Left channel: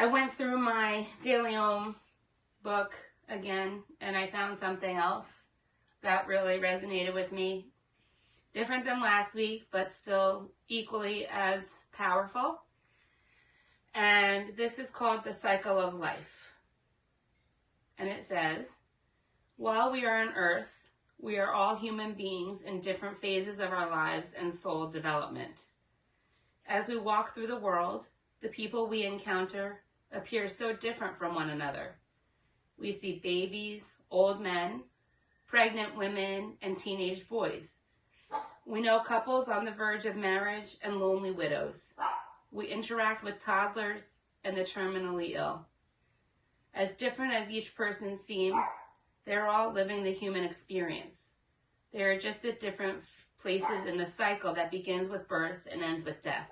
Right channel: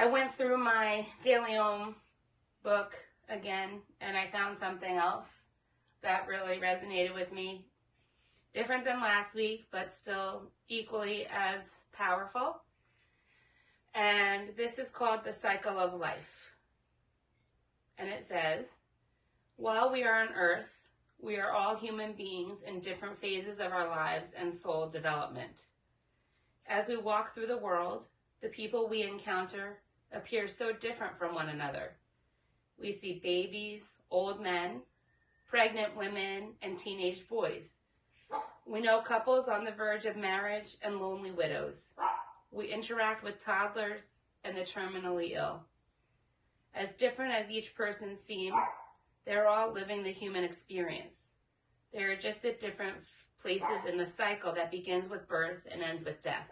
I went through my Daily Om book again, and I found something else that really resonated with me. Different than last week, but still equally as powerful. And this is called The Cycle of Life. And it says, while we are on earth, we are all human beings in different phases of our lives and soul development. As we walk through the world, the people we encounter appear so different from one another. We see babies, old men, pregnant women, and teenage boys. We know couples on the verge of marriage and lonely widows. We interact with toddlers and the terminally ill. As different as each person seems, they're all living the human experience. They are just at different places in the cycle that begins with birth and ends with death.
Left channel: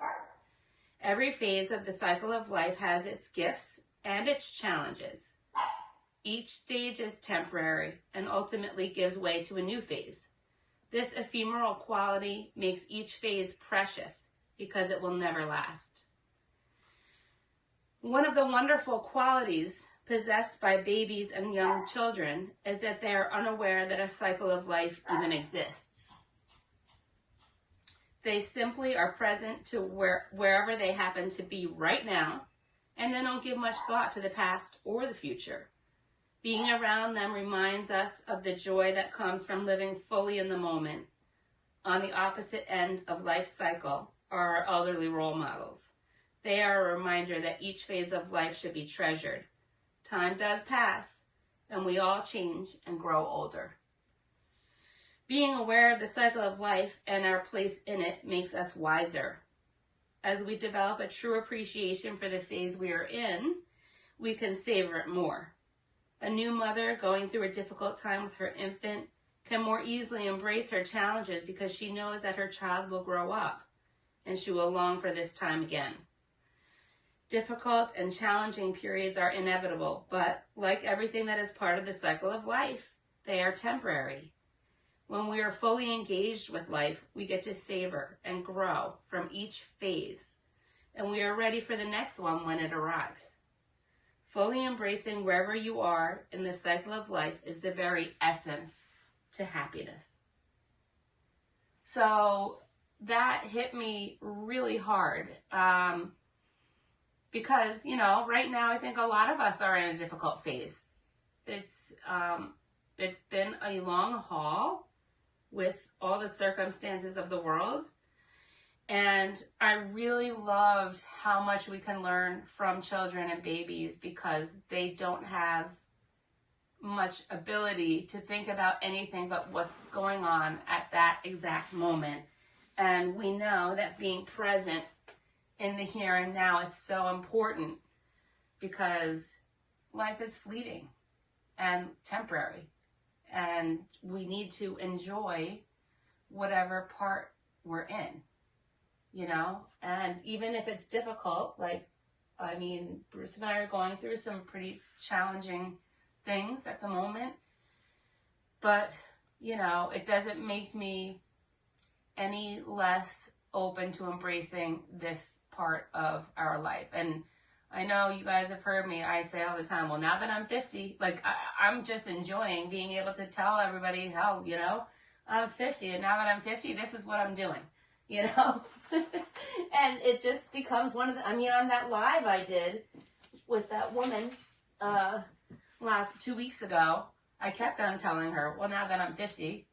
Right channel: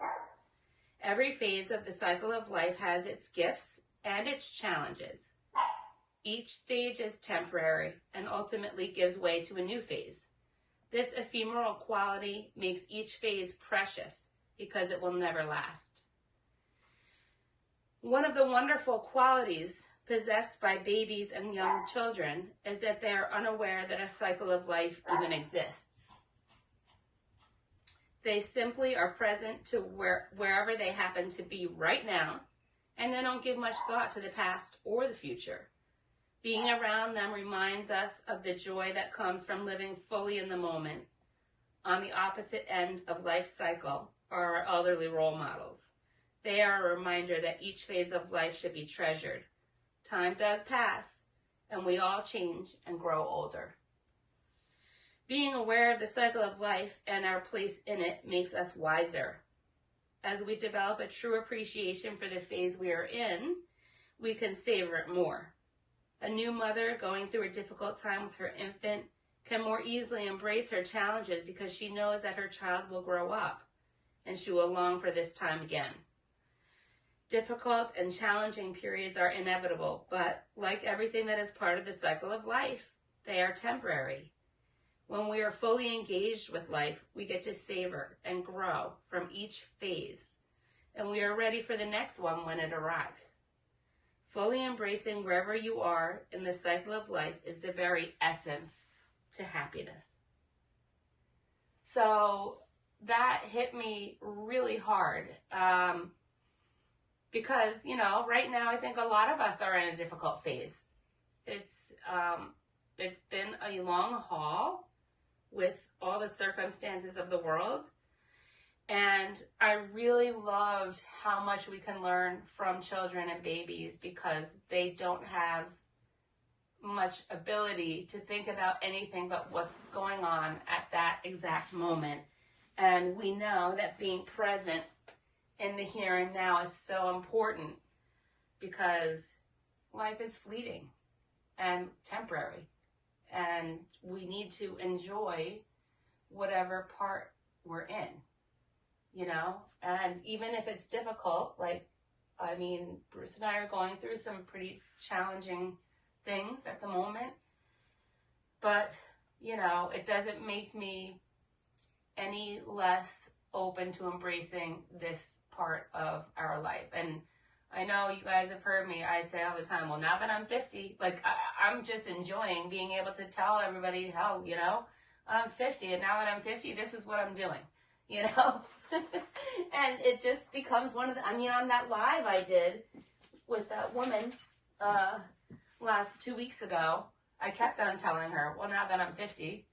Every phase of the cycle of life has its gifts and its challenges. Each stage is temporary and ultimately gives way to a new phase. This ephemeral quality makes each phase precious because it will never last. One of the wonderful qualities possessed by babies and young children is that they are unaware that a cycle of life even exists. They simply are present to wherever they happen to be right now, and they don't give much thought to the past or the future. Being around them reminds us of the joy that comes from living fully in the moment. On the opposite end of life's cycle are our elderly role models. They are a reminder that each phase of life should be treasured. Time does pass, and we all change and grow older. Being aware of the cycle of life and our place in it makes us wiser. As we develop a true appreciation for the phase we are in, we can savor it more. A new mother going through a difficult time with her infant can more easily embrace her challenges because she knows that her child will grow up and she will long for this time again. Difficult and challenging periods are inevitable, but like everything that is part of the cycle of life, they are temporary. When we are fully engaged with life, we get to savor and grow from each phase, and we are ready for the next one when it arrives. Fully embracing wherever you are in the cycle of life is the very essence to happiness. So that hit me really hard because, right now I think a lot of us are in a difficult phase. It's been a long haul with all the circumstances of the world. And I really loved how much we can learn from children and babies because they don't have much ability to think about anything but what's going on at that exact moment. And we know that being present in the here and now is so important because life is fleeting and temporary. And we need to enjoy whatever part we're in. And even if it's difficult, Bruce and I are going through some pretty challenging things at the moment, but, it doesn't make me any less open to embracing this part of our life. And I know you guys have heard me, I say all the time, well, now that I'm 50, I'm just enjoying being able to tell everybody how, I'm 50, and now that I'm 50, this is what I'm doing. And it just becomes one of the, on that live I did with that woman last 2 weeks ago, I kept on telling her, well, now that I'm 50,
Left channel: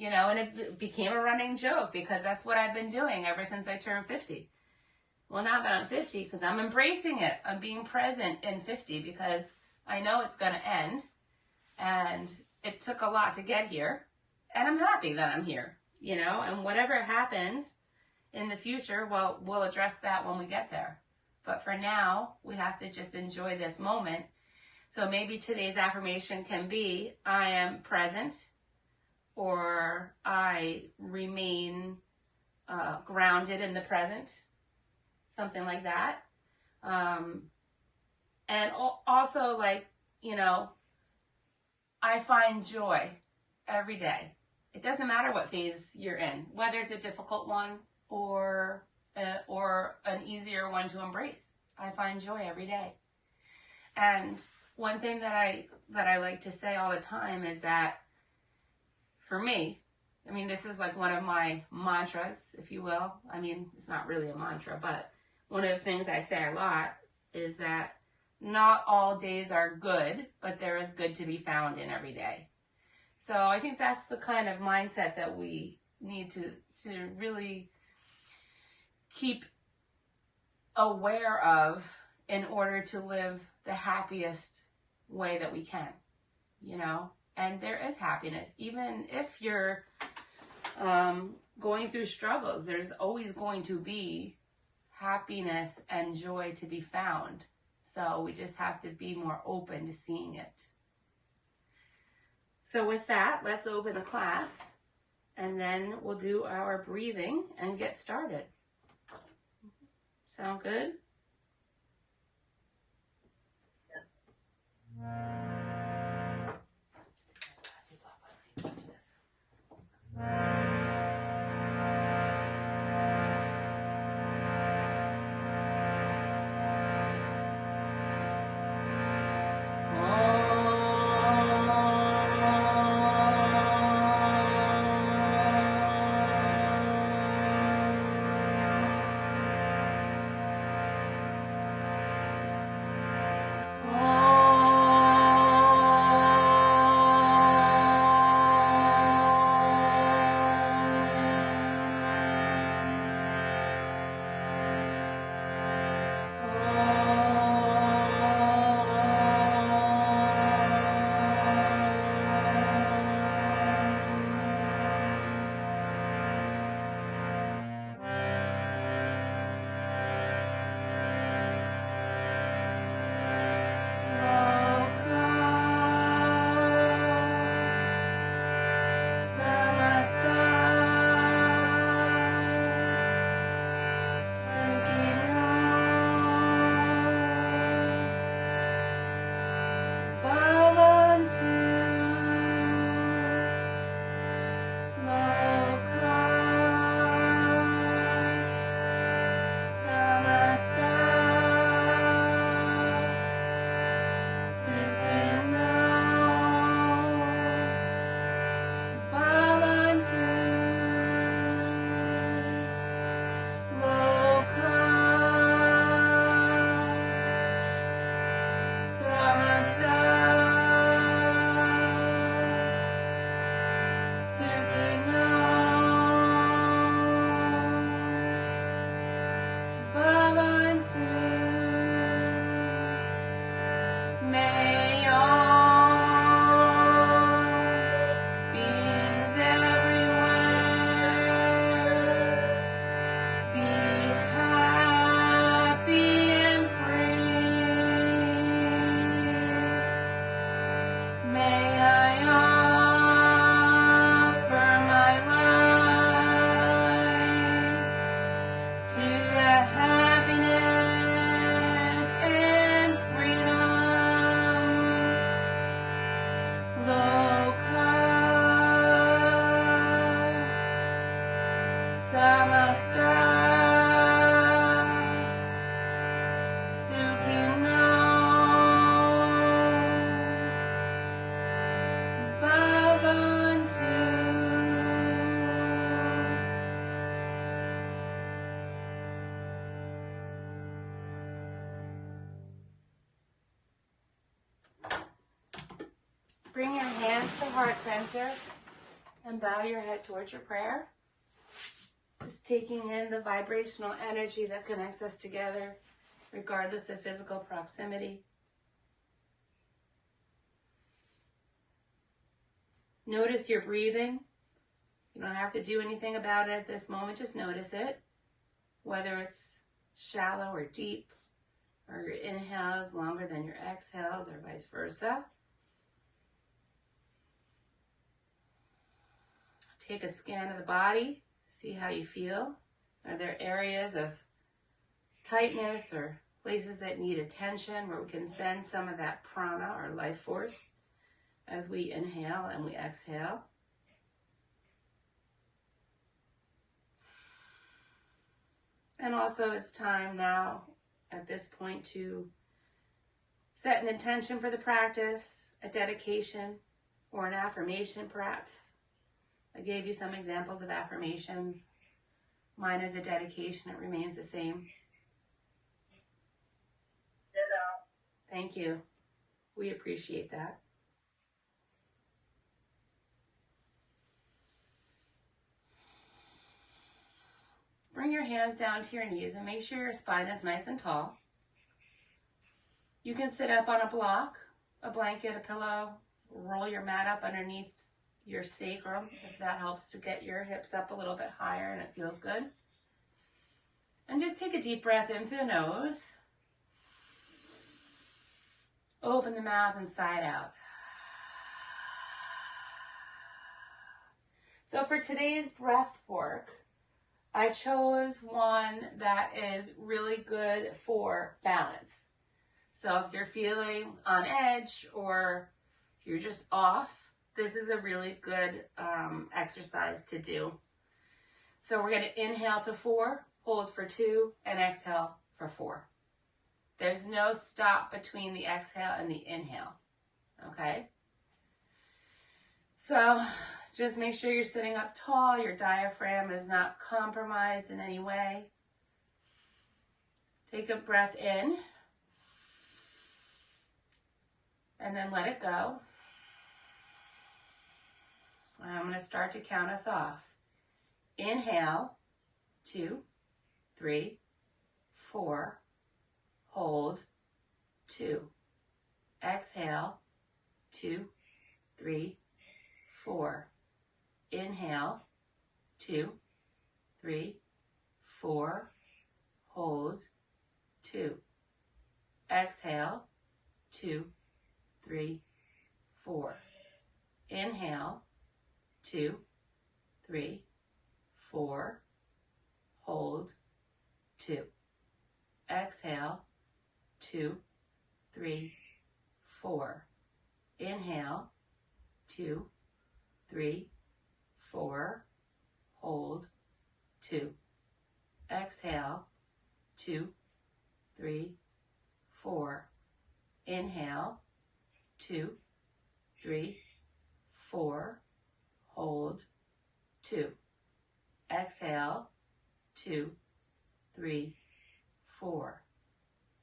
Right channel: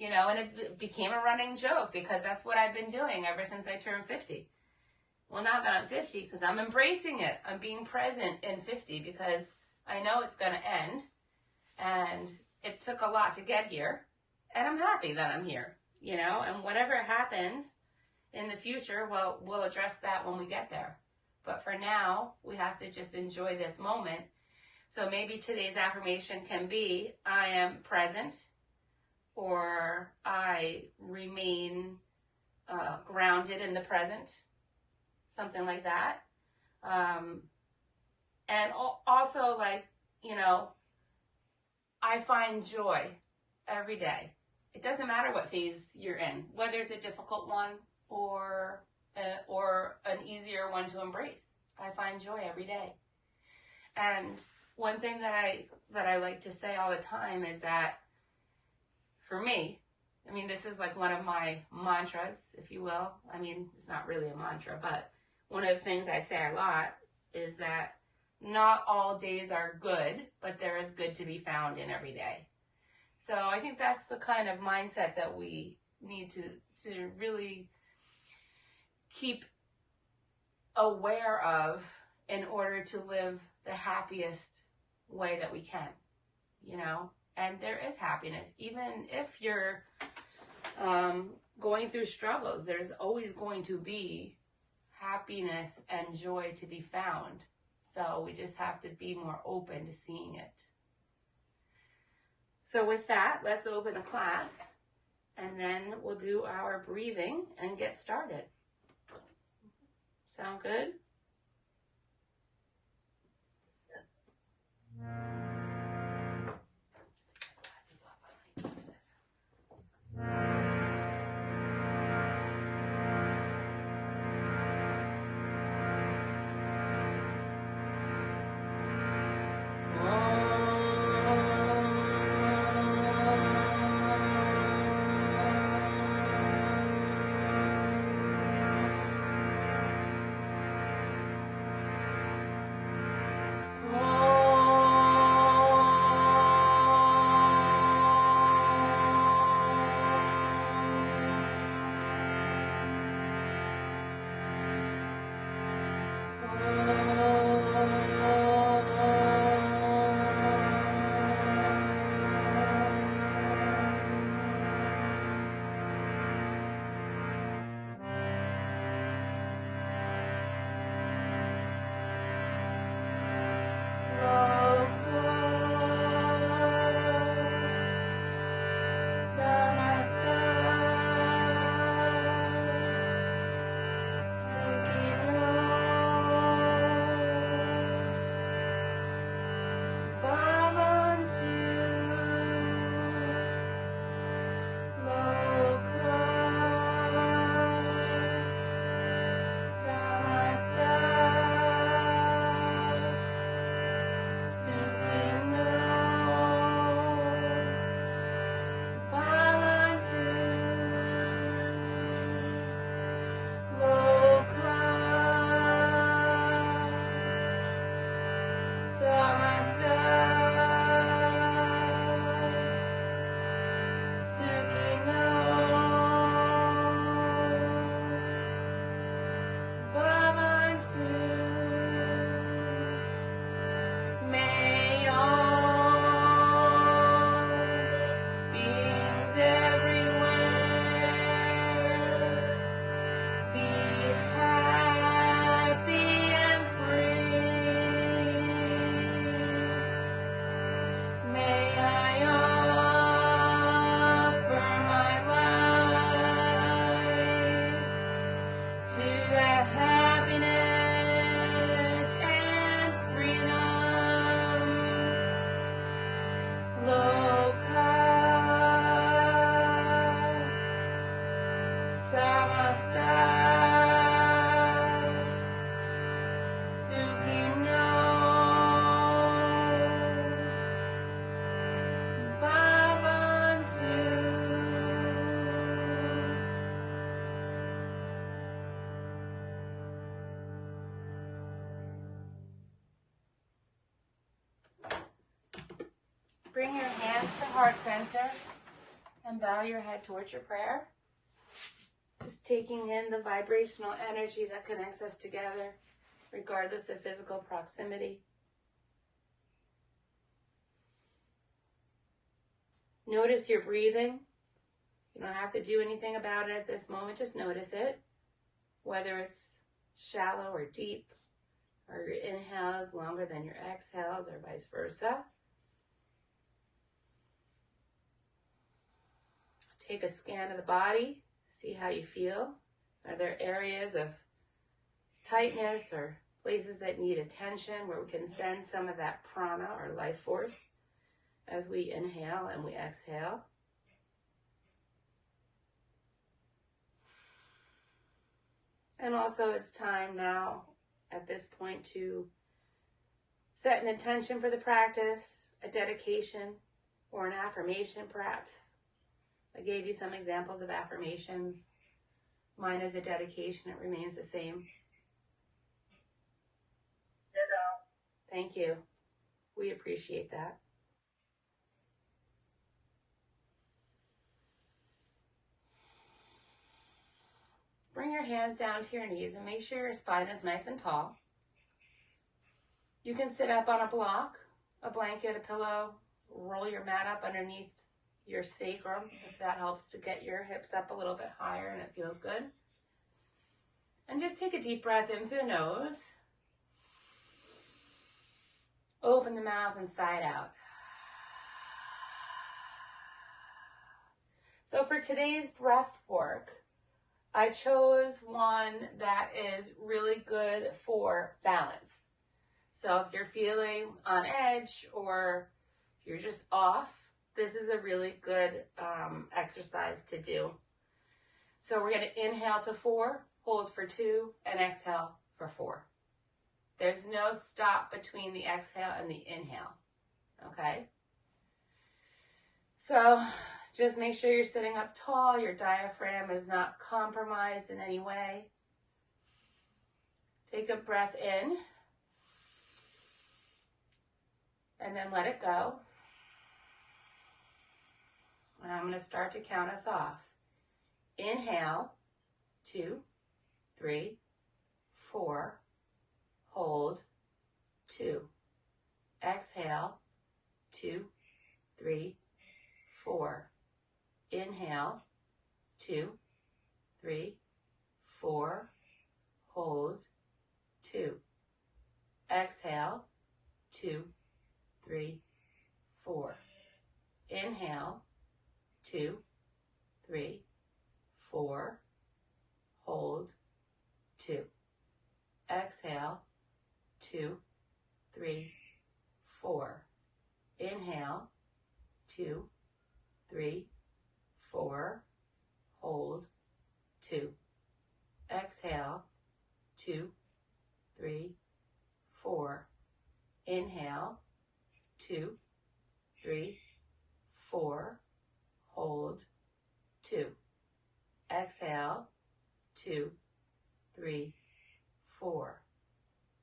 and it became a running joke because that's what I've been doing ever since I turned 50. Well, now that I'm 50, because I'm embracing it, I'm being present in 50 because I know it's going to end, and it took a lot to get here, and I'm happy that I'm here. And whatever happens in the future, well, we'll address that when we get there. But for now, we have to just enjoy this moment. So maybe today's affirmation can be, I am present, or I remain grounded in the present, something like that. And also, I find joy every day. It doesn't matter what phase you're in, whether it's a difficult one or an easier one to embrace. I find joy every day. And one thing that I like to say all the time is that for me, I mean, this is like one of my mantras, if you will. I mean, it's not really a mantra, but one of the things I say a lot is that not all days are good, but there is good to be found in every day. So I think that's the kind of mindset that we need to really keep aware of in order to live the happiest way that we can, you know? And there is happiness. Even if you're going through struggles, there's always going to be happiness and joy to be found. So we just have to be more open to seeing it. So with that, let's open the class, and then we'll do our breathing and get started. Sound good? Glasses off, I like this. Bring your hands to heart center and bow your head towards your prayer. Just taking in the vibrational energy that connects us together, regardless of physical proximity. Notice your breathing. You don't have to do anything about it at this moment. Just notice it, whether it's shallow or deep, or your inhales longer than your exhales, or vice versa. Take a scan of the body, see how you feel. Are there areas of tightness or places that need attention where we can send some of that prana or life force as we inhale and we exhale? And also it's time now at this point to Set an intention for the practice, a dedication, or an affirmation perhaps. I gave you some examples of affirmations. Mine is a dedication. It remains the same. Thank you. We appreciate that. Bring your hands down to your knees and make sure your spine is nice and tall. You can sit up on a block, a blanket, a pillow, roll your mat up underneath your sacrum if that helps to get your hips up a little bit higher and it feels good. And just take a deep breath in through the nose. Open the mouth and sigh it out. So for today's breath work, I chose one that is really good for balance. So if you're feeling on edge or you're just off, this is a really good exercise to do. So we're going to inhale to 4, hold for 2, and exhale for 4. There's no stop between the exhale and the inhale, okay? So just make sure you're sitting up tall, your diaphragm is not compromised in any way. Take a breath in, and then let it go. And I'm going to start to count us off. Inhale, 2, 3, 4, hold, 2. Exhale, 2, 3, 4. Inhale, 2, 3, 4, hold, 2. Exhale, 2, 3, 4. Inhale, 2, 3, 4, hold, 2. Exhale, 2, 3, 4. Inhale, 2, 3, 4, hold, 2. Exhale, 2, 3, 4. Inhale, 2, 3, 4, hold, 2. Exhale, 2, 3, 4.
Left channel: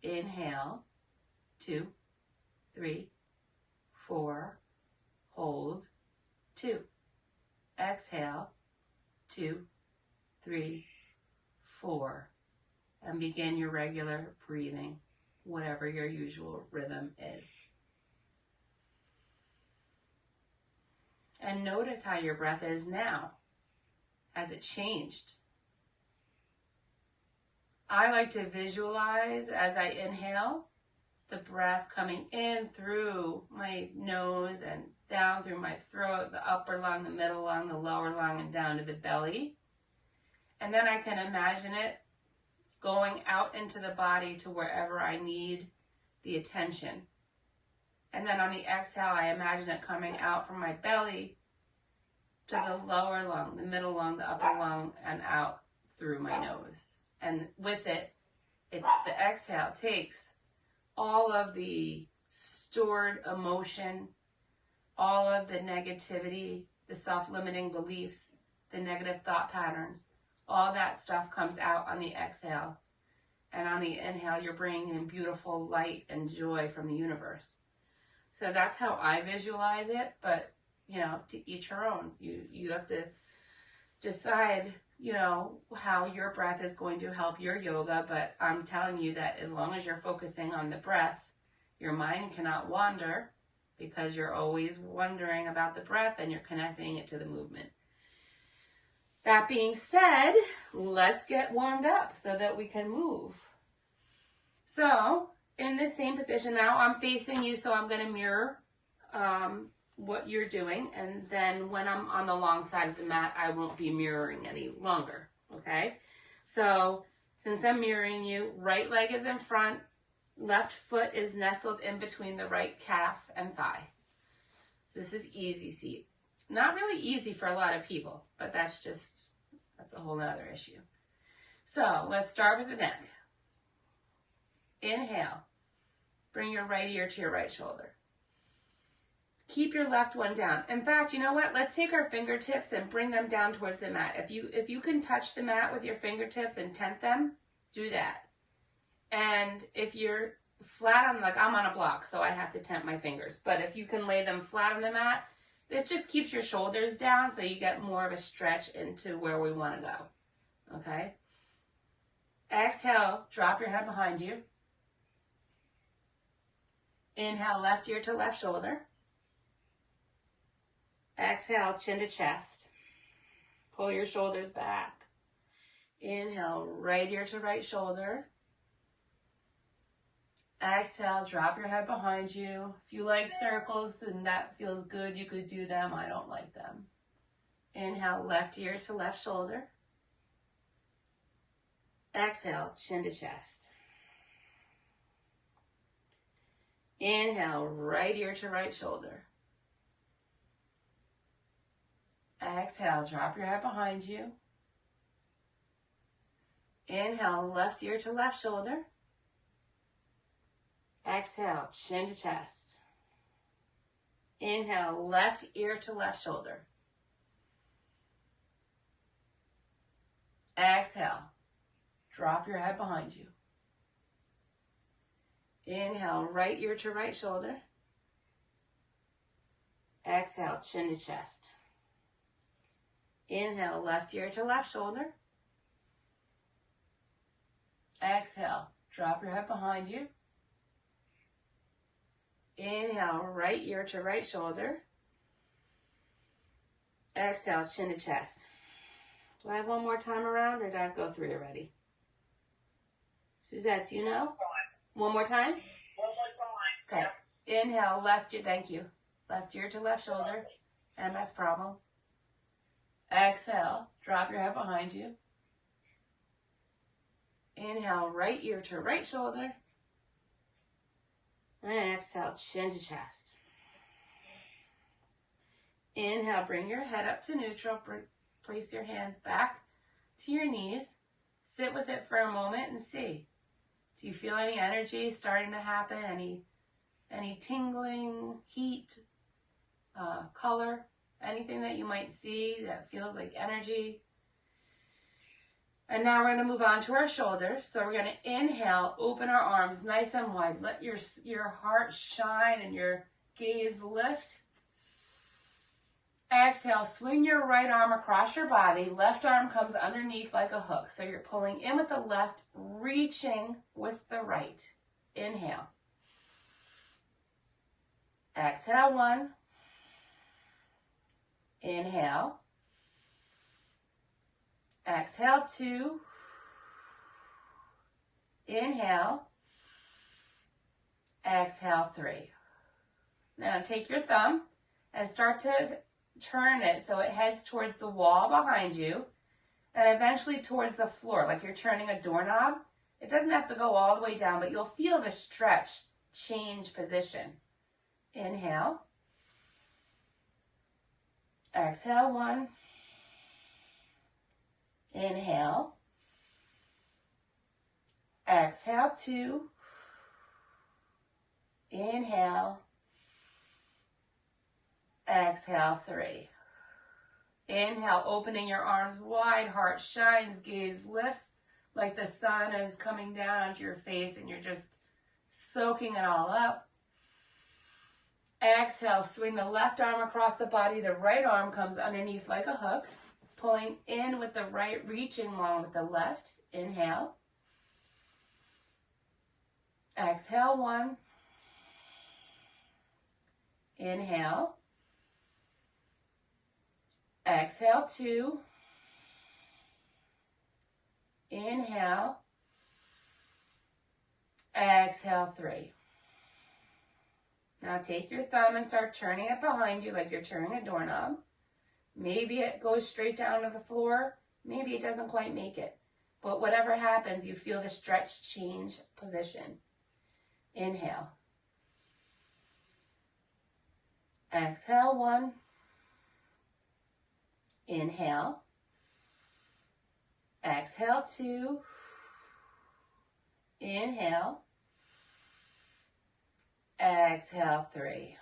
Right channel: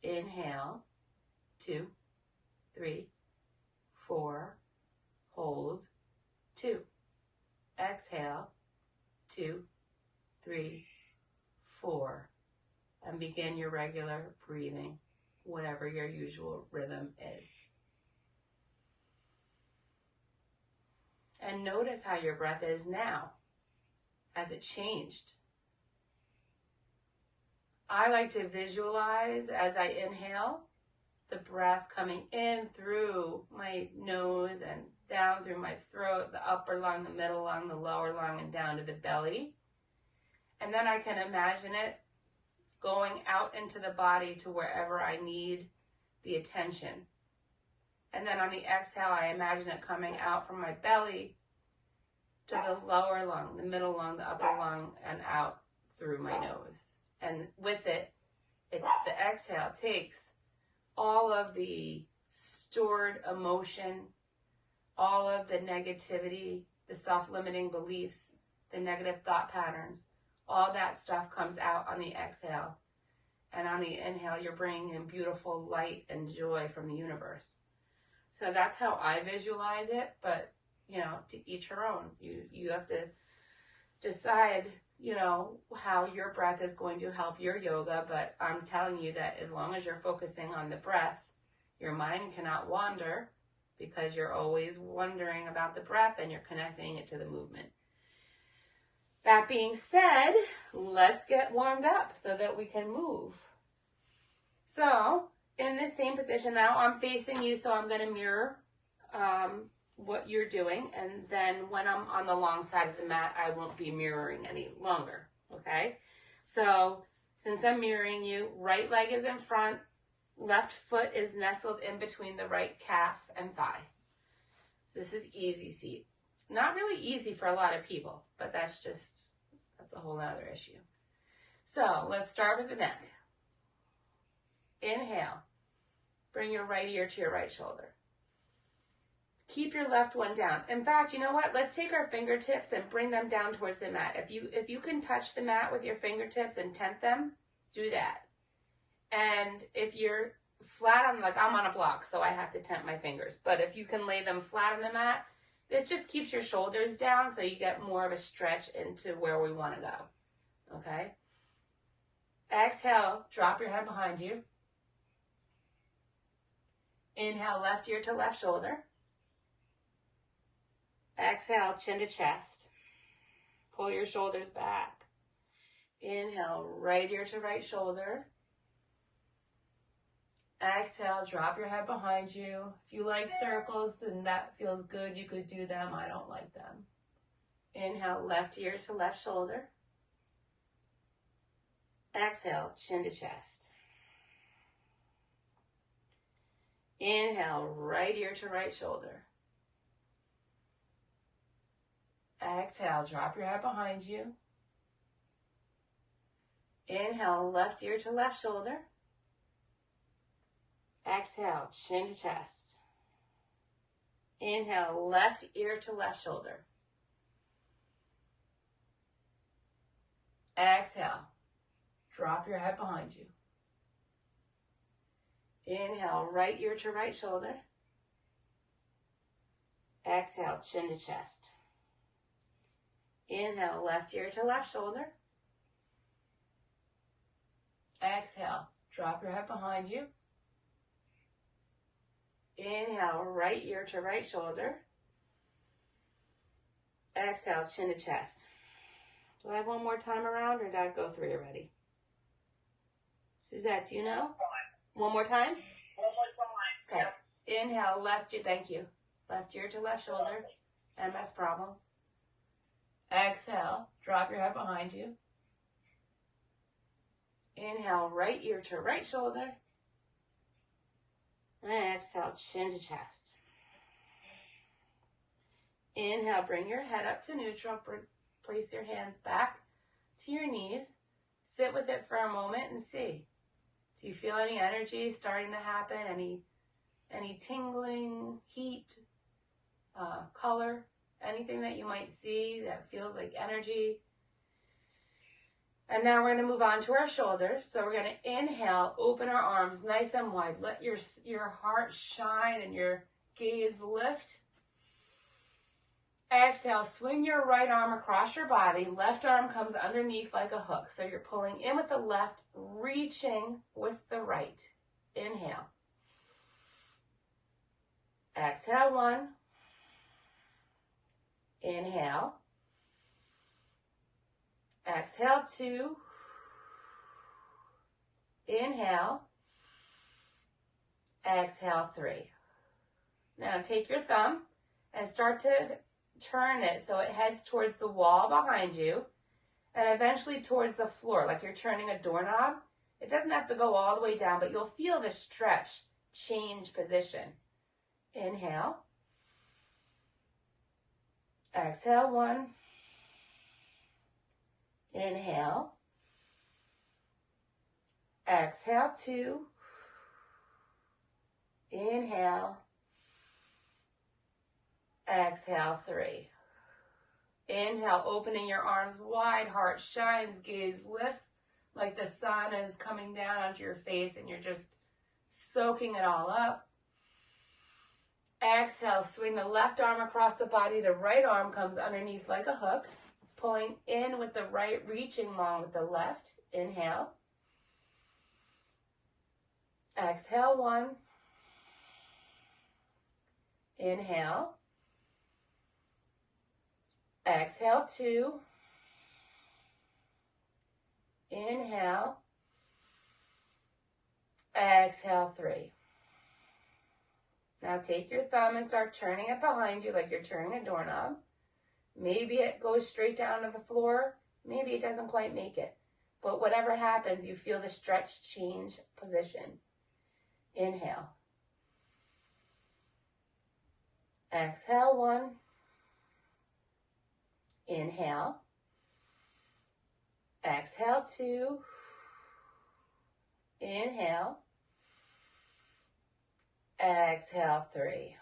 Inhale, 2, 3, 4, hold, 2. Exhale, 2, 3, 4. And begin your regular breathing, whatever your usual rhythm is. And notice how your breath is now. Has it changed? I like to visualize as I inhale the breath coming in through my nose and down through my throat, the upper lung, the middle lung, the lower lung, and down to the belly. And then I can imagine it going out into the body to wherever I need the attention. And then on the exhale, I imagine it coming out from my belly to the lower lung, the middle lung, the upper lung, and out through my nose. And with it, the exhale takes all of the stored emotion, all of the negativity, the self-limiting beliefs, the negative thought patterns, all that stuff comes out on the exhale. And on the inhale, you're bringing in beautiful light and joy from the universe. So that's how I visualize it, but, you know, to each her own. You have to decide, you know, how your breath is going to help your yoga, but I'm telling you that as long as you're focusing on the breath, your mind cannot wander because you're always wondering about the breath and you're connecting it to the movement. That being said, let's get warmed up so that we can move. So in this same position now, I'm facing you, so I'm going to mirror what you're doing. And then when I'm on the long side of the mat, I won't be mirroring any longer. Okay? So since I'm mirroring you, right leg is in front, left foot is nestled in between the right calf and thigh. So this is easy seat. Not really easy for a lot of people, but that's a whole other issue. So let's start with the neck. Inhale, Bring your right ear to your right shoulder. Keep your left one down. In fact, you know what? Let's take our fingertips and bring them down towards the mat. If you can touch the mat with your fingertips and tent them, do that. And if you're flat on, like I'm on a block, so I have to tent my fingers. But if you can lay them flat on the mat, this just keeps your shoulders down so you get more of a stretch into where we want to go. Okay? Exhale, drop your head behind you. Inhale, left ear to left shoulder. Exhale, chin to chest. Pull your shoulders back. Inhale, right ear to right shoulder. Exhale, drop your head behind you. If you like circles and that feels good, you could do them. I don't like them. Inhale, left ear to left shoulder. Exhale, chin to chest. Inhale, right ear to right shoulder. Exhale, drop your head behind you. Inhale, left ear to left shoulder. Exhale, chin to chest. Inhale, left ear to left shoulder. Exhale, drop your head behind you. Inhale, right ear to right shoulder. Exhale, chin to chest. Inhale, left ear to left shoulder. Exhale, drop your head behind you. Inhale, right ear to right shoulder. Exhale, chin to chest. Do I have one more time around, or did I go 3 already? Suzette, do you know? One more time? One more time. Okay. Inhale, left ear, thank you. Left ear to left shoulder. MS problems. Exhale, drop your head behind you. Inhale, right ear to right shoulder. And exhale, chin to chest. Inhale, bring your head up to neutral. Place your hands back to your knees. Sit with it for a moment and see. Do you feel any energy starting to happen? Any tingling, heat, color? Anything that you might see that feels like energy? And now we're going to move on to our shoulders. So we're going to inhale, open our arms nice and wide. Let your heart shine and your gaze lift. Exhale, swing your right arm across your body. Left arm comes underneath like a hook. So you're pulling in with the left, reaching with the right. Inhale. Exhale, 1. Inhale. Exhale, 2. Inhale. Exhale, 3. Now take your thumb and start to turn it so it heads towards the wall behind you and eventually towards the floor, like you're turning a doorknob. It doesn't have to go all the way down, but you'll feel the stretch change position. Inhale. Exhale, 1. Inhale. Exhale, 2. Inhale. Exhale, 3. Inhale, opening your arms wide, heart shines, gaze lifts like the sun is coming down onto your face and you're just soaking it all up. Exhale, swing the left arm across the body. The right arm comes underneath like a hook, pulling in with the right, reaching along with the left. Inhale. Exhale, 1. Inhale. Exhale, 2. Inhale. Exhale, 3. Now take your thumb and start turning it behind you like you're turning a doorknob. Maybe it goes straight down to the floor. Maybe it doesn't quite make it. But whatever happens, you feel the stretch change position. Inhale. Exhale, 1. Inhale. Exhale, 2. Inhale. Exhale, 3.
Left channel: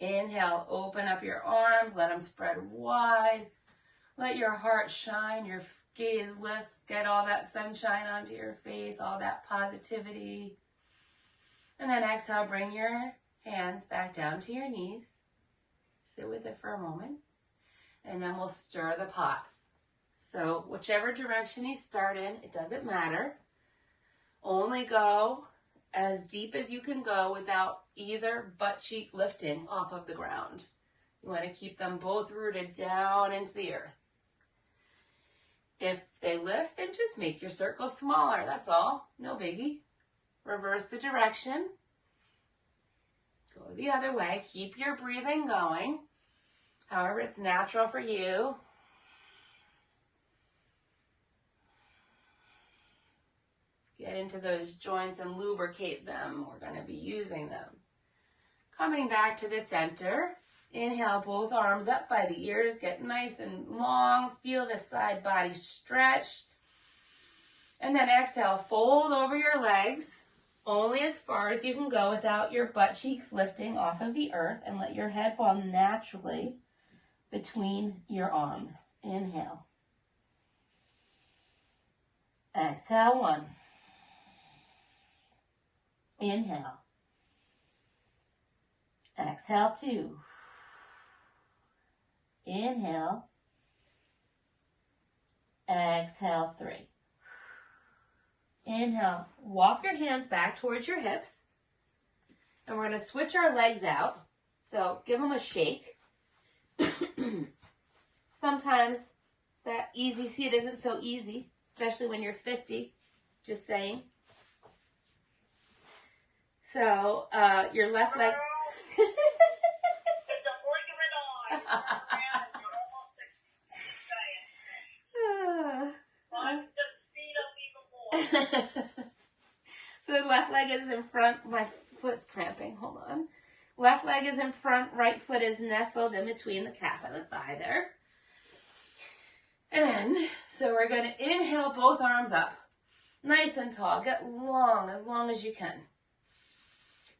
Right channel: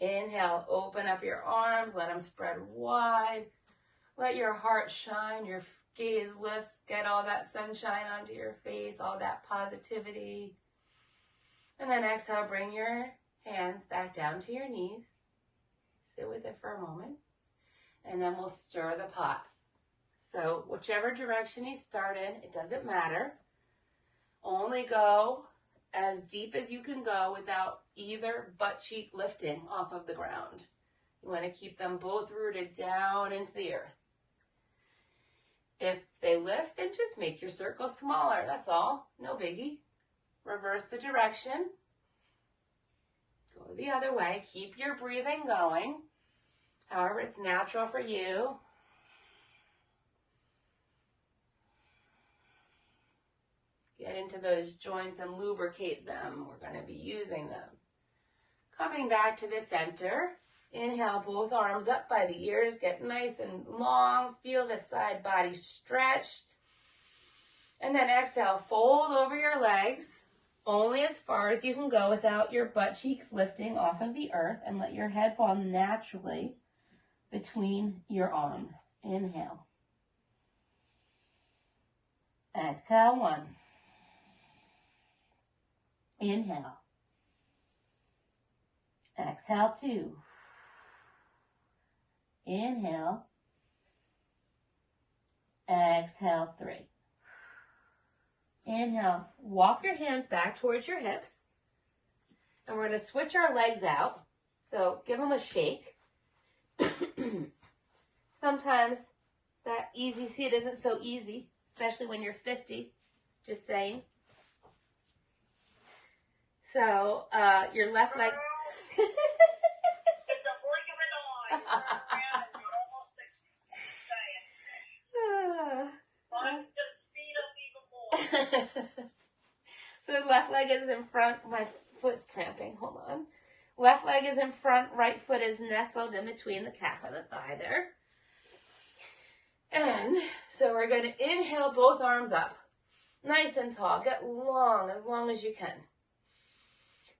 Inhale, open up your arms, let them spread wide. Let your heart shine, your gaze lifts, get all that sunshine onto your face, all that positivity. And then exhale, bring your hands back down to your knees. Sit with it for a moment. And then we'll stir the pot. So whichever direction you start in, it doesn't matter. Only go as deep as you can go without either butt cheek lifting off of the ground. You want to keep them both rooted down into the earth. If they lift, then just make your circle smaller. That's all. No biggie. Reverse the direction. Go the other way. Keep your breathing going. However, it's natural for you. Get into those joints and lubricate them. We're going to be using them. Coming back to the center. Inhale, both arms up by the ears. Get nice and long. Feel the side body stretch. And then exhale, fold over your legs. Only as far as you can go without your butt cheeks lifting off of the earth. And let your head fall naturally between your arms. Inhale. Exhale, 1. Inhale. Exhale, 2. Inhale. Exhale, 3. Inhale. Walk your hands back towards your hips. And we're going to switch our legs out. So give them a shake. Sometimes that easy seat isn't so easy, especially when you're 50. Just saying. So your left leg. It's a blink of an eye. You're around and you're almost 60. Just saying. I'm going to speed up even more. So the left leg is in front. My foot's cramping. Hold on. Left leg is in front. Right foot is nestled in between the calf and the thigh there. And so we're going to inhale both arms up. Nice and tall. Get long as you can.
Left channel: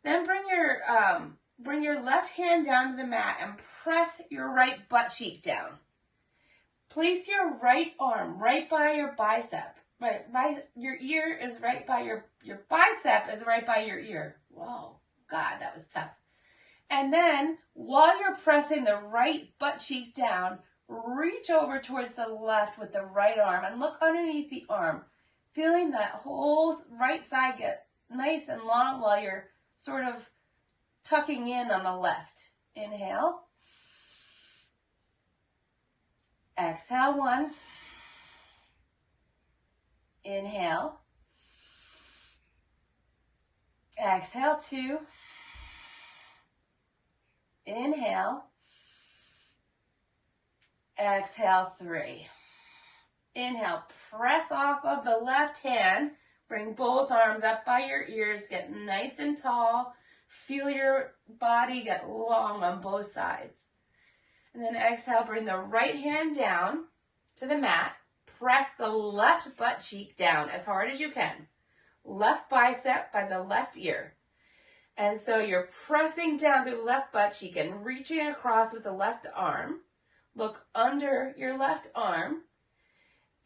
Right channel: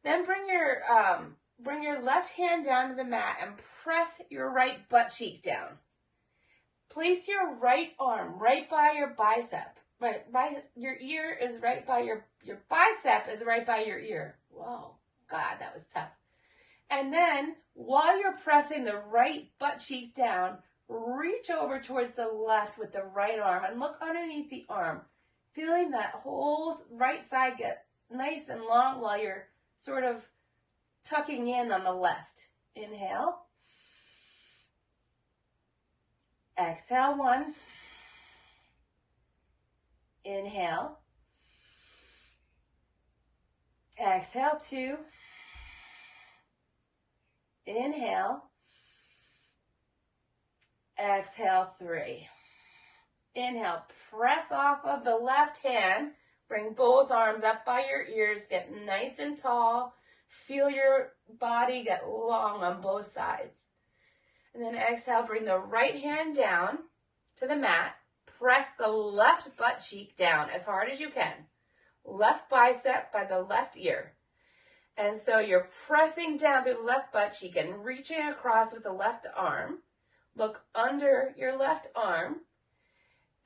Then bring your left hand down to the mat and press your right butt cheek down. Place your right arm right by your bicep. Right, your ear is right by your bicep is right by your ear. Whoa, God, that was tough. And then while you're pressing the right butt cheek down, reach over towards the left with the right arm and look underneath the arm, feeling that whole right side get nice and long while you're sort of tucking in on the left. Inhale. Exhale, 1. Inhale. Exhale, 2. Inhale. Exhale, 3. Inhale, press off of the left hand. Bring both arms up by your ears. Get nice and tall. Feel your body get long on both sides. And then exhale, bring the right hand down to the mat. Press the left butt cheek down as hard as you can. Left bicep by the left ear. And so you're pressing down through the left butt cheek and reaching across with the left arm. Look under your left arm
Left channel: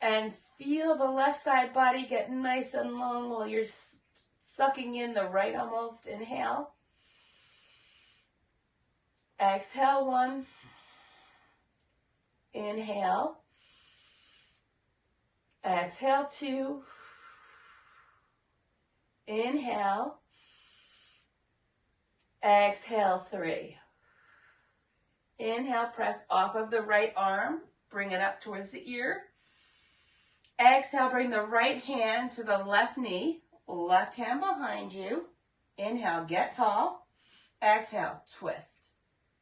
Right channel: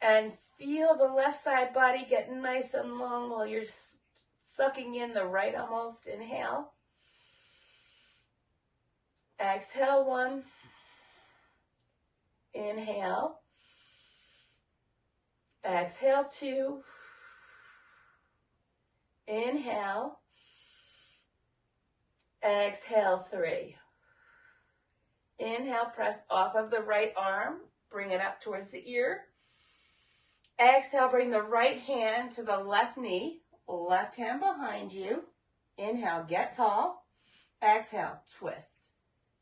and feel the left side body get nice and long while you're sucking in the right almost. Inhale. Exhale, 1. Inhale. Exhale, 2. Inhale. Exhale, 3. Inhale, press off of the right arm. Bring it up towards the ear. Exhale, bring the right hand to the left knee. Left hand behind you. Inhale, get tall. Exhale, twist.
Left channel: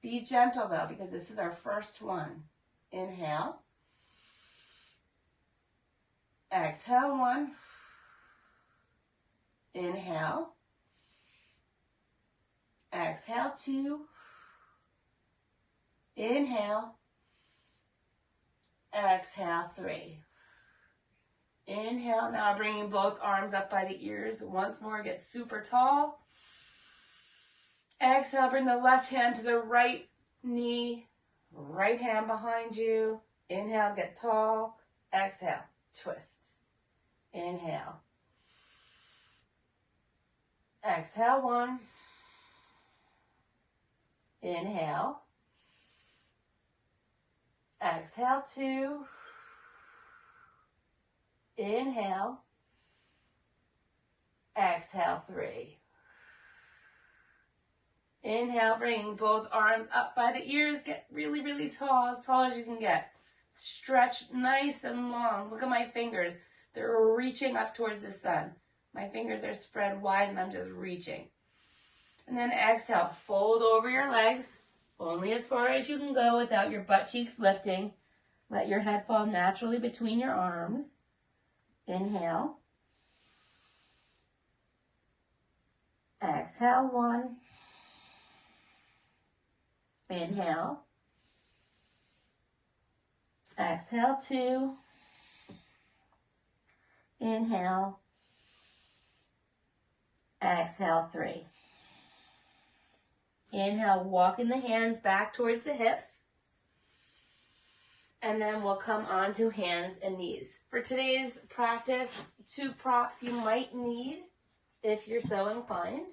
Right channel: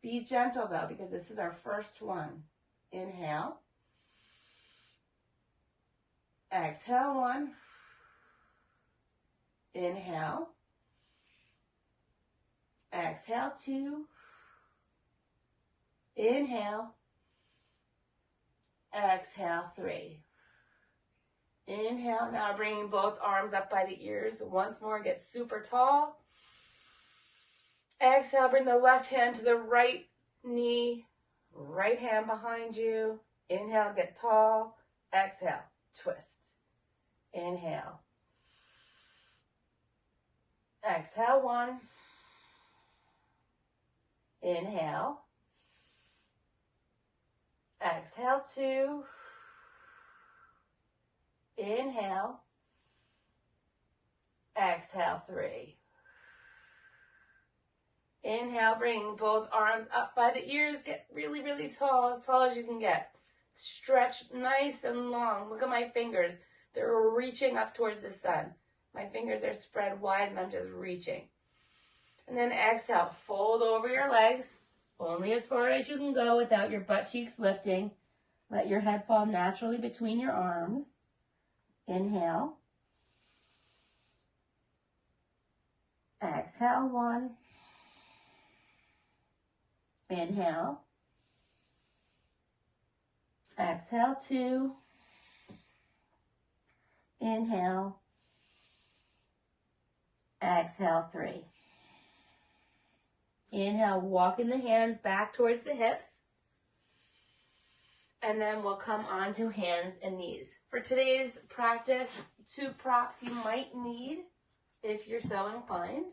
Be gentle though, because this is our first one. Inhale. Exhale, 1. Inhale. Exhale, 2. Inhale. Exhale, 3. Inhale. Now bringing both arms up by the ears. Once more, get super tall. Exhale, bring the left hand to the right knee, right hand behind you. Inhale, get tall. Exhale, twist. Inhale. Exhale, 1. Inhale. Exhale, 2. Inhale. Exhale, 3. Inhale, bring both arms up by the ears. Get really, really tall as you can get. Stretch nice and long. Look at my fingers. They're reaching up towards the sun. My fingers are spread wide and I'm just reaching. And then exhale, fold over your legs, only as far as you can go without your butt cheeks lifting. Let your head fall naturally between your arms. Inhale. Exhale, 1. Inhale. Exhale, 2. Inhale. Exhale, 3. Inhale, walking the hands back towards the hips. And then we'll come on to hands and knees. For today's practice, 2 props you might need, if you're so inclined,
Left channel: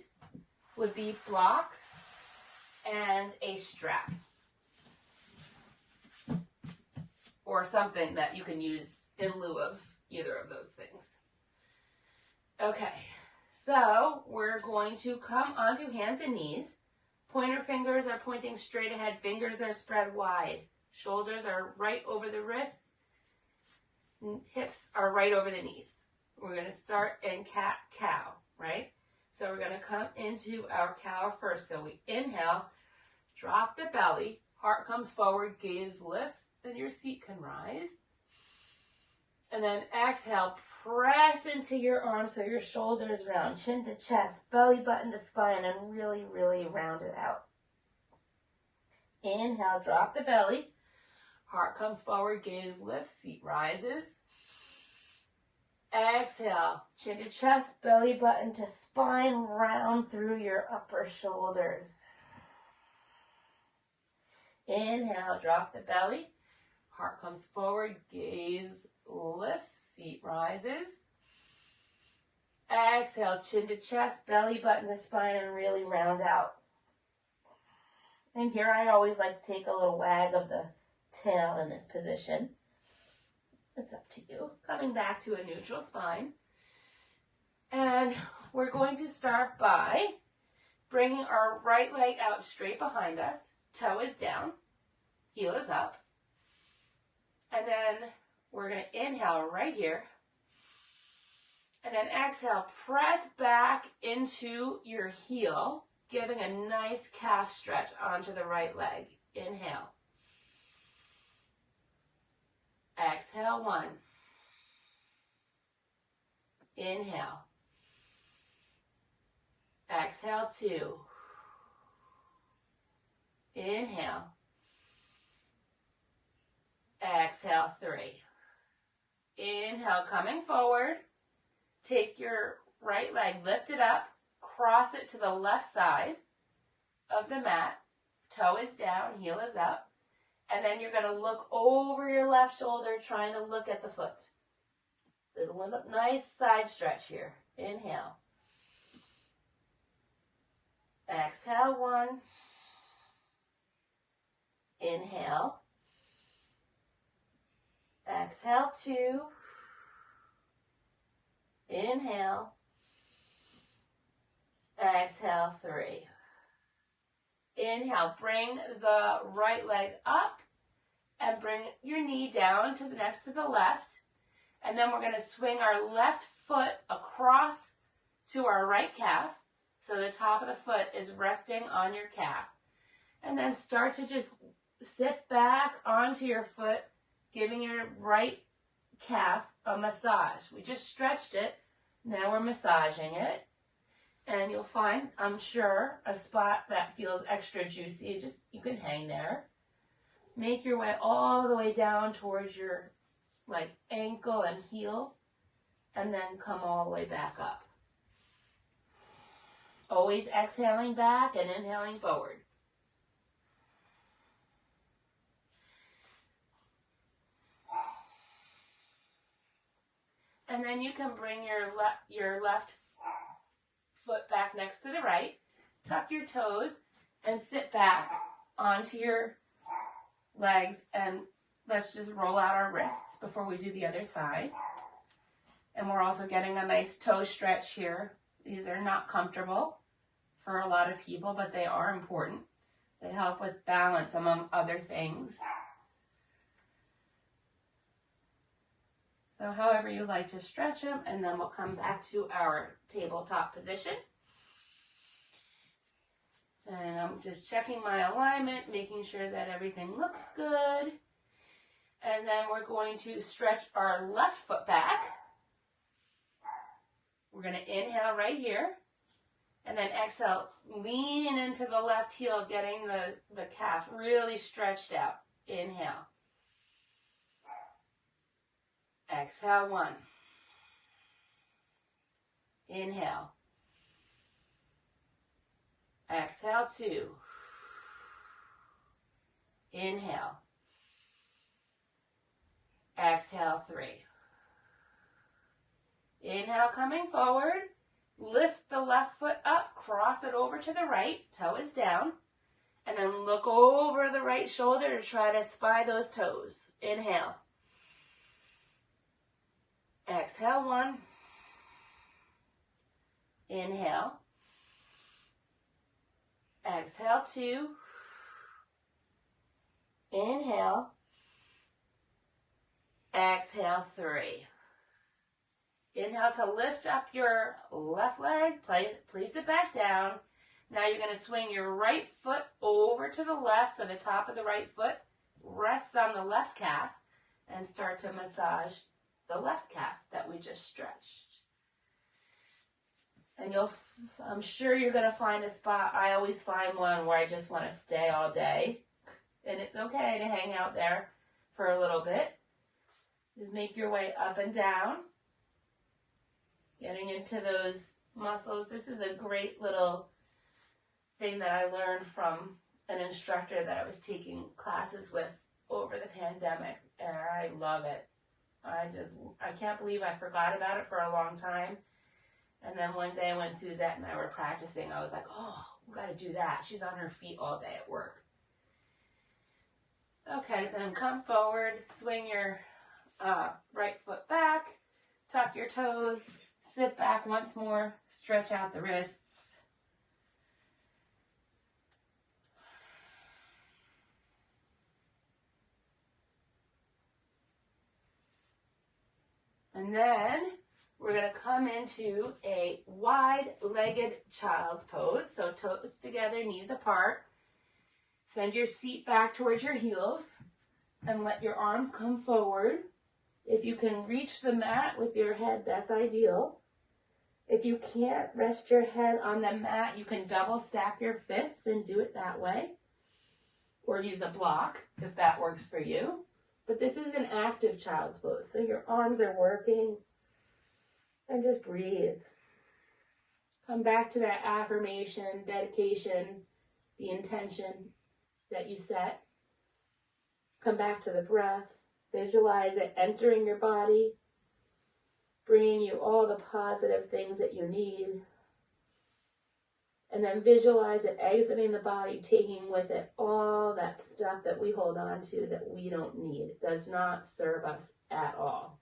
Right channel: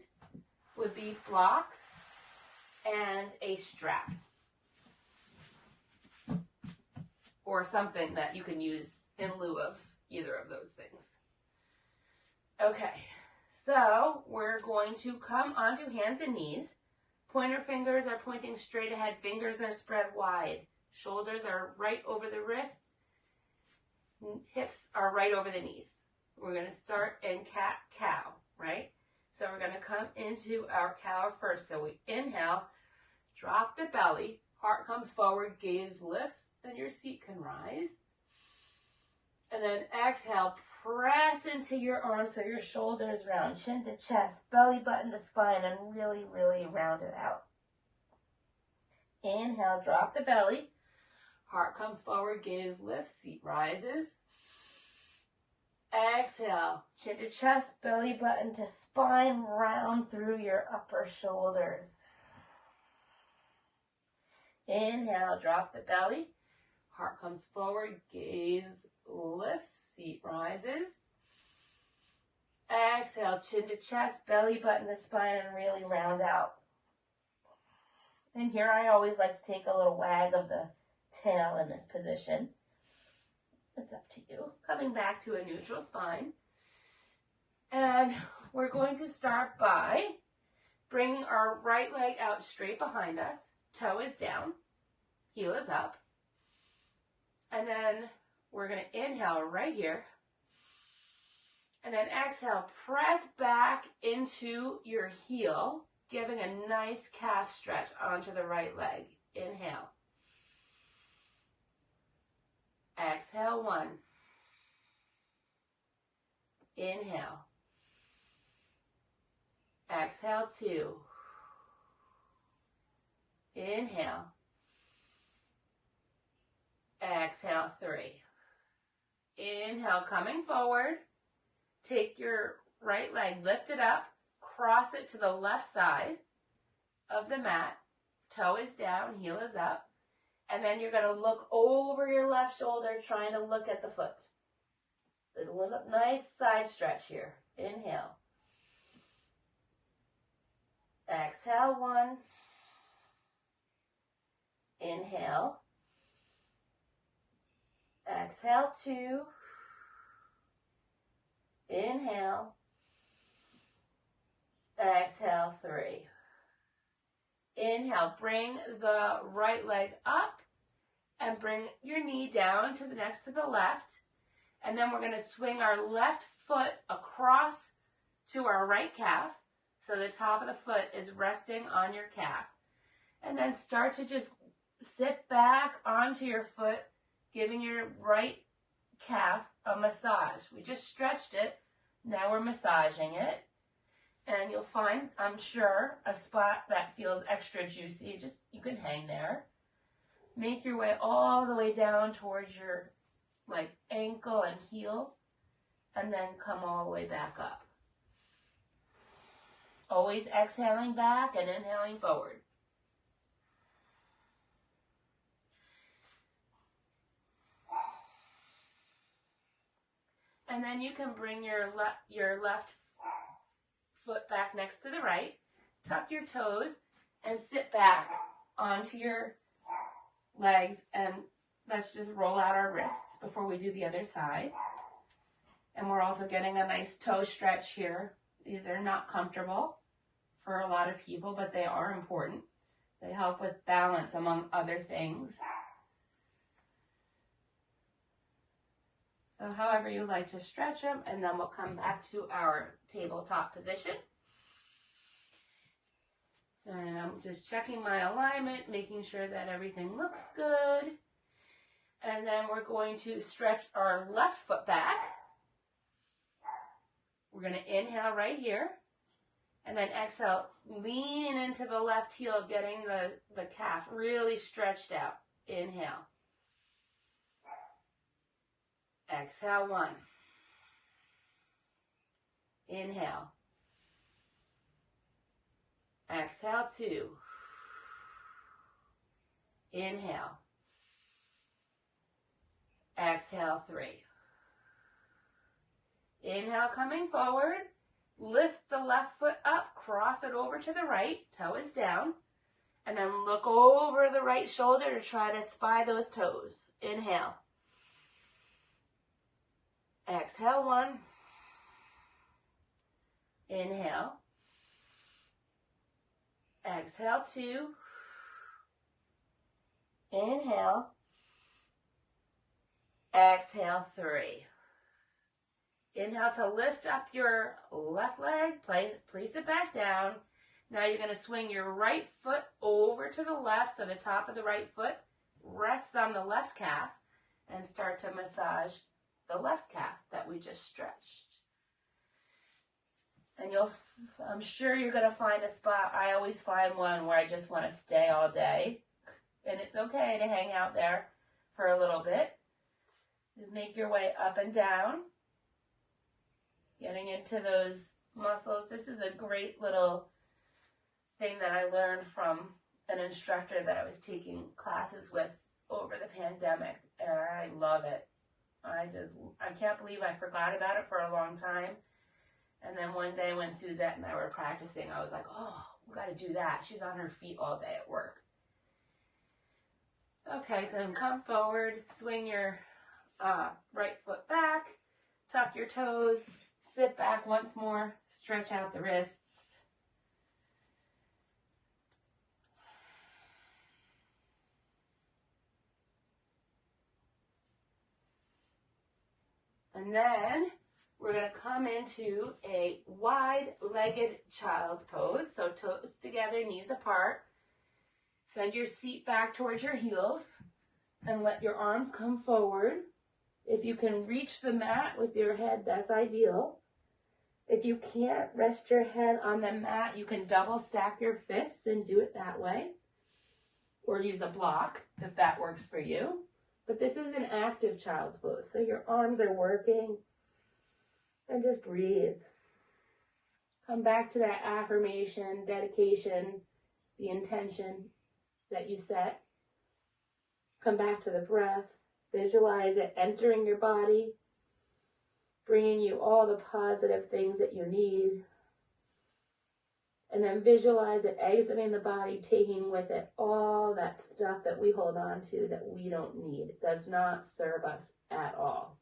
would be blocks and a strap. Or something that you can use in lieu of either of those things. Okay, so we're going to come onto hands and knees. Pointer fingers are pointing straight ahead. Fingers are spread wide. Shoulders are right over the wrists. Hips are right over the knees. We're going to start in cat-cow, right? So we're going to come into our cow first. So we inhale, drop the belly, heart comes forward, gaze lifts, then your seat can rise. And then exhale, press into your arms so your shoulders round, chin to chest, belly button to spine, and really, really round it out. Inhale, drop the belly. Heart comes forward, gaze lifts, seat rises. Exhale, chin to chest, belly button to spine, round through your upper shoulders. Inhale, drop the belly. Heart comes forward, gaze lifts, seat rises. Exhale, chin to chest, belly button to spine, and really round out. And here I always like to take a little wag of the tail in this position. It's up to you. Coming back to a neutral spine. And we're going to start by bringing our right leg out straight behind us. Toe is down, heel is up. And then we're going to inhale right here. And then exhale, press back into your heel, giving a nice calf stretch onto the right leg. Inhale. Exhale, 1. Inhale. Exhale, 2. Inhale. Exhale, 3. Inhale, coming forward. Take your right leg, lift it up, cross it to the left side of the mat. Toe is down, heel is up. And then you're going to look over your left shoulder, trying to look at the foot. So a little nice side stretch here. Inhale. Exhale, 1. Inhale. Exhale, 2. Inhale. Exhale, 3. Inhale, bring the right leg up and bring your knee down to the next to the left. And then we're going to swing our left foot across to our right calf. So the top of the foot is resting on your calf. And then start to just sit back onto your foot, giving your right calf a massage. We just stretched it. Now we're massaging it. And you'll find, I'm sure, a spot that feels extra juicy. Just, you can hang there. Make your way all the way down towards your ankle and heel. And then come all the way back up. Always exhaling back and inhaling forward. And then you can bring your left foot back next to the right, tuck your toes, and sit back onto your legs, and let's just roll out our wrists before we do the other side. And we're also getting a nice toe stretch here. These are not comfortable for a lot of people, but they are important. They help with balance, among other things. So however you like to stretch them, and then we'll come back to our tabletop position. And I'm just checking my alignment, making sure that everything looks good. And then we're going to stretch our left foot back. We're going to inhale right here. And then exhale, lean into the left heel, getting the calf really stretched out. Inhale. Exhale, 1. Inhale. Exhale, 2. Inhale. Exhale, 3. Inhale, coming forward. Lift the left foot up, cross it over to the right, toe is down. And then look over the right shoulder to try to spy those toes. Inhale. Exhale, 1. Inhale. Exhale, 2. Inhale. Exhale, 3. Inhale to lift up your left leg, place it back down. Now you're going to swing your right foot over to the left, so the top of the right foot rests on the left calf, and start to massage the left calf that we just stretched. And I'm sure you're going to find a spot. I always find one where I just want to stay all day. And it's okay to hang out there for a little bit. Just make your way up and down. Getting into those muscles. This is a great little thing that I learned from an instructor that I was taking classes with over the pandemic. And I love it. I can't believe I forgot about it for a long time. And then one day when Suzette and I were practicing, I was like, oh, we got to do that. She's on her feet all day at work. Okay, then come forward, swing your right foot back, tuck your toes, sit back once more, stretch out the wrists. And then we're going to come into a wide-legged child's pose. So toes together, knees apart. Send your seat back towards your heels and let your arms come forward. If you can reach the mat with your head, that's ideal. If you can't rest your head on the mat, you can double stack your fists and do it that way. Or use a block if that works for you. But this is an active child's pose, so your arms are working. And just breathe. Come back to that affirmation, dedication, the intention that you set. Come back to the breath. Visualize it entering your body, bringing you all the positive things that you need. And then visualize it exiting the body, taking with it all that stuff that we hold on to that we don't need. It does not serve us at all.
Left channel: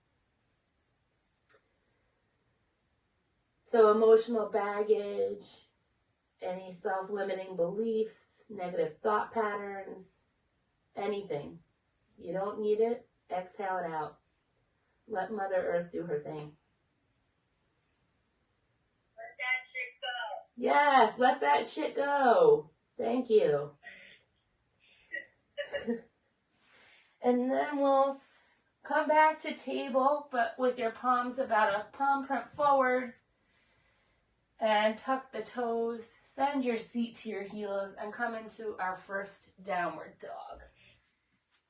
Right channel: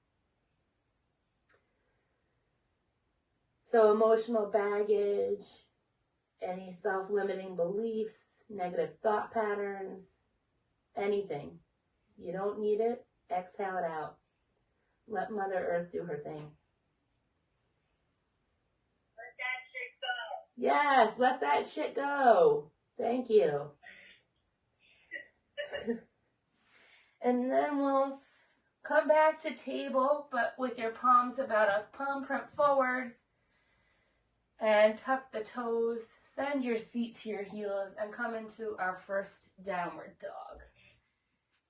So emotional baggage, any self-limiting beliefs, negative thought patterns, anything. You don't need it, exhale it out. Let Mother Earth do her thing. Let that shit go. Yes, let that shit go. Thank you. And then we'll come back to table, but with your palms about a palm print forward. And tuck the toes, send your seat to your heels, and come into our first downward dog.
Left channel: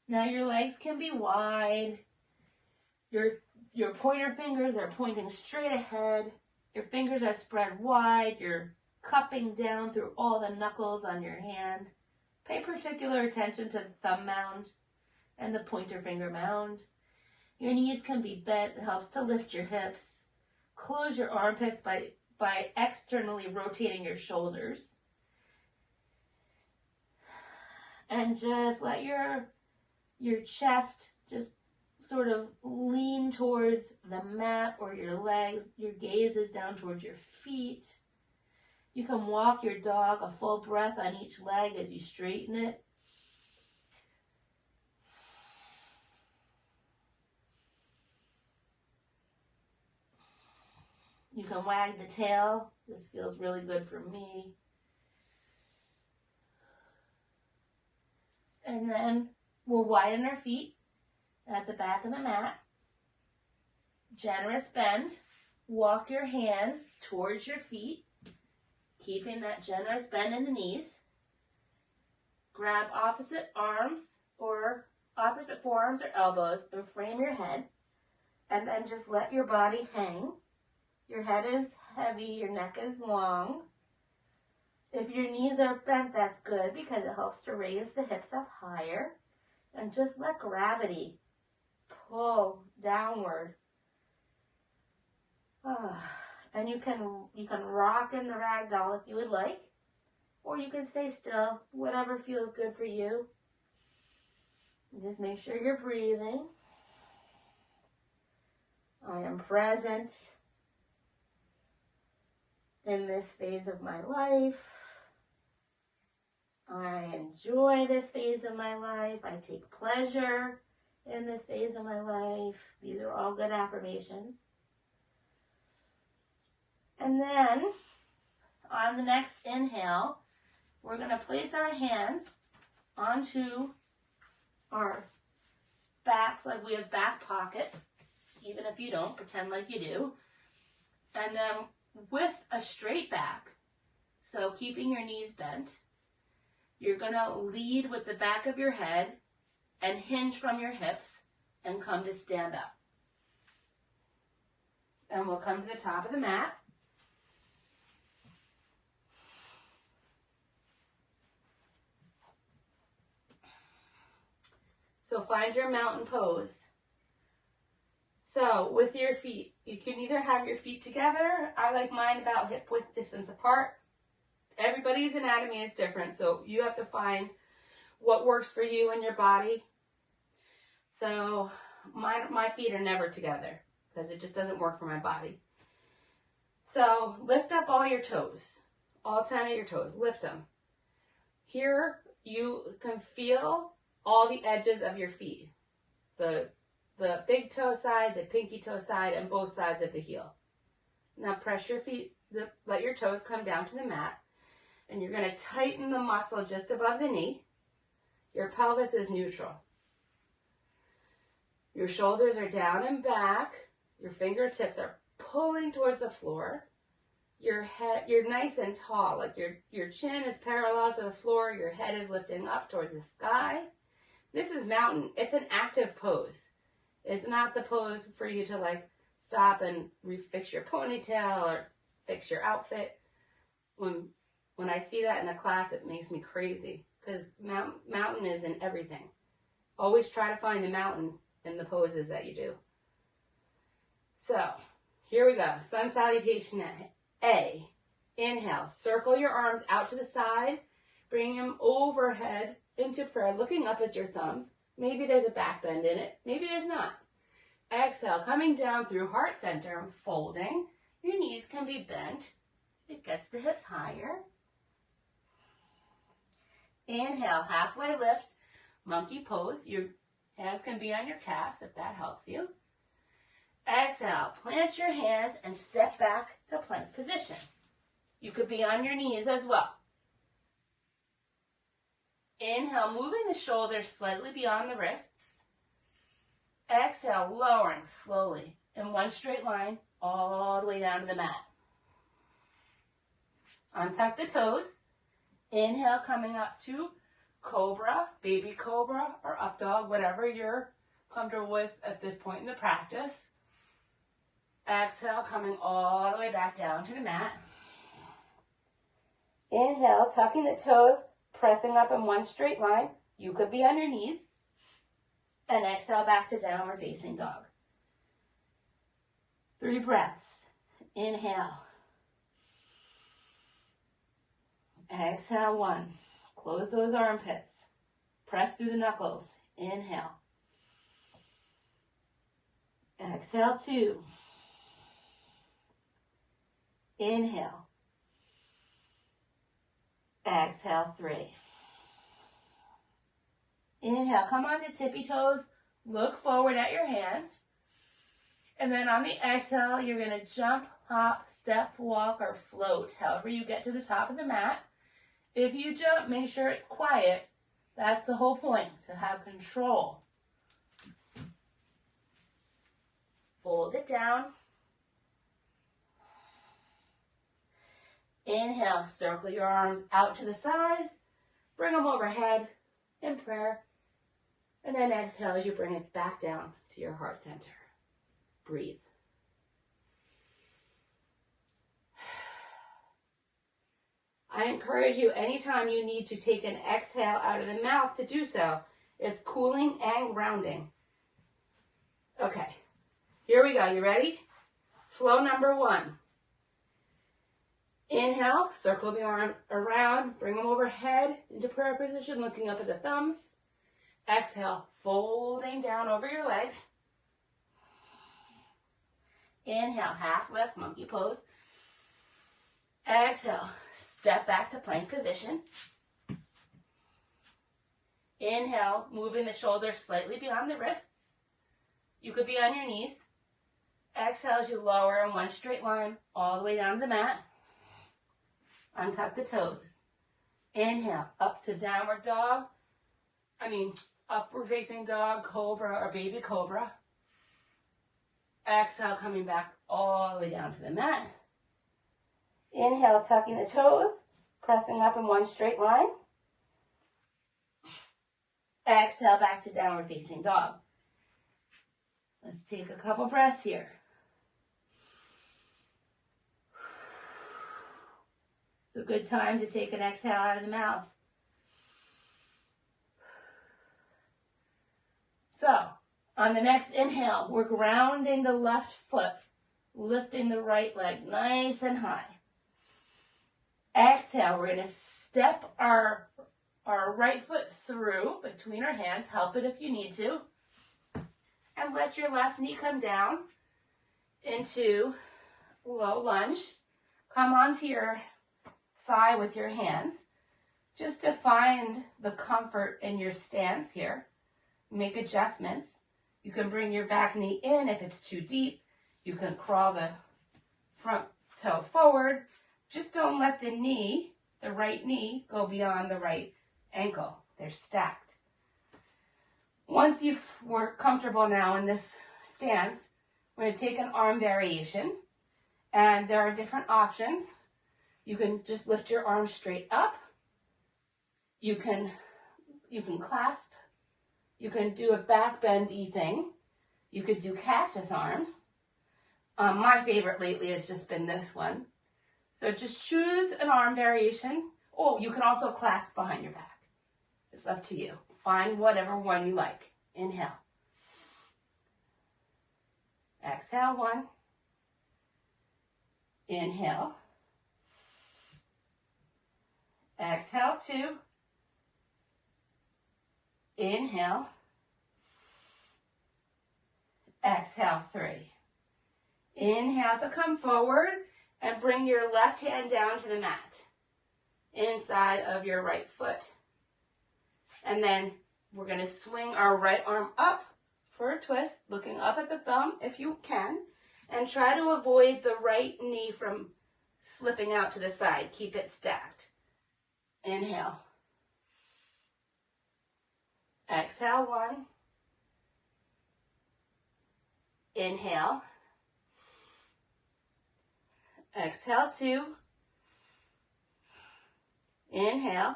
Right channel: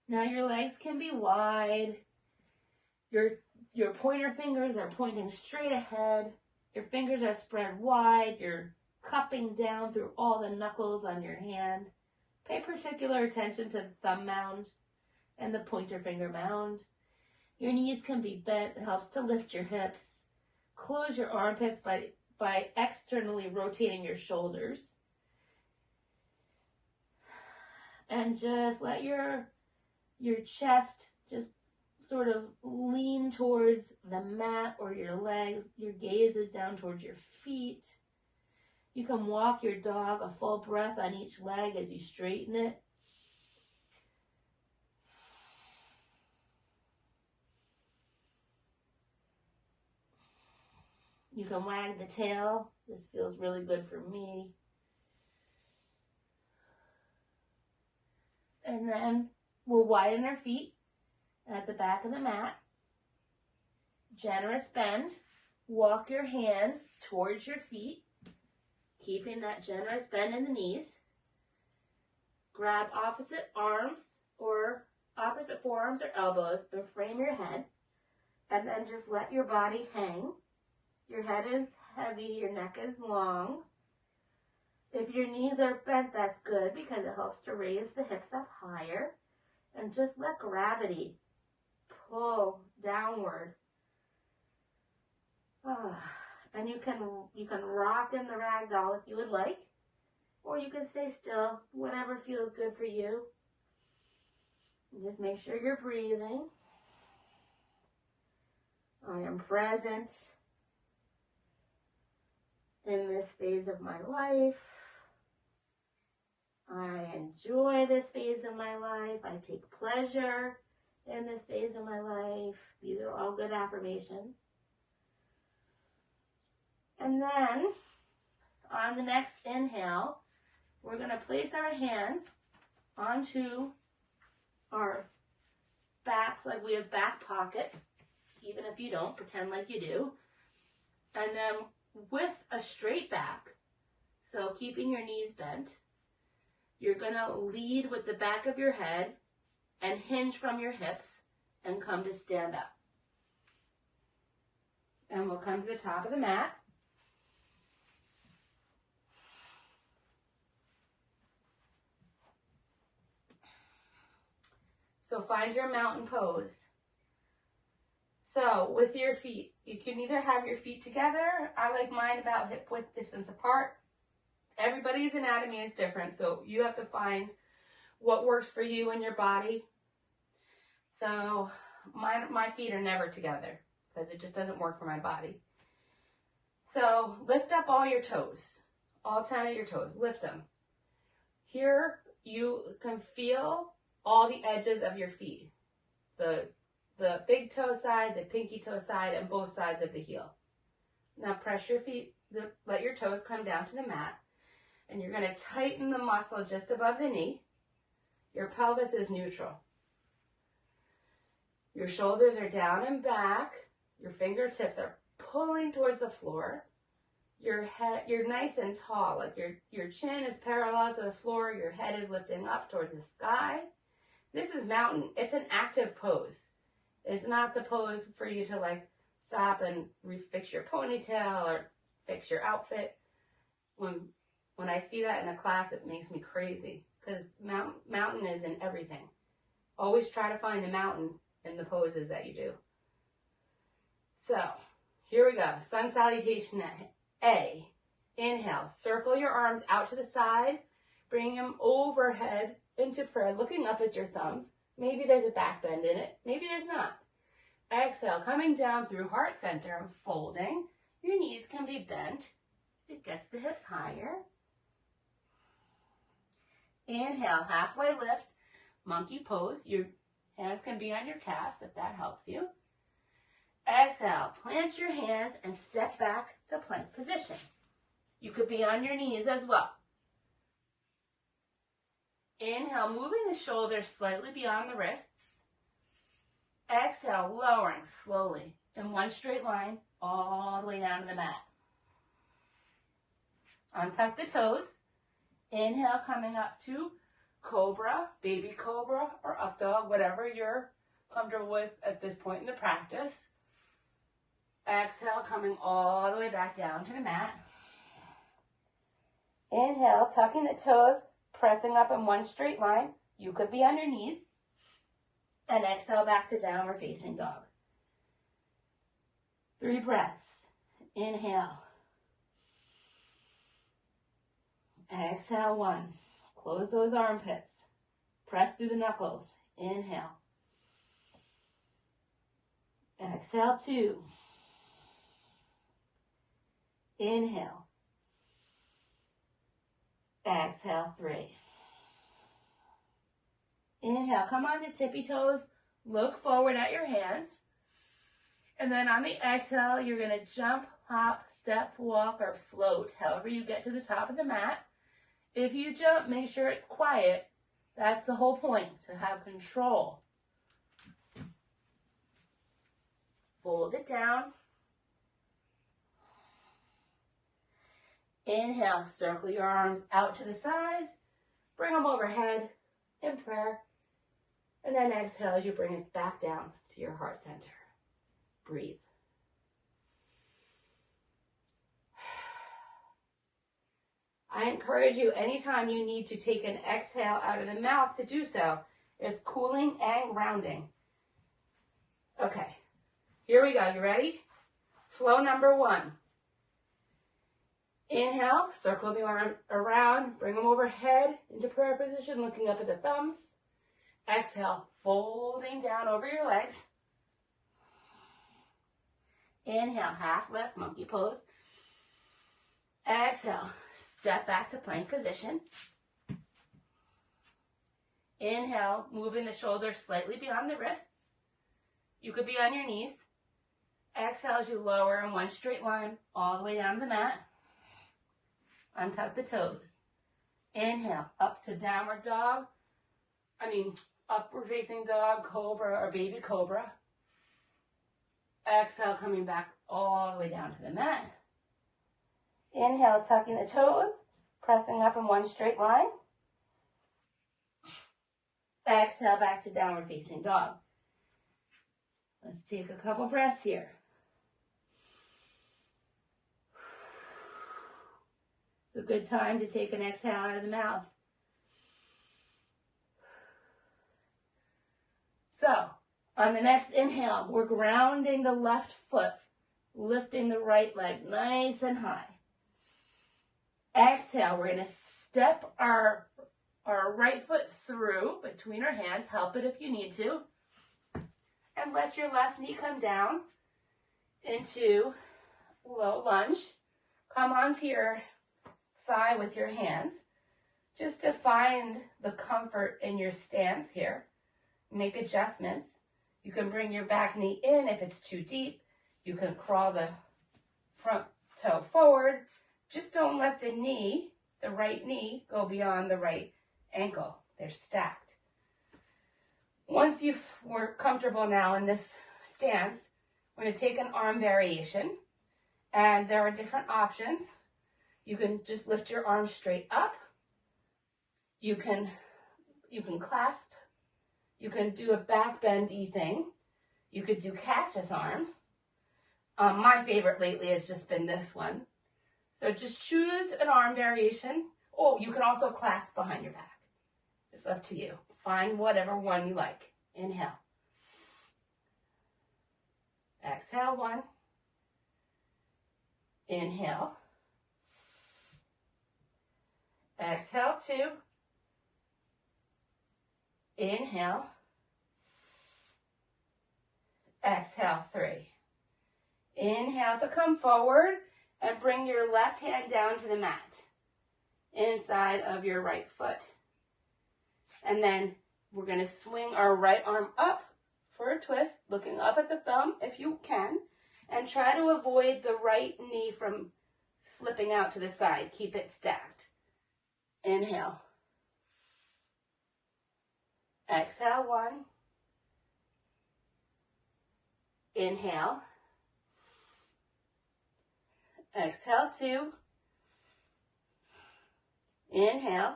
Now your legs can be wide. Your pointer fingers are pointing straight ahead. Your fingers are spread wide. Your cupping down through all the knuckles on your hand. Pay particular attention to the thumb mound and the pointer finger mound. Your knees can be bent. It helps to lift your hips. Close your armpits by externally rotating your shoulders. And just let your chest just sort of lean towards the mat or your legs. Your gaze is down towards your feet. You can walk your dog a full breath on each leg as you straighten it. You can wag the tail. This feels really good for me. And then we'll widen our feet at the back of the mat. Generous bend. Walk your hands towards your feet, keeping that generous bend in the knees. Grab opposite arms or opposite forearms or elbows and frame your head. And then just let your body hang. Your head is heavy, your neck is long. If your knees are bent, that's good because it helps to raise the hips up higher. And just let gravity pull downward. And you can rock in the ragdoll if you would like, or you can stay still, whatever feels good for you. And just make sure you're breathing. I am present in this phase of my life. I enjoy this phase of my life. I take pleasure in this phase of my life. These are all good affirmations. And then on the next inhale, we're going to place our hands onto our backs like we have back pockets. Even if you don't, pretend like you do. And then with a straight back, so keeping your knees bent, you're going to lead with the back of your head and hinge from your hips and come to stand up. And we'll come to the top of the mat. So find your mountain pose. So with your feet, you can either have your feet together. I like mine about hip width distance apart. Everybody's anatomy is different, so you have to find what works for you and your body. So my feet are never together because it just doesn't work for my body. So lift up all your toes, all 10 of your toes, lift them. Here you can feel all the edges of your feet, the big toe side, the pinky toe side, and both sides of the heel. Now press your feet, let your toes come down to the mat, and you're going to tighten the muscle just above the knee. Your pelvis is neutral. Your shoulders are down and back. Your fingertips are pulling towards the floor. Your head, you're nice and tall, like your chin is parallel to the floor, your head is lifting up towards the sky. This is mountain. It's an active pose. It's not the pose for you to like stop and refix your ponytail or fix your outfit. When I see that in a class, it makes me crazy because mountain is in everything. Always try to find the mountain in the poses that you do. So here we go. Sun salutation A. Inhale. Circle your arms out to the side. Bring them overhead into prayer, looking up at your thumbs. Maybe there's a back bend in it. Maybe there's not. Exhale, coming down through heart center and folding. Your knees can be bent. It gets the hips higher. Inhale, halfway lift, monkey pose. Your hands can be on your calves if that helps you. Exhale, plant your hands and step back to plank position. You could be on your knees as well. Inhale, moving the shoulders slightly beyond the wrists. Exhale, lowering slowly in one straight line all the way down to the mat. Untuck the toes. Inhale, coming up to cobra, baby cobra, or up dog, whatever you're comfortable with at this point in the practice. Exhale, coming all the way back down to the mat. Inhale, tucking the toes, pressing up in one straight line. You could be on your knees. And exhale back to downward facing dog. 3 breaths. Inhale. Exhale, 1. Close those armpits. Press through the knuckles. Inhale. Exhale, 2. Inhale. Exhale, 3. Inhale, come onto tippy toes. Look forward at your hands. And then on the exhale, you're going to jump, hop, step, walk, or float, however you get to the top of the mat. If you jump, make sure it's quiet. That's the whole point, to have control. Fold it down. Inhale, circle your arms out to the sides. Bring them overhead in prayer. And then exhale as you bring it back down to your heart center. Breathe. I encourage you anytime you need to take an exhale out of the mouth to do so. It's cooling and grounding. Okay, here we go. You ready? Flow number 1. Inhale, circle the arms around, bring them overhead into prayer position, looking up at the thumbs. Exhale, folding down over your legs. Inhale, half lift, monkey pose. Exhale, step back to plank position. Inhale, moving the shoulders slightly beyond the wrists. You could be on your knees. Exhale as you lower in one straight line all the way down to the mat. Untuck the toes. Inhale, up to downward dog. Upward facing dog, cobra, or baby cobra. Exhale, coming back all the way down to the mat. Inhale, tucking the toes, pressing up in one straight line. Exhale, back to downward facing dog. Let's take a couple breaths here. It's a good time to take an exhale out of the mouth. So, on the next inhale, we're grounding the left foot, lifting the right leg nice and high. Exhale, we're going to step our right foot through between our hands. Help it if you need to. And let your left knee come down into low lunge. Come onto your thigh with your hands, just to find the comfort in your stance here. Make adjustments. You can bring your back knee in if it's too deep. You can crawl the front toe forward. Just don't let the knee, the right knee, go beyond the right ankle. They're stacked. Once we're comfortable now in this stance, we're going to take an arm variation. And there are different options. You can just lift your arms straight up. You can clasp. You can do a back bendy thing. You could do cactus arms. My favorite lately has just been this one. So just choose an arm variation. Oh, you can also clasp behind your back. It's up to you. Find whatever one you like. Inhale. Exhale, 1. Inhale. Exhale, 2. Inhale. Exhale, 3. Inhale to come forward and bring your left hand down to the mat, inside of your right foot. And then we're going to swing our right arm up for a twist, looking up at the thumb if you can, and try to avoid the right knee from slipping out to the side. Keep it stacked. Inhale. Exhale, 1. Inhale. Exhale, 2. Inhale.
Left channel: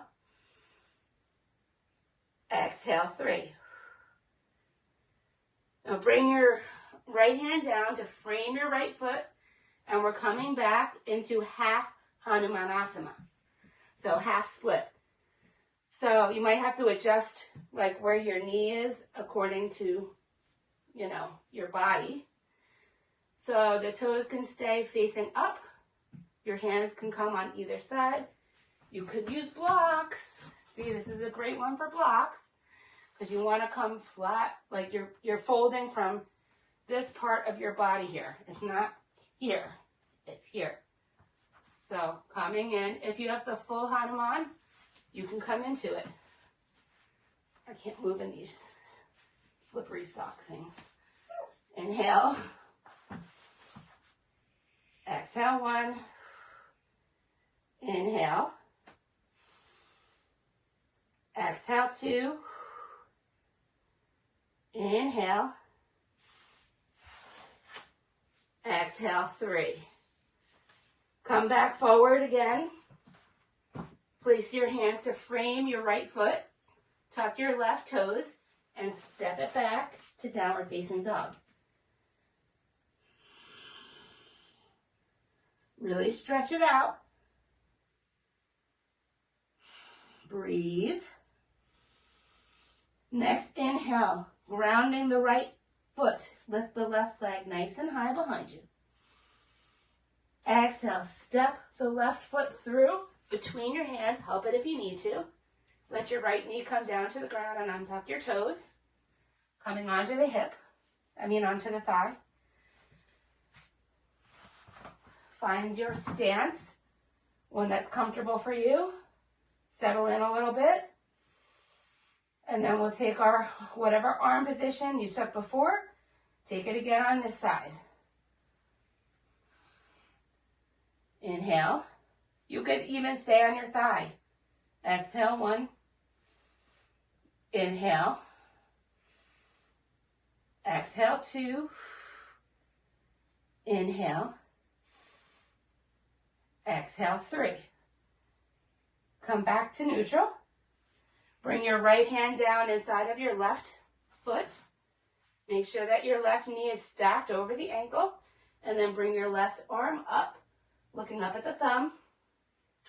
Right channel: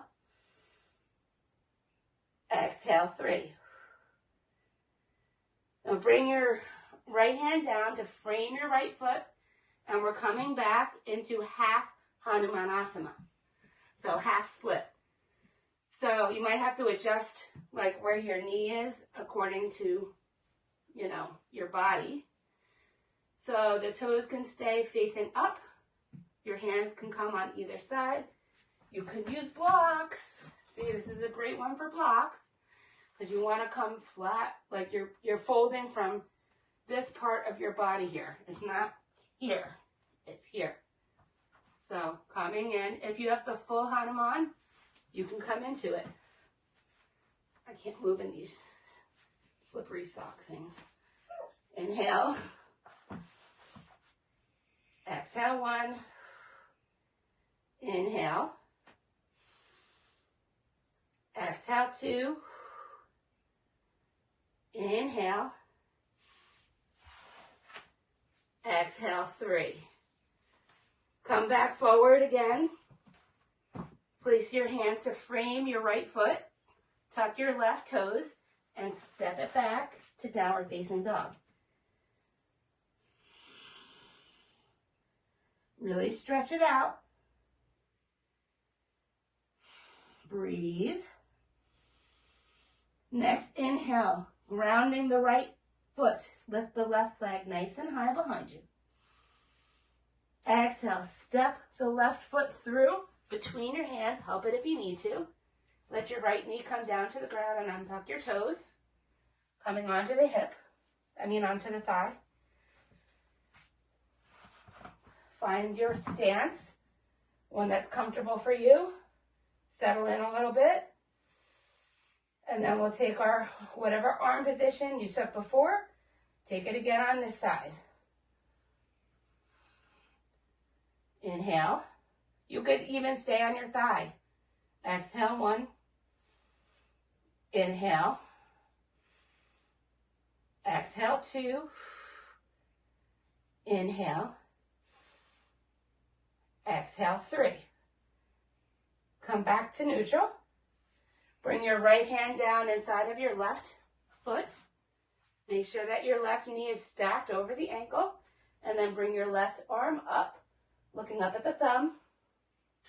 Exhale, 3. Now bring your right hand down to frame your right foot, and we're coming back into half Hanumanasana. So half split. So you might have to adjust like where your knee is according to, you know, your body. So the toes can stay facing up. Your hands can come on either side. You could use blocks. See, this is a great one for blocks because you want to come flat, like you're folding from this part of your body here. It's not here, it's here. So coming in, if you have the full Hanuman, you can come into it. I can't move in these slippery sock things. Inhale. Exhale, 1. Inhale. Exhale, 2. Inhale. Exhale, 3. Come back forward again. Place your hands to frame your right foot. Tuck your left toes and step it back to downward facing dog. Really stretch it out. Breathe. Next, inhale, grounding the right foot. Lift the left leg nice and high behind you. Exhale, step the left foot through between your hands. Help it if you need to. Let your right knee come down to the ground and untuck your toes. Coming onto the hip, onto the thigh. Find your stance, one that's comfortable for you. Settle in a little bit. And then we'll take our whatever arm position you took before. Take it again on this side. Inhale. You could even stay on your thigh. Exhale, 1. Inhale. Exhale, 2. Inhale. Exhale, 3. Come back to neutral. Bring your right hand down inside of your left foot. Make sure that your left knee is stacked over the ankle. And then bring your left arm up, looking up at the thumb.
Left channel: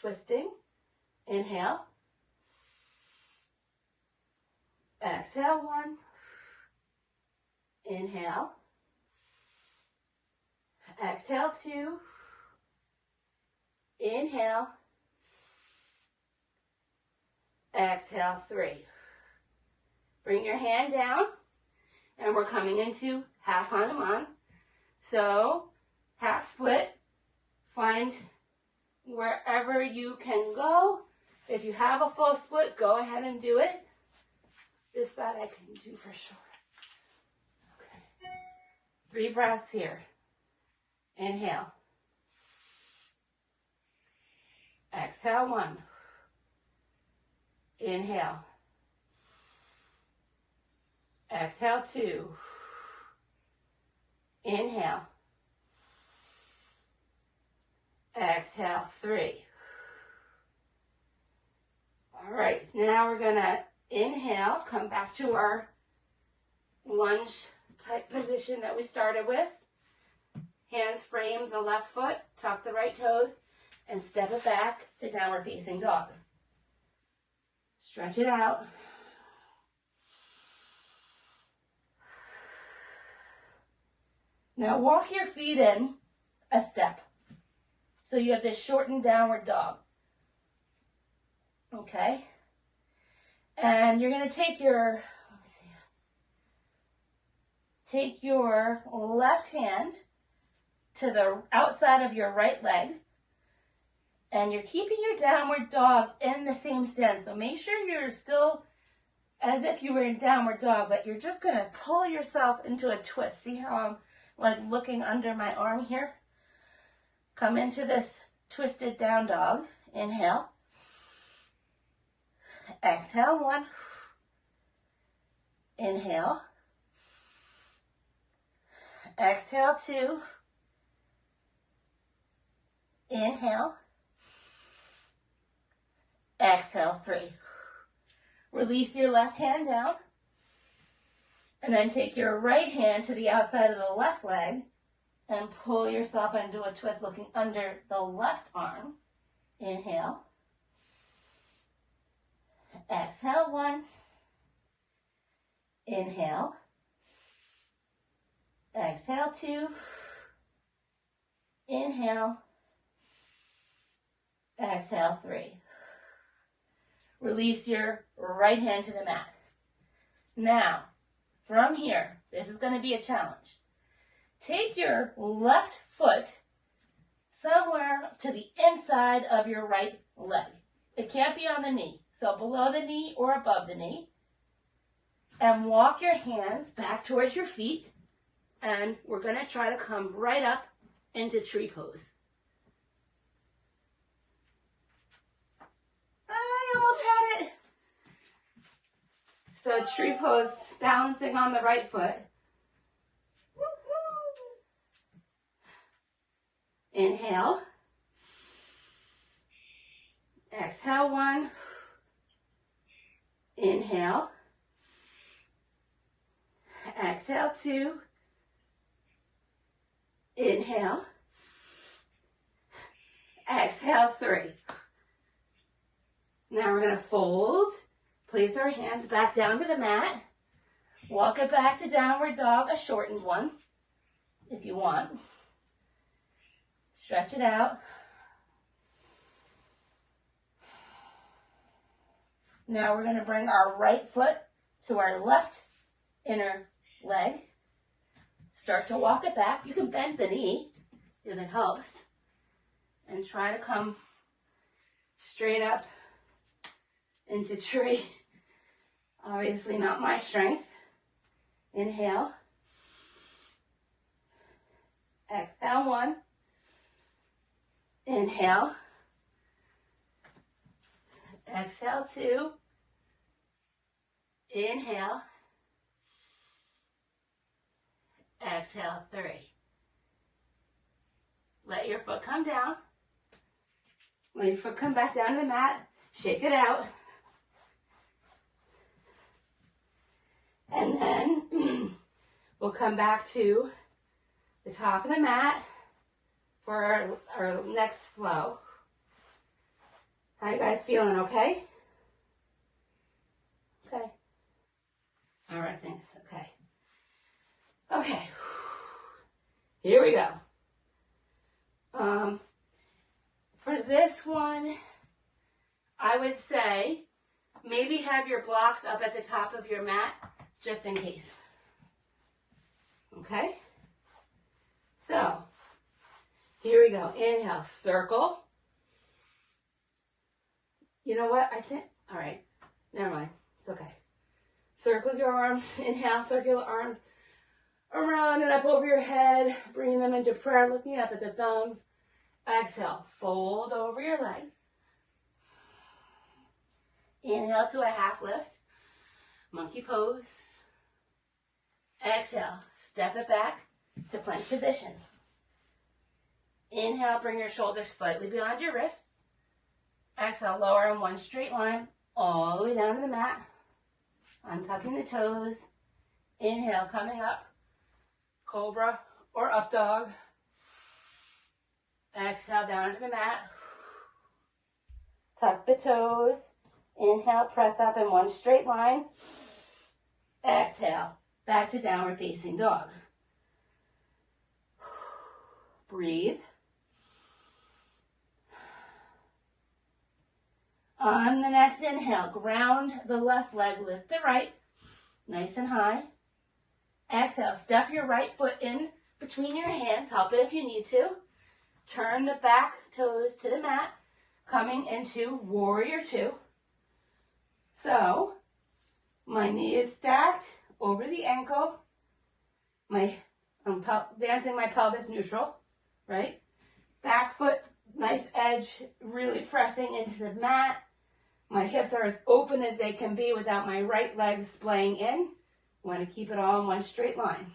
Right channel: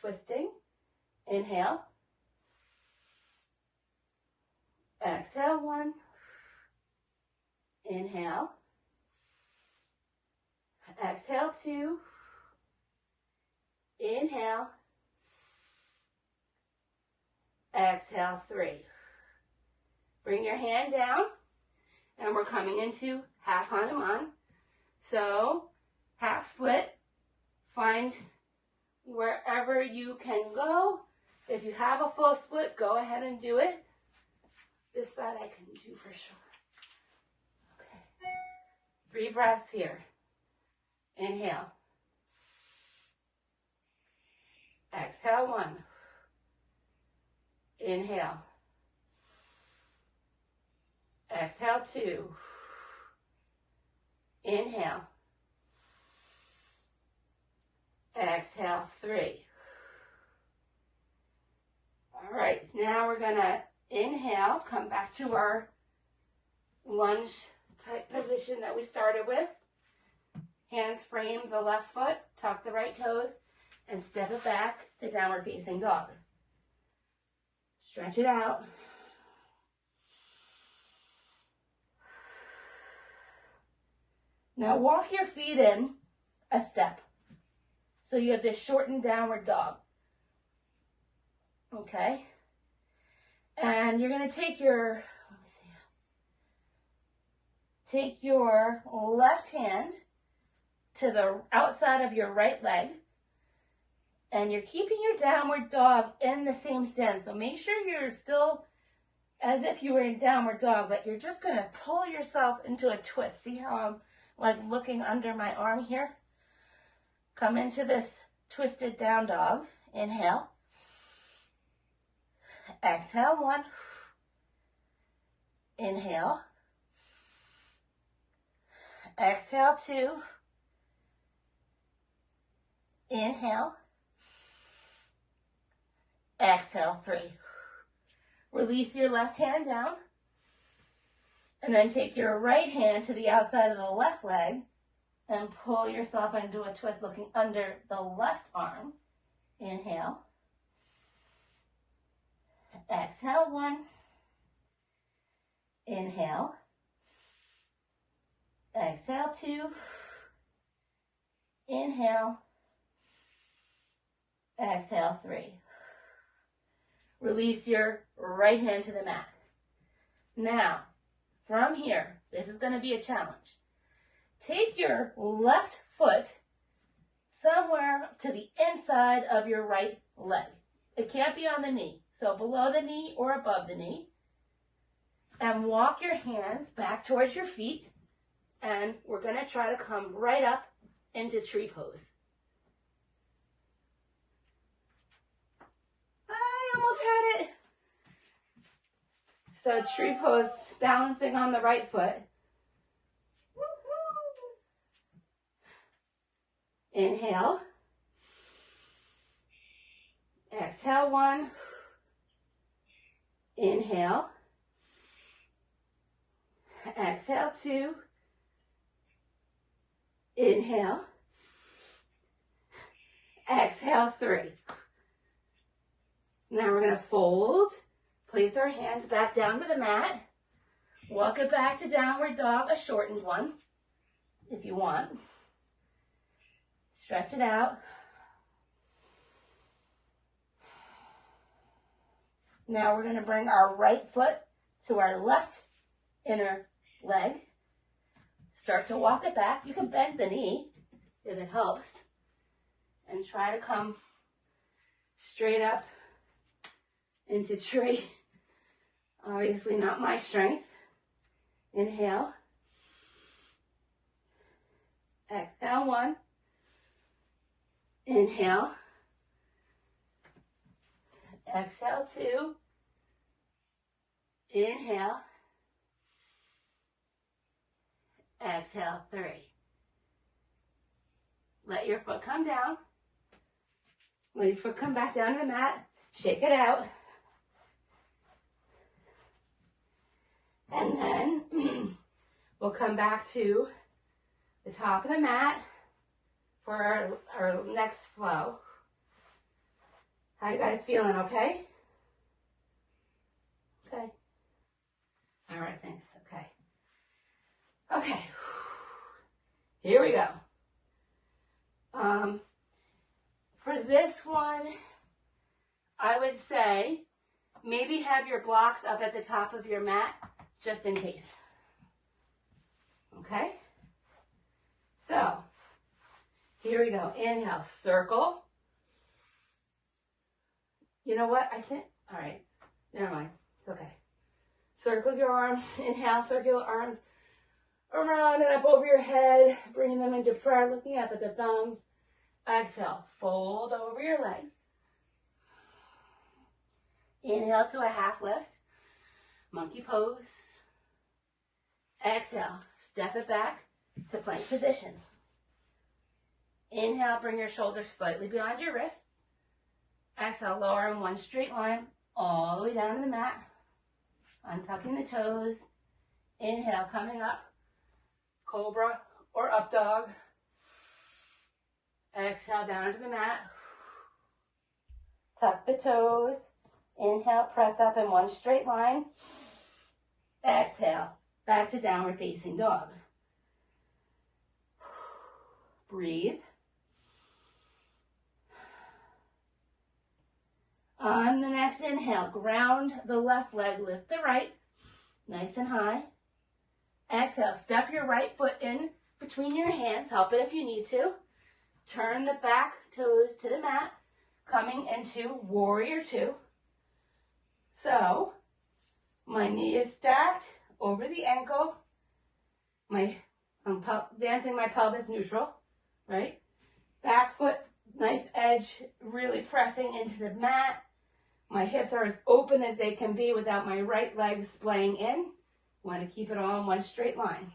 Twisting. Inhale. Exhale, 1. Inhale. Exhale, 2. Inhale. Exhale, 3. Bring your hand down, and we're coming into half Hanuman. So, half split. Find wherever you can go. If you have a full split, go ahead and do it. This side I can do for sure. Okay. 3 breaths here. Inhale. Exhale, 1. Inhale. Exhale, 2. Inhale. Exhale, 3. All right, so now we're going to inhale, come back to our lunge type position that we started with. Hands frame the left foot, tuck the right toes, and step it back to downward facing dog. Stretch it out. Now walk your feet in a step. So you have this shortened downward dog. Okay? And you're going to take your, left hand to the outside of your right leg. And you're keeping your downward dog in the same stance. So make sure you're still as if you were in downward dog, but you're just going to pull yourself into a twist. See how I'm like looking under my arm here? Come into this twisted down dog. Inhale. Exhale, 1. Inhale. Exhale, 2. Inhale. Exhale, 3. Release your left hand down. And then take your right hand to the outside of the left leg and pull yourself into a twist looking under the left arm. Inhale. Exhale, 1. Inhale. Exhale, 2. Inhale. Exhale, 3. Release your right hand to the mat. Now, from here, this is going to be a challenge. Take your left foot somewhere to the inside of your right leg. It can't be on the knee. So below the knee or above the knee. And walk your hands back towards your feet. And we're going to try to come right up into tree pose. I almost had it. So tree pose, balancing on the right foot. Inhale. Exhale, 1. Inhale. Exhale, 2. Inhale. Exhale, 3. Now we're going to fold. Place our hands back down to the mat. Walk it back to downward dog, a shortened one, if you want. Stretch it out. Now we're going to bring our right foot to our left inner leg. Start to walk it back. You can bend the knee if it helps. And try to come straight up into tree. Obviously not my strength. Inhale. Exhale, 1. Inhale. Exhale, 2. Inhale. Exhale, 3. Let your foot come down. Let your foot come back down to the mat. Shake it out. And then we'll come back to the top of the mat for our next flow. How you guys feeling, okay? Okay. All right, thanks. Okay. Okay. Here we go. For this one, I would say maybe have your blocks up at the top of your mat just in case. Okay? So, here we go. Inhale, circle. You know what? I think, all right, never mind. It's okay. Circle your arms. Inhale, circular arms around and up over your head. Bring them into prayer, looking up at the thumbs. Exhale, fold over your legs. Inhale to a half lift. Monkey pose. Exhale, step it back to plank position. Inhale, bring your shoulders slightly beyond your wrists. Exhale, lower in one straight line all the way down to the mat. Untucking the toes. Inhale, coming up. Cobra or up dog. Exhale, down to the mat. Tuck the toes. Inhale, press up in one straight line. Exhale, back to downward facing dog. Breathe. On the next inhale, ground the left leg, lift the right, nice and high. Exhale, step your right foot in between your hands, help it if you need to. Turn the back toes to the mat, coming into warrior 2. So, my knee is stacked over the ankle. I'm dancing my pelvis neutral, right? Back foot, knife edge, really pressing into the mat. My hips are as open as they can be without my right leg splaying in. Want to keep it all in one straight line.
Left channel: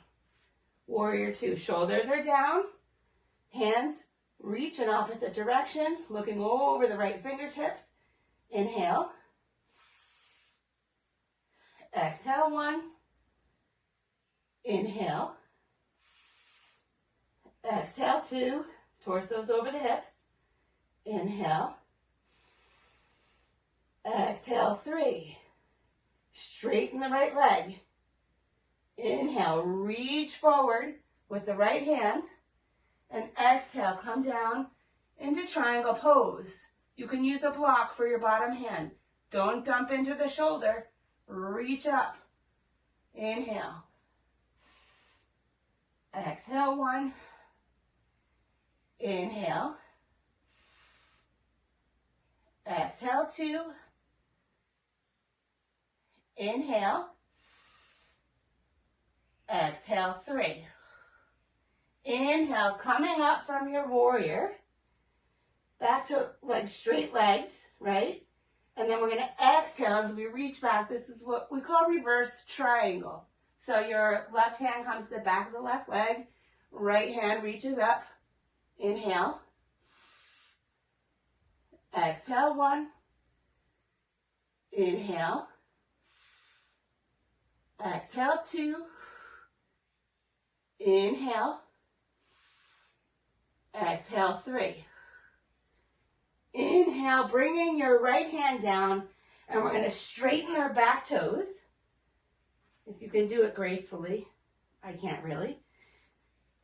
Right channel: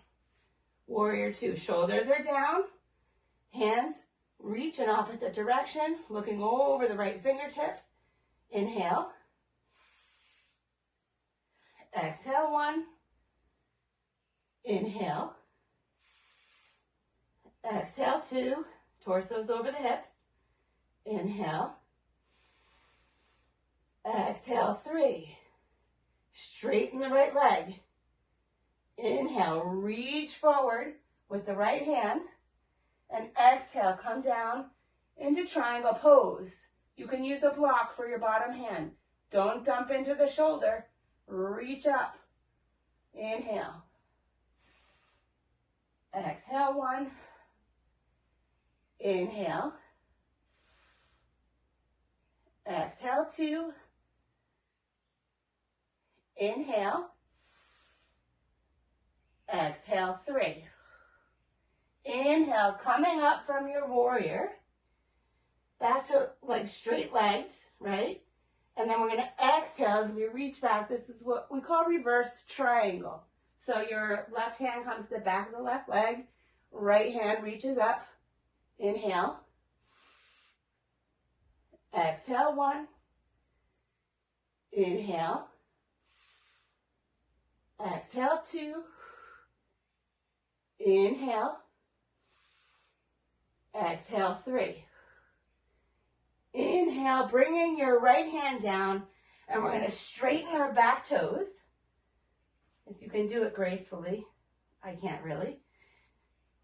Warrior 2, shoulders are down. Hands reach in opposite directions, looking over the right fingertips. Inhale. Exhale, 1. Inhale. Exhale, 2. Torso's over the hips. Inhale. Exhale, 3. Straighten the right leg. Inhale, reach forward with the right hand. And exhale, come down into triangle pose. You can use a block for your bottom hand. Don't dump into the shoulder. Reach up. Inhale. Exhale, 1. Inhale. Exhale, 2. Inhale. Exhale, 3. Inhale, coming up from your warrior. Back to like straight legs, right? And then we're going to exhale as we reach back. This is what we call reverse triangle. So your left hand comes to the back of the left leg. Right hand reaches up. Inhale. Exhale, 1. Inhale. Exhale, 2. Inhale. Exhale, 3. Inhale, bringing your right hand down, and we're going to straighten our back toes. If you can do it gracefully. I can't really.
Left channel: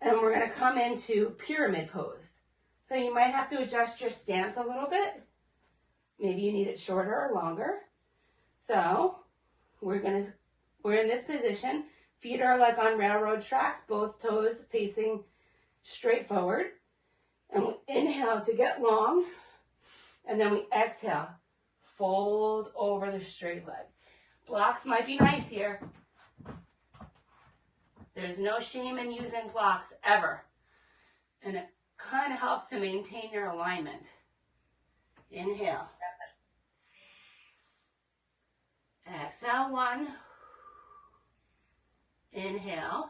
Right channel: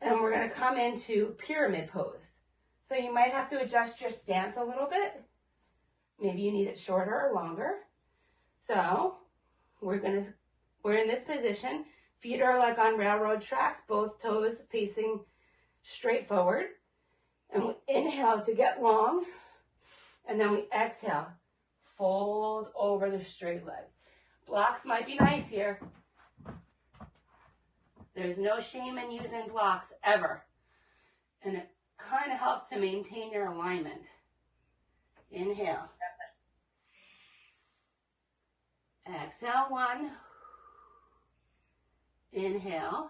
And we're going to come into pyramid pose. So you might have to adjust your stance a little bit. Maybe you need it shorter or longer. So we're in this position. Feet are like on railroad tracks, both toes facing straight forward. And we inhale to get long. And then we exhale, fold over the straight leg. Blocks might be nice here. There's no shame in using blocks ever. And it kind of helps to maintain your alignment. Inhale. Exhale, 1. Inhale.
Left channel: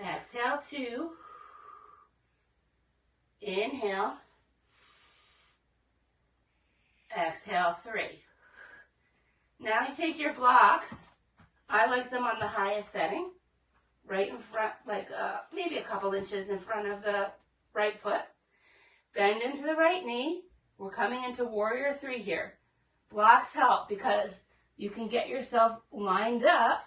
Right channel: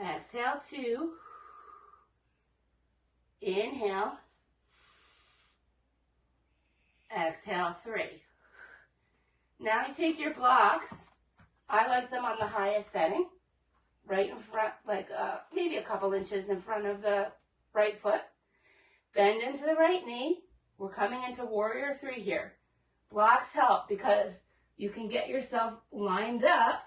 Exhale, 2. Inhale. Exhale, 3. Now you take your blocks. I like them on the highest setting, right in front, like maybe a couple inches in front of the right foot. Bend into the right knee. We're coming into warrior 3 here. Blocks help because you can get yourself lined up.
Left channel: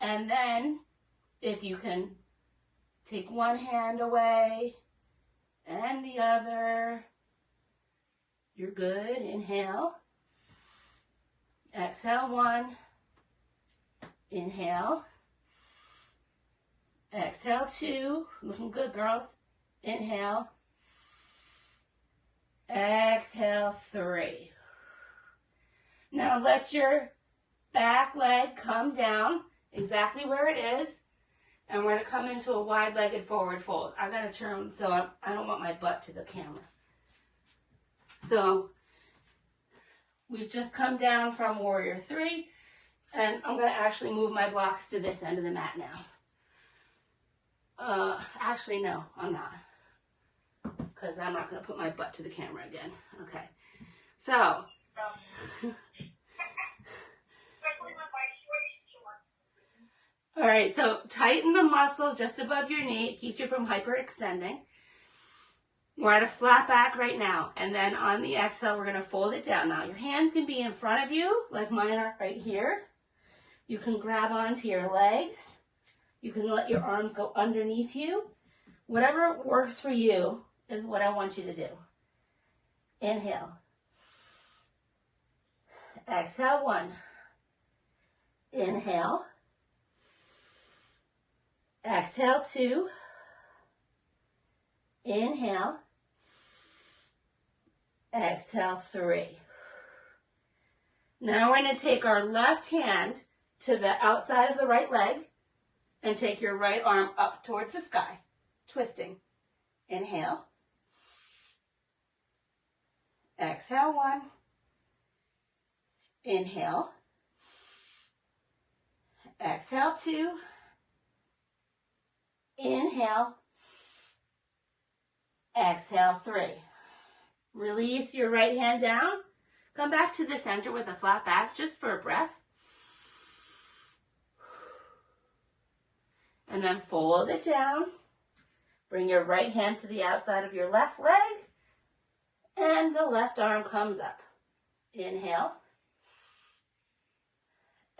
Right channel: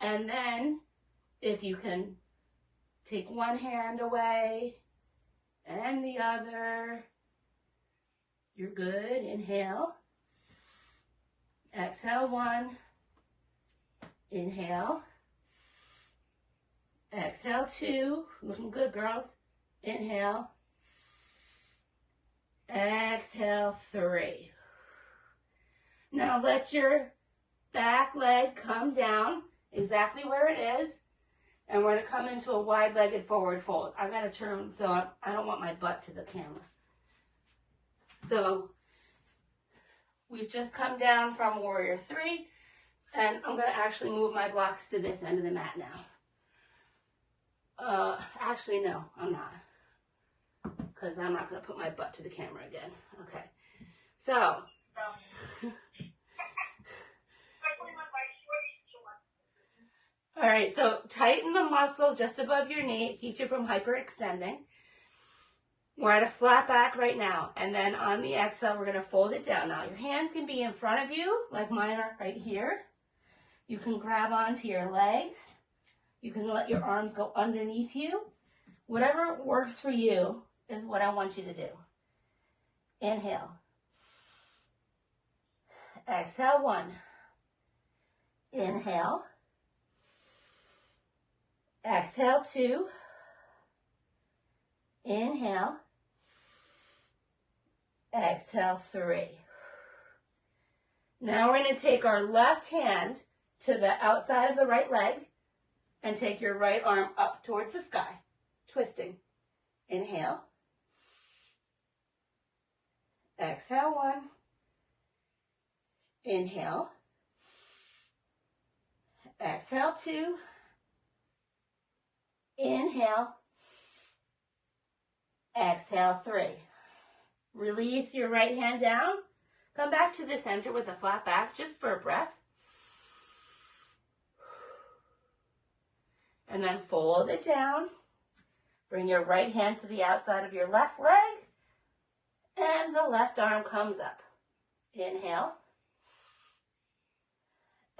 And then if you can take one hand away and the other, you're good. Inhale. Exhale, 1. Inhale. Exhale, 2. Looking good, girls. Inhale. Exhale, 3. Now let your back leg come down exactly where it is. And we're going to come into a wide-legged forward fold. I've got to turn so I don't want my butt to the camera. So we've just come down from warrior 3. And I'm going to actually move my blocks to this end of the mat now. Actually, no, I'm not. Because I'm not going to put my butt to the camera again. Okay. So. All right, so tighten the muscle just above your knee. It keeps you from hyperextending. We're at a flat back right now. And then on the exhale, we're going to fold it down. Now, your hands can be in front of you, like mine are right here. You can grab onto your legs. You can let your arms go underneath you. Whatever works for you is what I want you to do. Inhale. Exhale, 1. Inhale. Exhale, 2. Inhale. Exhale, 3. Now we're going to take our left hand to the outside of the right leg and take your right arm up towards the sky, twisting. Inhale. Exhale, 1. Inhale. Exhale, 2. Inhale. Exhale, 3. Release your right hand down. Come back to the center with a flat back just for a breath. And then fold it down. Bring your right hand to the outside of your left leg, and the left arm comes up. Inhale.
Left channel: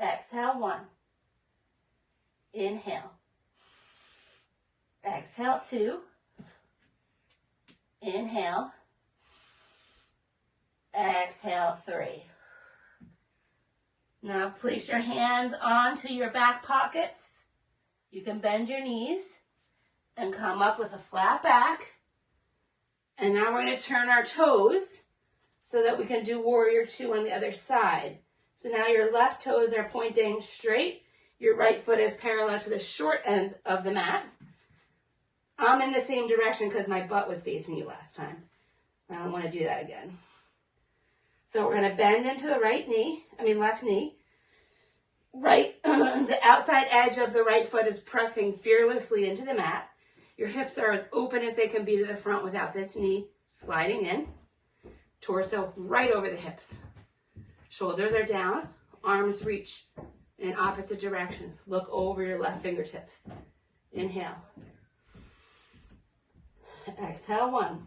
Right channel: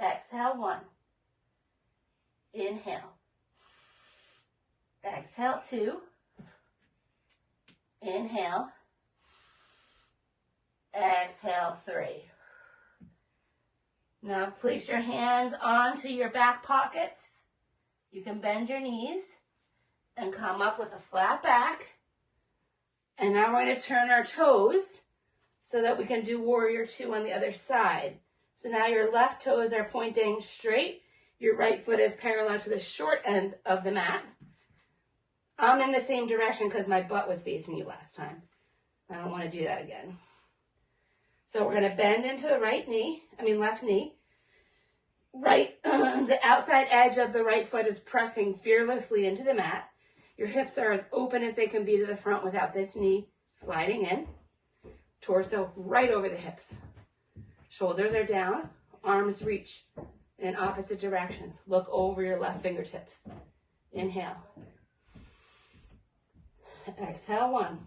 Exhale, 1. Inhale. Exhale, 2. Inhale. Exhale, 3. Now place your hands onto your back pockets. You can bend your knees and come up with a flat back. And now we're going to turn our toes so that we can do warrior 2 on the other side. So now your left toes are pointing straight. Your right foot is parallel to the short end of the mat. I'm in the same direction because my butt was facing you last time. I don't want to do that again. So we're going to bend into the left knee. Right, the outside edge of the right foot is pressing fearlessly into the mat. Your hips are as open as they can be to the front without this knee sliding in. Torso right over the hips. Shoulders are down, arms reach in opposite directions. Look over your left fingertips. Inhale. Exhale, 1.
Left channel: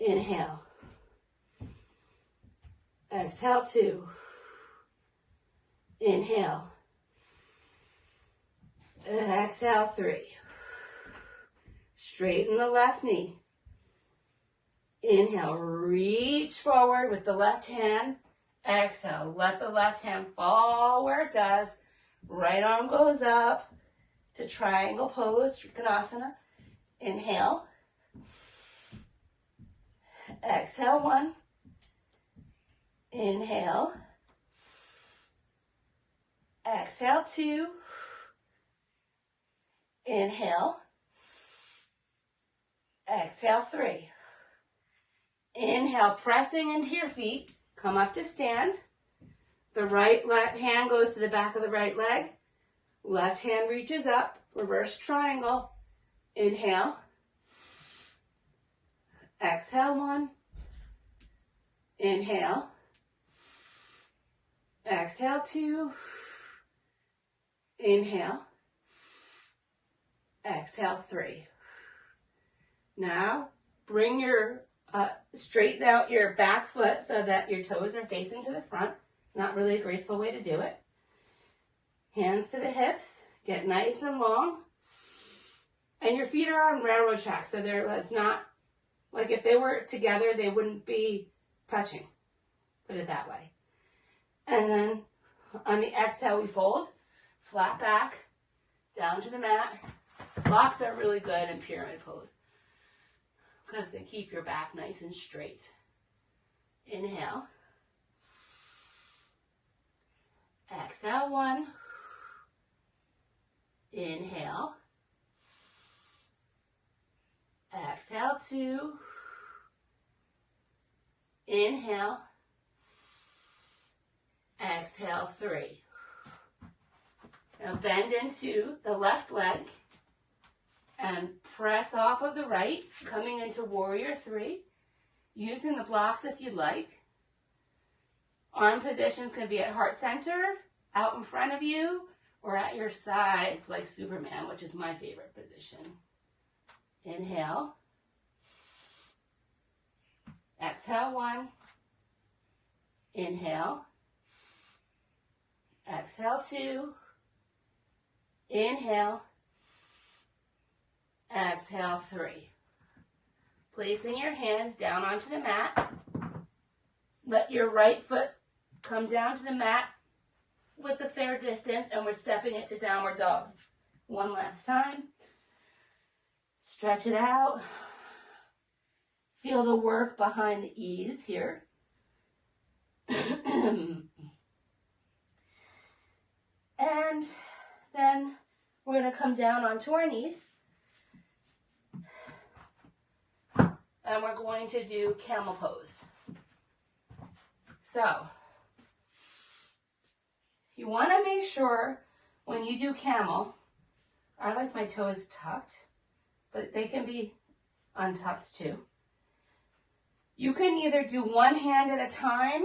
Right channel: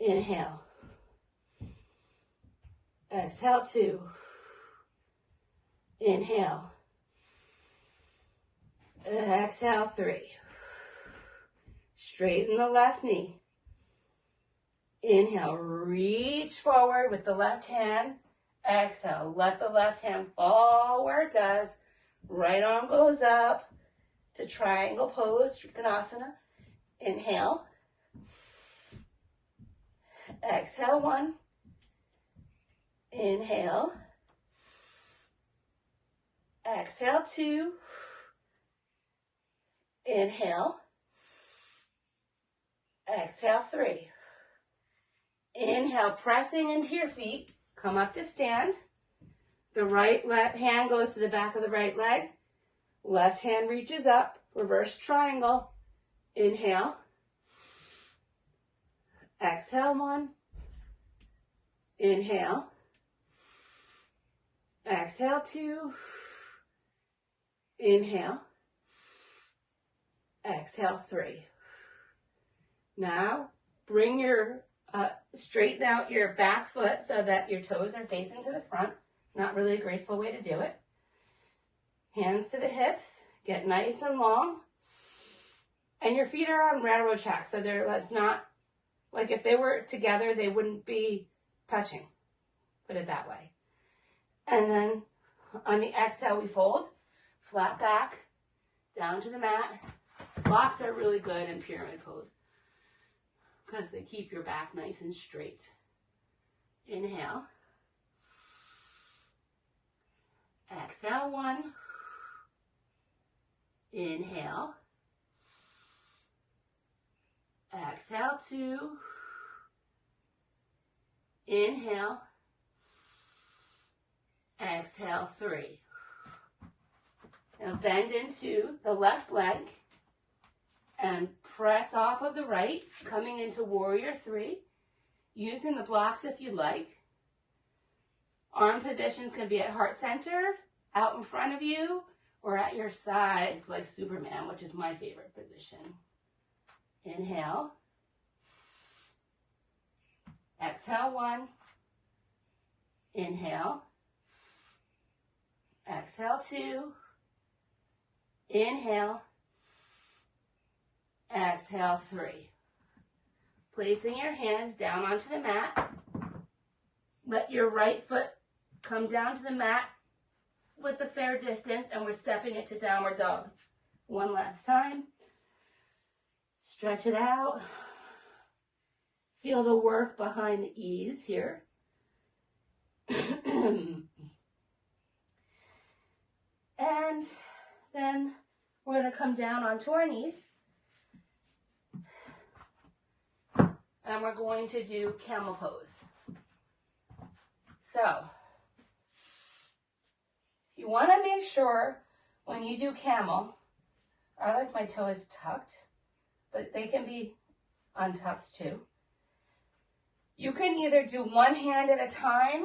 Inhale. Exhale, 2. Inhale. Exhale, 3. Straighten the left knee. Inhale, reach forward with the left hand. Exhale, let the left hand fall where it does. Right arm goes up to triangle pose, Trikonasana. Inhale. Exhale, 1. Inhale. Exhale, 2. Inhale. Exhale, 3. Inhale, pressing into your feet. Come up to stand. The right hand goes to the back of the right leg. Left hand reaches up. Reverse triangle. Inhale. Exhale, 1. Inhale. Exhale, 2. Inhale. Exhale, 3. Now, bring your, straighten out your back foot so that your toes are facing to the front. Not really a graceful way to do it. Hands to the hips. Get nice and long. And your feet are on railroad tracks, so they're not, like if they were together, they wouldn't be touching. Put it that way. And then on the exhale, we fold. Flat back, down to the mat. Blocks are really good in pyramid pose because they keep your back nice and straight. Inhale. Exhale, 1. Inhale. Exhale, 2. Inhale. Exhale, 3. Now bend into the left leg and press off of the right, coming into warrior 3, using the blocks if you like. Arm positions can be at heart center, out in front of you, or at your sides like Superman, which is my favorite position. Inhale. Exhale, 1. Inhale. Exhale, 2. Inhale. Exhale, 3. Placing your hands down onto the mat. Let your right foot come down to the mat with a fair distance, and we're stepping it to downward dog. One last time. Stretch it out. Feel the work behind the ease here. And then we're going to come down onto our knees. And we're going to do camel pose. So, you want to make sure when you do camel, I like my toes tucked, but they can be untucked too. You can either do one hand at a time,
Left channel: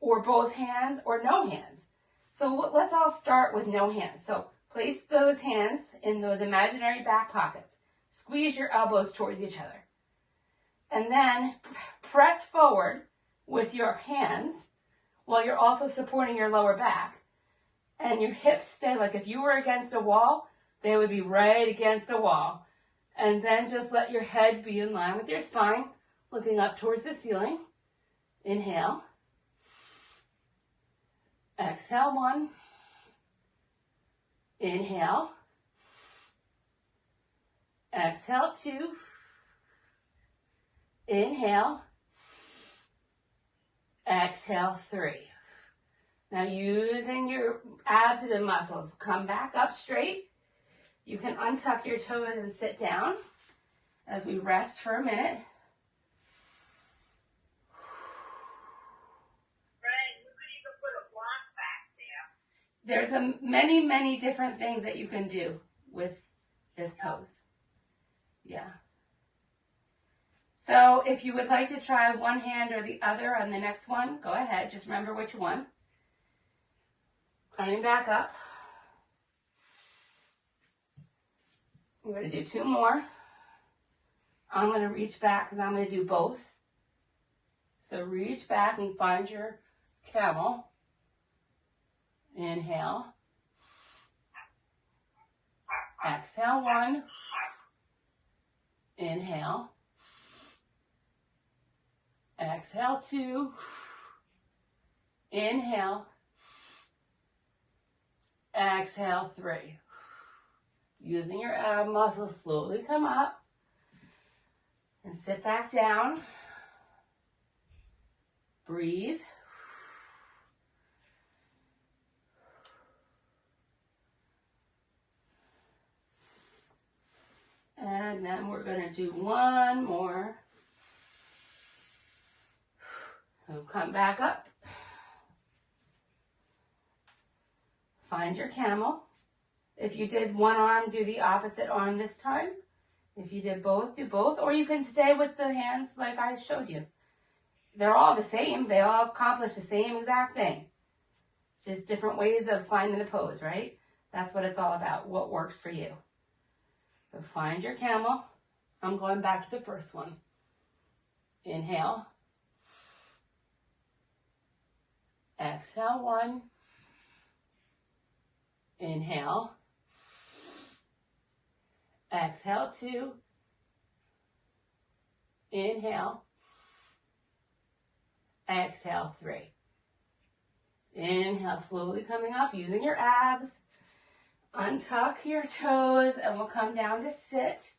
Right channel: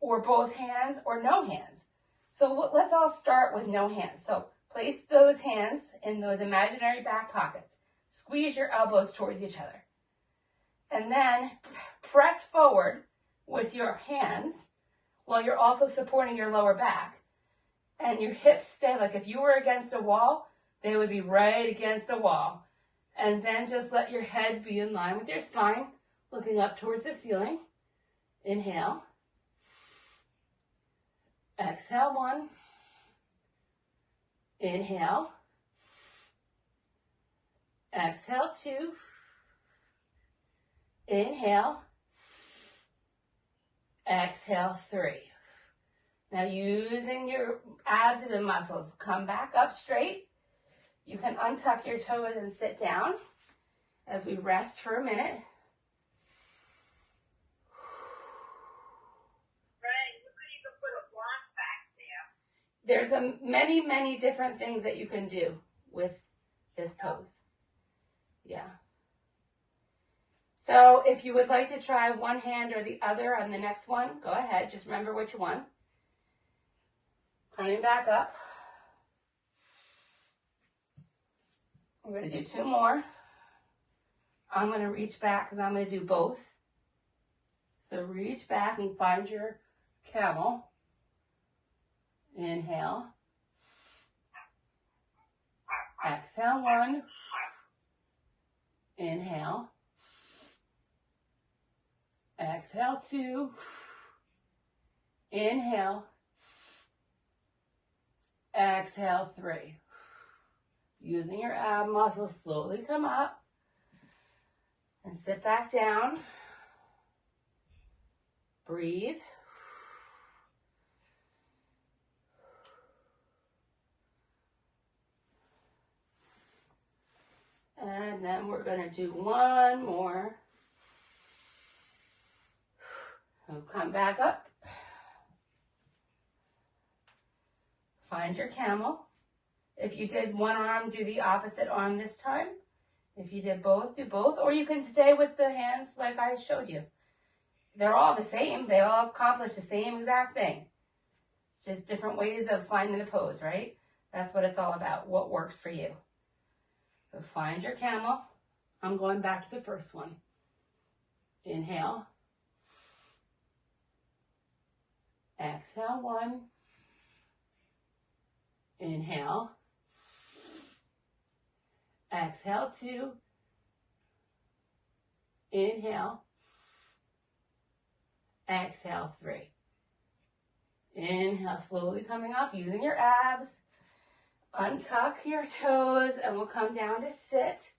or both hands, or no hands. So let's all start with no hands. So Place those hands in those imaginary back pockets. Squeeze your elbows towards each other. And then press forward with your hands while you're also supporting your lower back. And your hips stay, like if you were against a wall, they would be right against the wall. And then just let your head be in line with your spine, looking up towards the ceiling. Inhale. Exhale, 1. Inhale. Exhale, 2. Inhale. Exhale, 3. Now using your abdomen muscles, come back up straight. You can untuck your toes and sit down as we rest for a minute. There's many, many different things that you can do with this pose. Yeah. So if you would like to try one hand or the other on the next one, go ahead. Just remember which one. Coming back up. We're going to do 2 more. I'm going to reach back because I'm going to do both. So reach back and find your camel. Inhale. Exhale, 1. Inhale. Exhale, 2. Inhale. Exhale, 3. Using your ab muscles, slowly come up and sit back down. Breathe. And then we're going to do one more. So come back up. Find your camel. If you did one arm, do the opposite arm this time. If you did both, do both. Or you can stay with the hands like I showed you. They're all the same. They all accomplish the same exact thing. Just different ways of finding the pose, right? That's what it's all about. What works for you. So find your camel. I'm going back to the first one. Inhale. Exhale, 1. Inhale. Exhale, 2. Inhale. Exhale, 3. Inhale, slowly coming up, using your abs. Untuck your toes, and we'll come down to sit.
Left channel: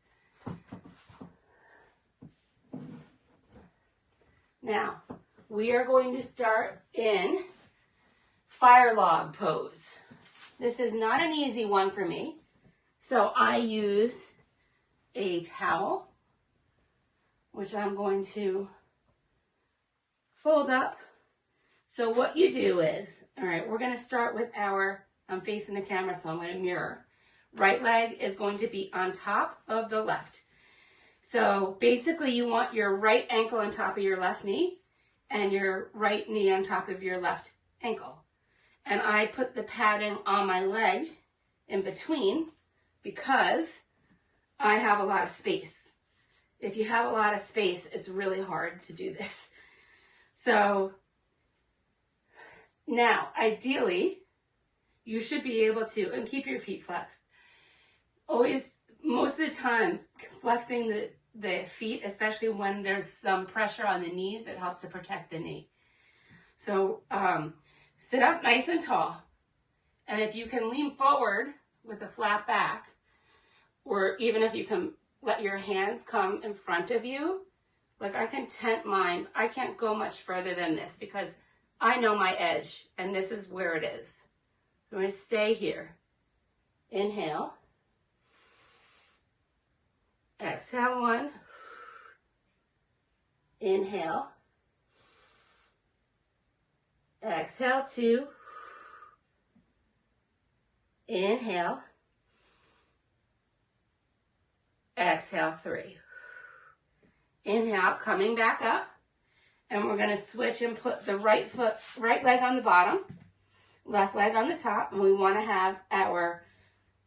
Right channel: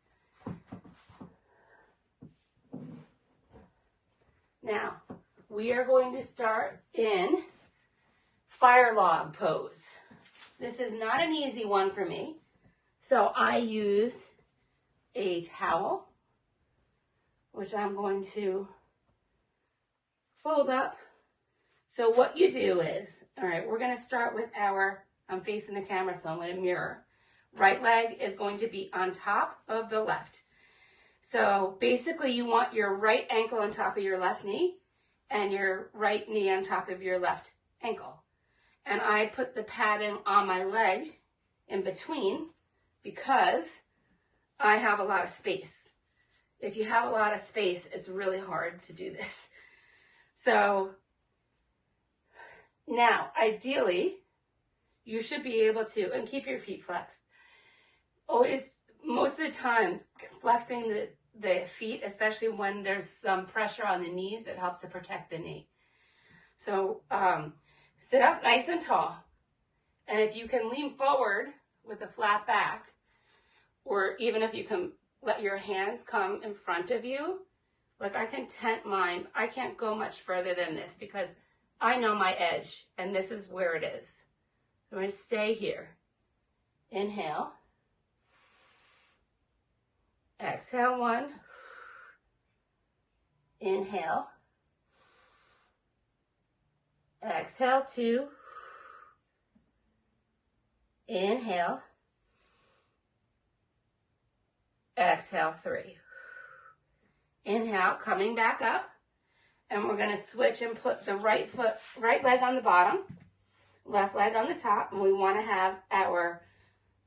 Now, we are going to start in fire log pose. This is not an easy one for me, so I use a towel, which I'm going to fold up. So what you do is, all right, we're going to start with I'm facing the camera, so I'm going to mirror. Right leg is going to be on top of the left. So basically you want your right ankle on top of your left knee and your right knee on top of your left ankle. And I put the padding on my leg in between because I have a lot of space. If you have a lot of space, it's really hard to do this. So now, ideally, you should be able to, and keep your feet flexed. Always, most of the time, flexing the feet, especially when there's some pressure on the knees, it helps to protect the knee. So sit up nice and tall. And if you can lean forward with a flat back, or even if you can let your hands come in front of you, like I can tent mine. I can't go much further than this because I know my edge, and this is where it is. I'm going to stay here. Inhale. Exhale, 1. Inhale. Exhale, 2. Inhale. Exhale, 3. Inhale, coming back up. And we're going to switch and put the right leg on the bottom, left leg on the top. And we want to have our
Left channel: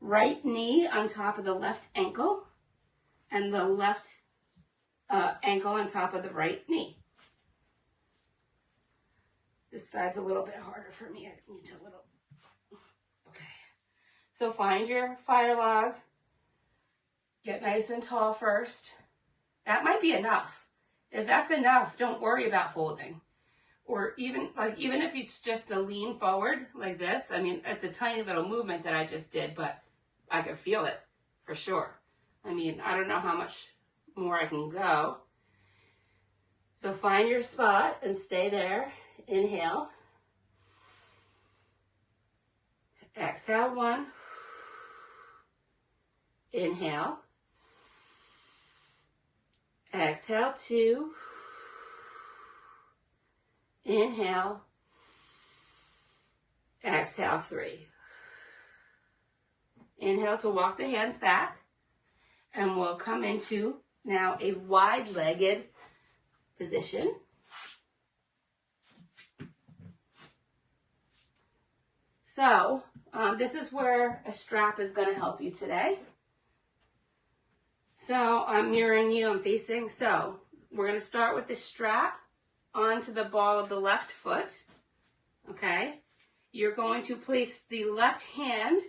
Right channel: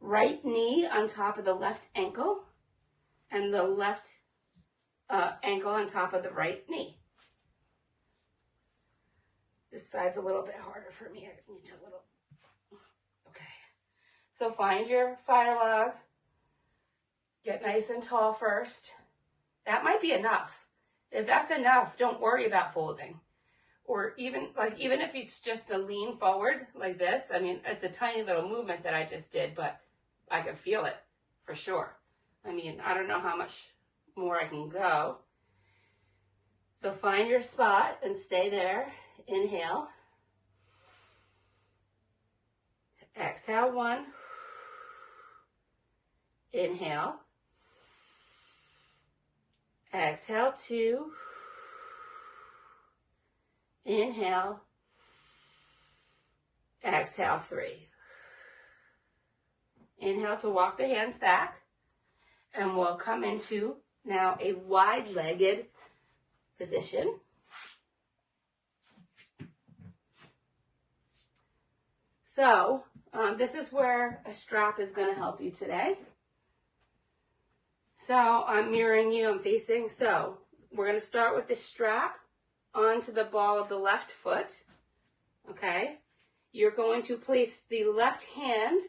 right knee on top of the left ankle and the left ankle on top of the right knee. This side's a little bit harder for me. I need to okay. So find your fire log. Get nice and tall first. That might be enough. If that's enough, don't worry about folding. Or even if it's just a lean forward like this, I mean, it's a tiny little movement that I just did, but I can feel it for sure. I mean, I don't know how much more I can go. So find your spot and stay there. Inhale. Exhale, 1. Inhale. Exhale, 2. Inhale. Exhale, 3. Inhale to walk the hands back. And we'll come into now a wide-legged position. So this is where a strap is going to help you today. So I'm mirroring you, I'm facing. So we're going to start with the strap onto the ball of the left foot. Okay. You're going to place the left hand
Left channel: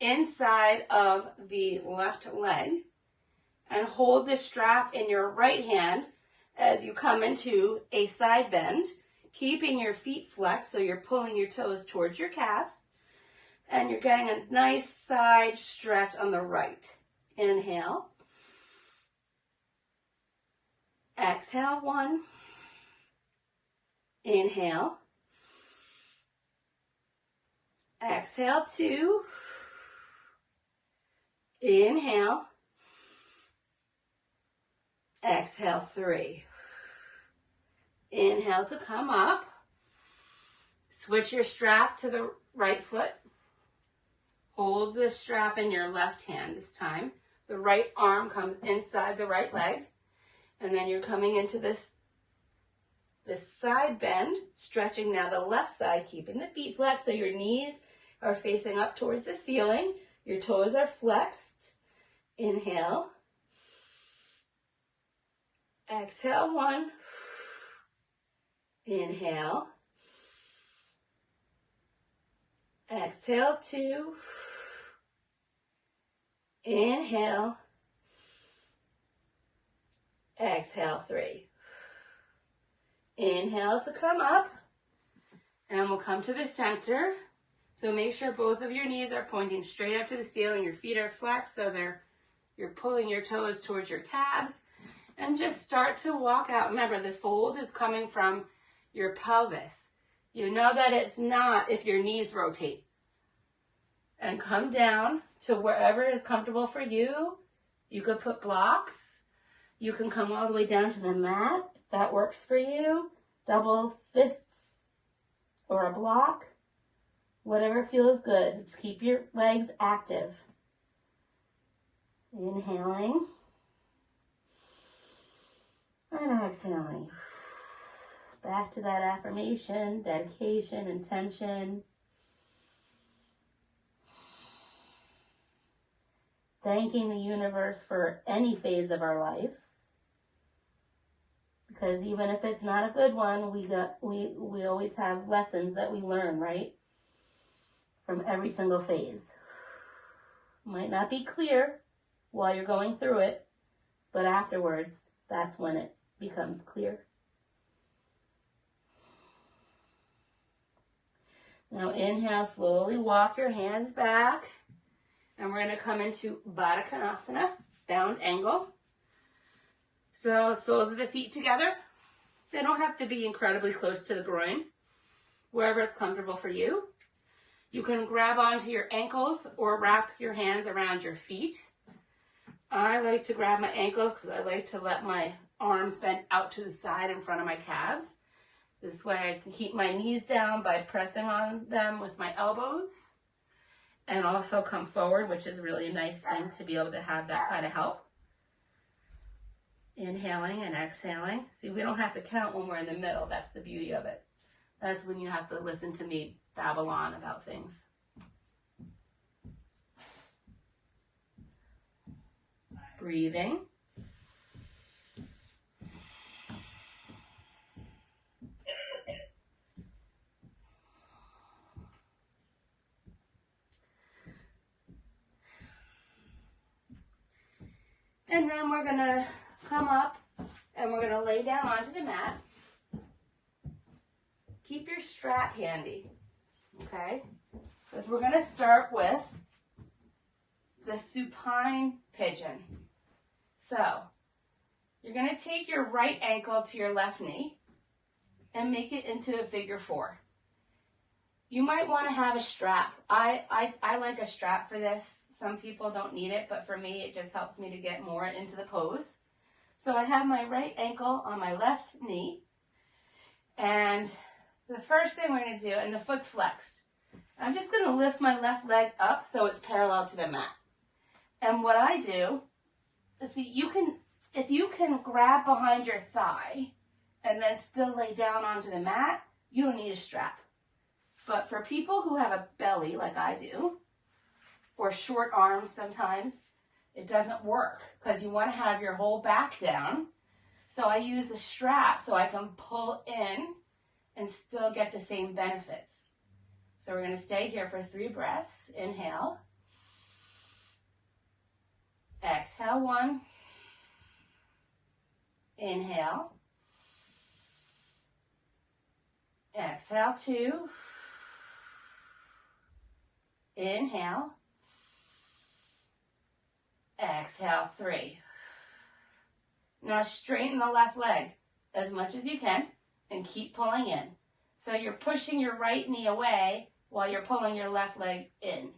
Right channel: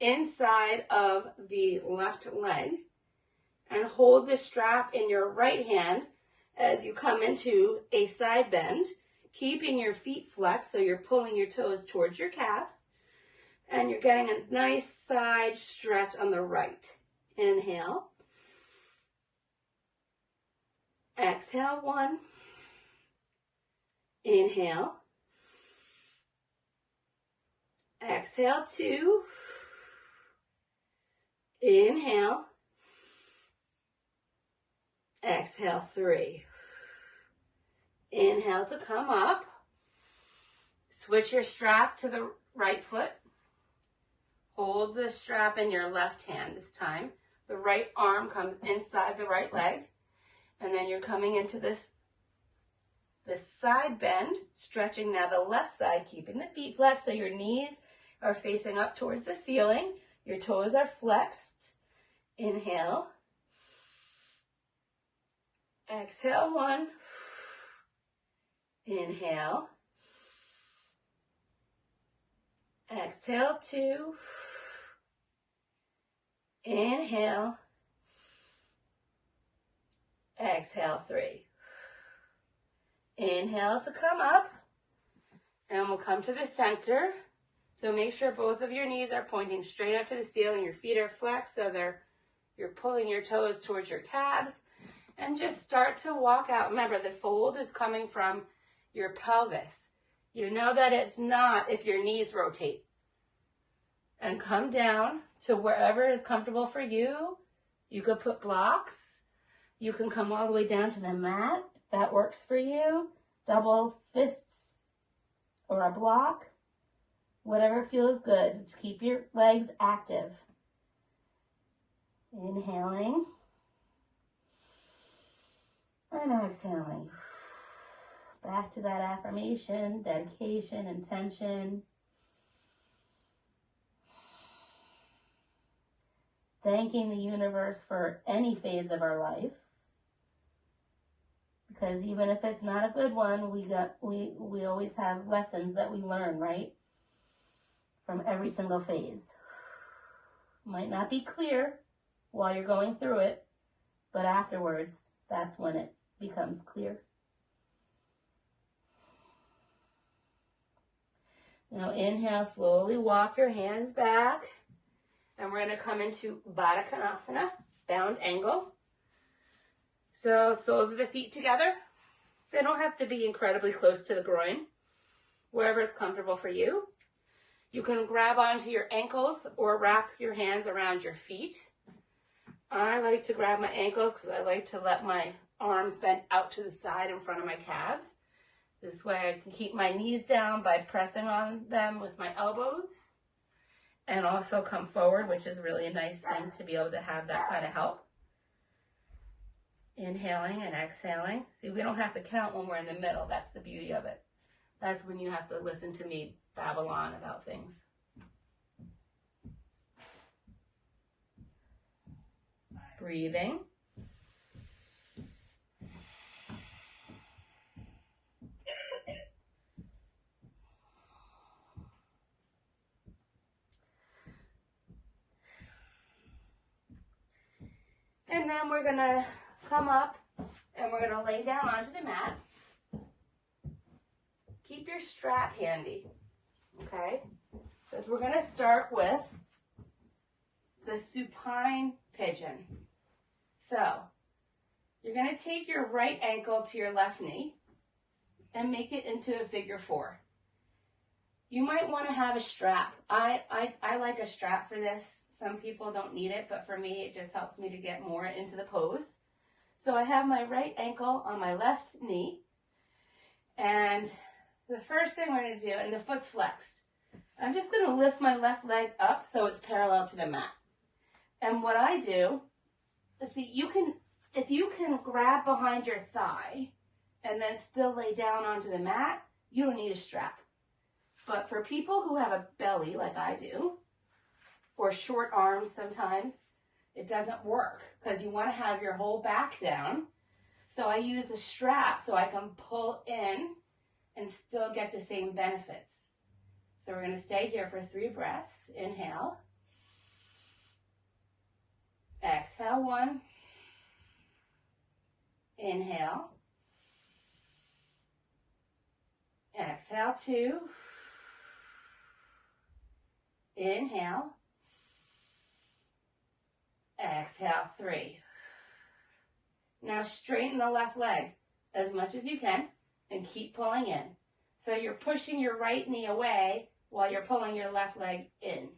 inside of the left leg and hold the strap in your right hand as you come into a side bend, keeping your feet flexed so you're pulling your toes towards your calves. And you're getting a nice side stretch on the right. Inhale. Exhale, 1. Inhale. Exhale, 2. Inhale. Exhale, 3. Inhale to come up. Switch your strap to the right foot. Hold the strap in your left hand this time. The right arm comes inside the right leg. And then you're coming into this side bend, stretching now the left side, keeping the feet flexed so your knees are facing up towards the ceiling. Your toes are flexed. Inhale. Exhale, 1. Inhale. Exhale, 2. Inhale. Exhale, 3. Inhale to come up. And we'll come to the center. So make sure both of your knees are pointing straight up to the ceiling. Your feet are flexed so you're pulling your toes towards your calves. And just start to walk out. Remember, the fold is coming from your pelvis. You know that it's not if your knees rotate. And come down to wherever is comfortable for you. You could put blocks. You can come all the way down to the mat if that works for you. Double fists or a block. Whatever feels good. Just keep your legs active. Inhaling. And exhaling. Back to that affirmation, dedication, intention. Thanking the universe for any phase of our life. Because even if it's not a good one, we always have lessons that we learn, right? From every single phase. Might not be clear while you're going through it, but afterwards, that's when it becomes clear. Now inhale, slowly walk your hands back. And we're going to come into Baddha Konasana, bound angle. So soles of the feet together. They don't have to be incredibly close to the groin. Wherever it's comfortable for you. You can grab onto your ankles or wrap your hands around your feet. I like to grab my ankles because I like to let my arms bend out to the side in front of my calves. This way I can keep my knees down by pressing on them with my elbows. And also come forward, which is really a nice thing to be able to have that kind of help. Inhaling and exhaling. See, we don't have to count when we're in the middle. That's the beauty of it. That's when you have to listen to me babble on about things. Breathing. And then we're going to come up and we're going to lay down onto the mat. Keep your strap handy, okay? Because we're going to start with the supine pigeon. So, you're going to take your right ankle to your left knee and make it into a figure 4. You might want to have a strap. I like a strap for this. Some people don't need it, but for me, it just helps me to get more into the pose. So I have my right ankle on my left knee. And the first thing we're going to do, and the foot's flexed, I'm just going to lift my left leg up so it's parallel to the mat. And what I do, see, if you can grab behind your thigh and then still lay down onto the mat, you don't need a strap. But for people who have a belly like I do, or short arms sometimes, it doesn't work because you want to have your whole back down. So I use a strap so I can pull in and still get the same benefits. So we're going to stay here for 3 breaths. Inhale. Exhale 1. Inhale. Exhale 2. Inhale. Exhale 3. Now straighten the left leg as much as you can and keep pulling in. So you're pushing your right knee away while you're pulling your left leg in.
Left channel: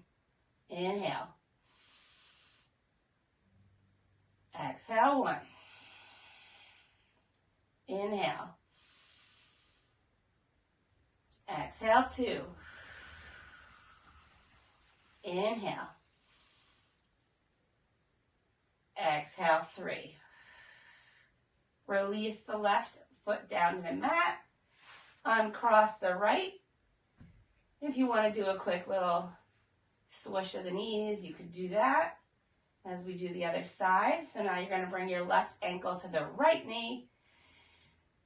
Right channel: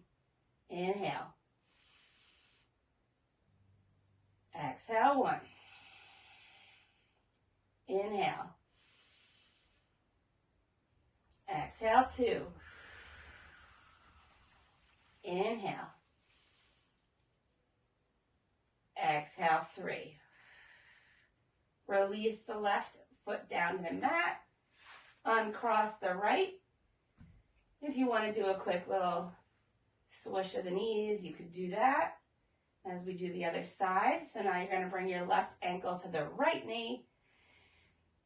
Inhale. Exhale 1. Inhale. Exhale 2. Inhale. Exhale 3. Release the left foot down to the mat. Uncross the right. If you want to do a quick little swish of the knees, you could do that as we do the other side. So now you're going to bring your left ankle to the right knee.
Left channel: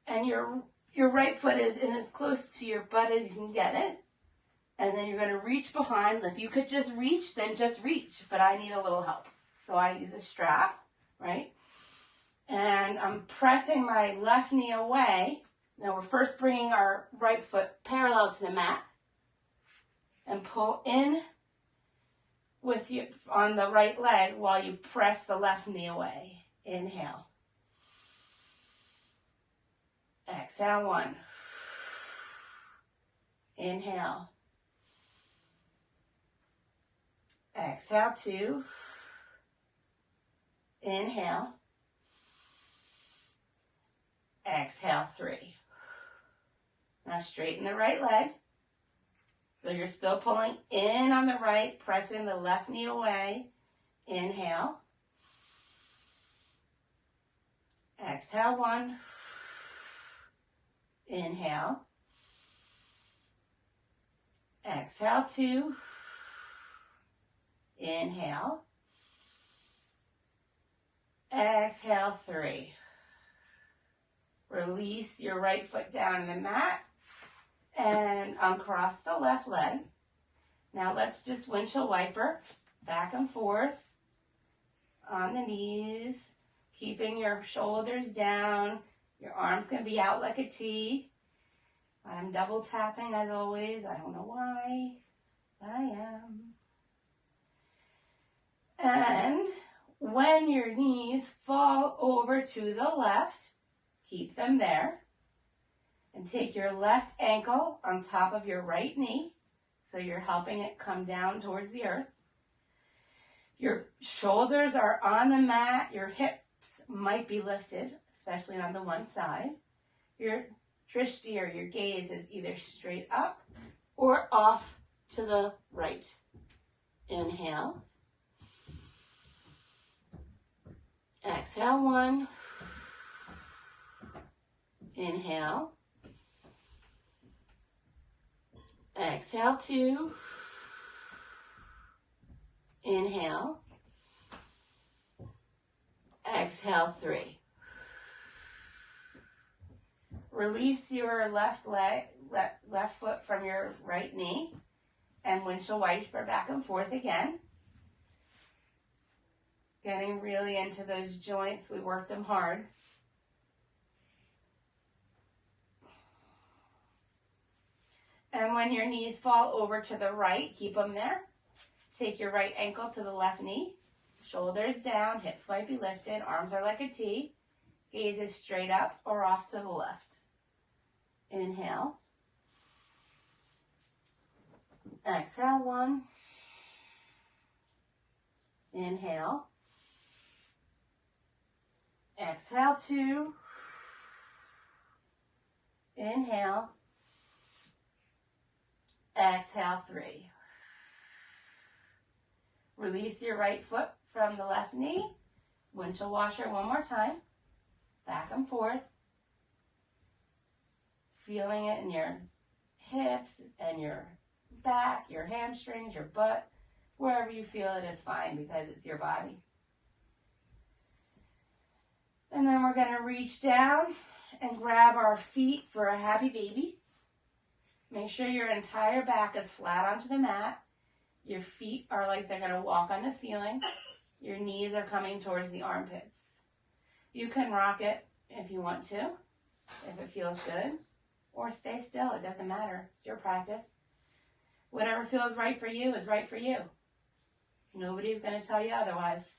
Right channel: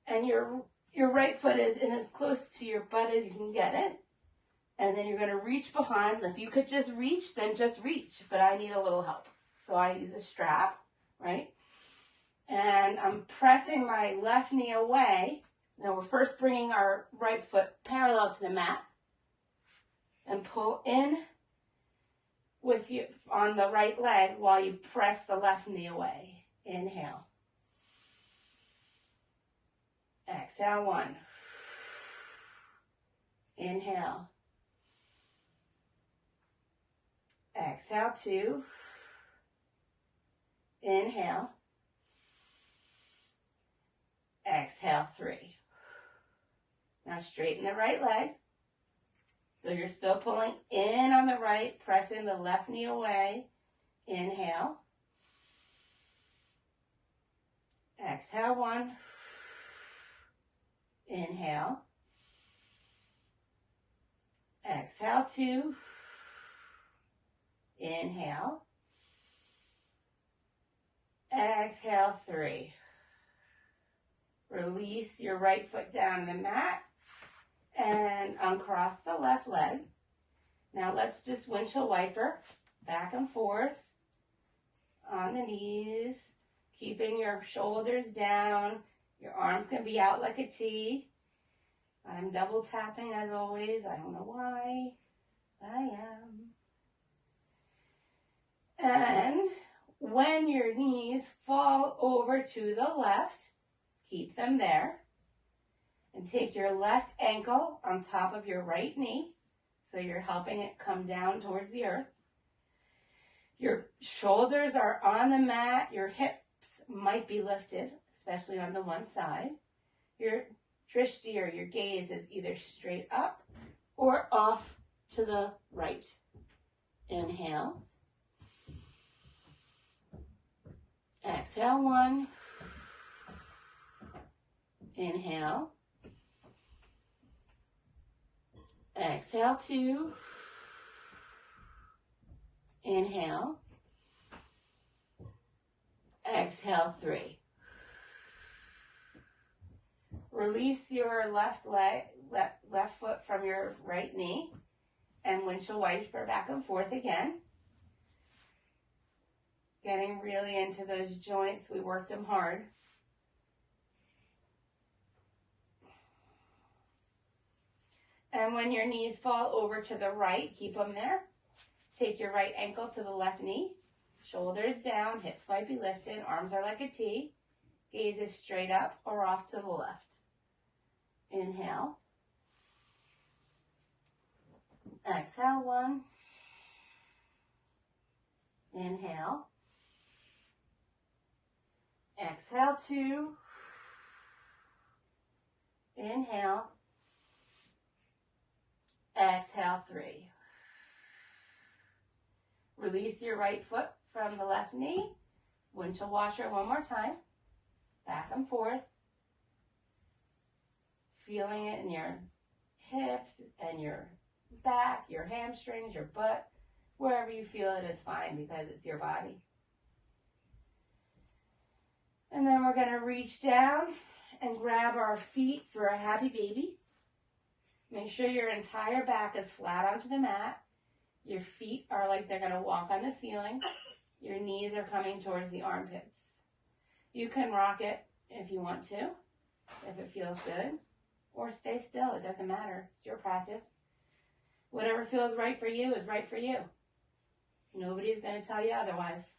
And your right foot is in as close to your butt as you can get it. And then you're going to reach behind. If you could just reach, then just reach. But I need a little help. So I use a strap, right? And I'm pressing my left knee away. Now we're first bringing our right foot parallel to the mat. And pull in with you on the right leg while you press the left knee away. Inhale. Exhale 1. Inhale. Exhale 2. Inhale. Exhale 3. Now straighten the right leg. So you're still pulling in on the right, pressing the left knee away. Inhale. Exhale 1. Inhale. Exhale 2. Inhale. Exhale 3. Release your right foot down on the mat and uncross the left leg. Now let's just windshield wiper back and forth on the knees, keeping your shoulders down. Your arms can be out like a T. I'm double tapping as always. I don't know why, but I am. And when your knees fall over to the left, keep them there. And take your left ankle on top of your right knee. So you're helping it come down towards the earth. Your shoulders are on the mat. Your hips might be lifted, especially on the one side. Your drishti, or your gaze, is either straight up or off to the right. Inhale. Exhale 1. Inhale. Exhale 2. Inhale. Exhale, 3. Release your left foot from your right knee and windshield wiper back and forth again. Getting really into those joints. We worked them hard. And when your knees fall over to the right, keep them there. Take your right ankle to the left knee. Shoulders down, hips might be lifted, arms are like a T. Gaze is straight up or off to the left. Inhale. Exhale, 1. Inhale. Exhale, 2. Inhale. Exhale, 3. Release your right foot from the left knee. Windshield washer one more time. Back and forth. Feeling it in your hips and your back, your hamstrings, your butt. Wherever you feel it is fine because it's your body. And then we're going to reach down and grab our feet for a happy baby. Make sure your entire back is flat onto the mat. Your feet are like they're going to walk on the ceiling. Your knees are coming towards the armpits. You can rock it if you want to, if it feels good, or stay still. It doesn't matter. It's your practice. Whatever feels right for you is right for you. Nobody's going to tell you otherwise.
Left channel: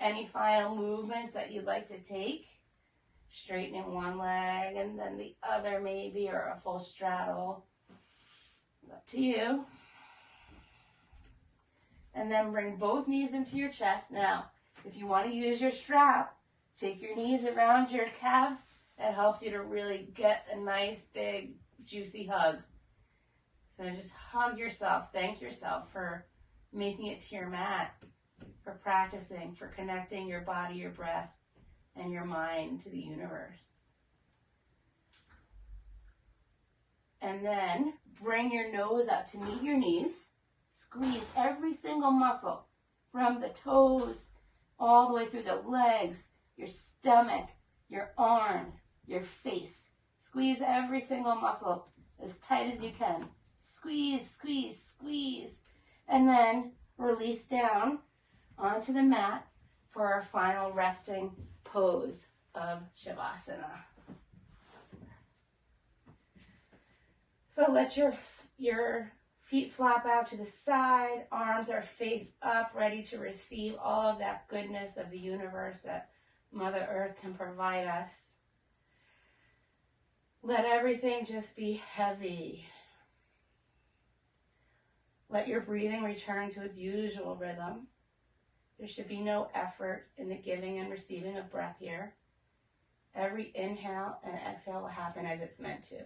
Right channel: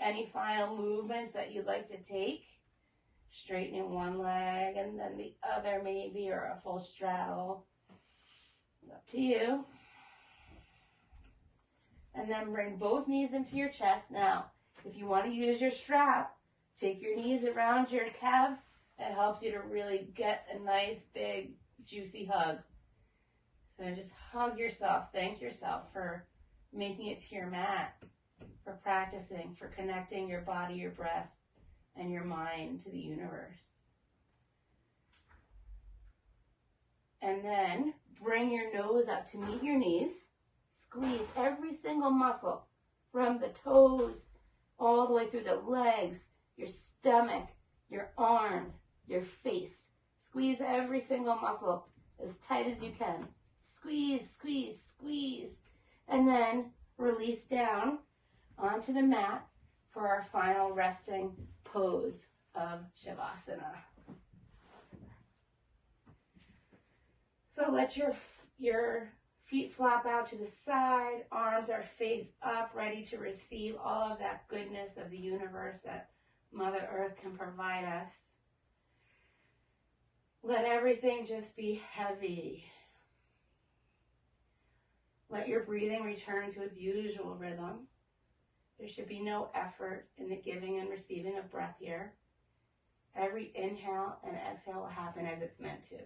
Any final movements that you'd like to take? Straightening one leg and then the other maybe, or a full straddle. It's up to you. And then bring both knees into your chest. Now, if you want to use your strap, take your knees around your calves. That helps you to really get a nice, big, juicy hug. So just hug yourself. Thank yourself for making it to your mat, for practicing, for connecting your body, your breath, and your mind to the universe. And then bring your nose up to meet your knees. Squeeze every single muscle from the toes all the way through the legs, your stomach, your arms, your face. Squeeze every single muscle as tight as you can. Squeeze, squeeze, squeeze. And then release down onto the mat for our final resting pose of Shavasana. So let your feet flop out to the side, arms are face up, ready to receive all of that goodness of the universe that Mother Earth can provide us. Let everything just be heavy. Let your breathing return to its usual rhythm. There should be no effort in the giving and receiving of breath here. Every inhale and exhale will happen as it's meant to.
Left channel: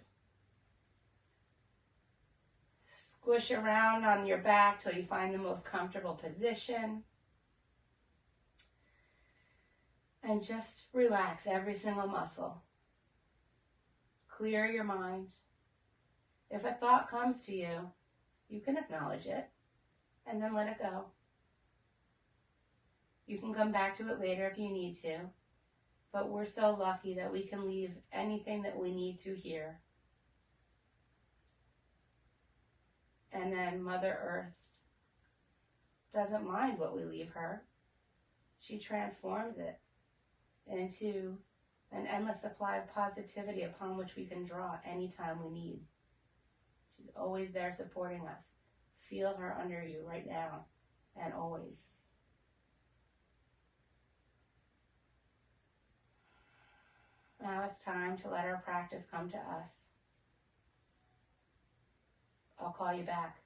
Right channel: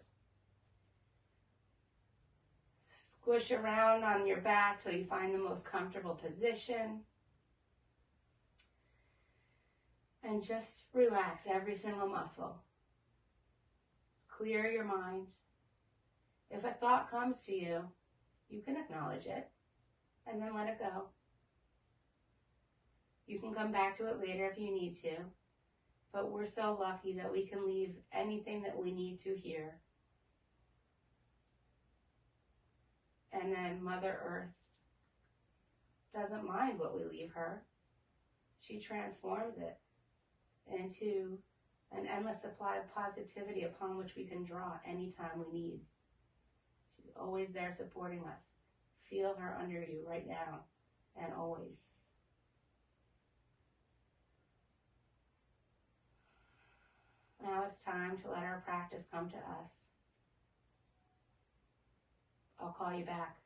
Squish around on your back till you find the most comfortable position. And just relax every single muscle. Clear your mind. If a thought comes to you, you can acknowledge it and then let it go. You can come back to it later if you need to, but we're so lucky that we can leave anything that we need to here. And then Mother Earth doesn't mind what we leave her. She transforms it into an endless supply of positivity upon which we can draw anytime we need. She's always there supporting us. Feel her under you right now and always. Now it's time to let our practice come to us. I'll call you back.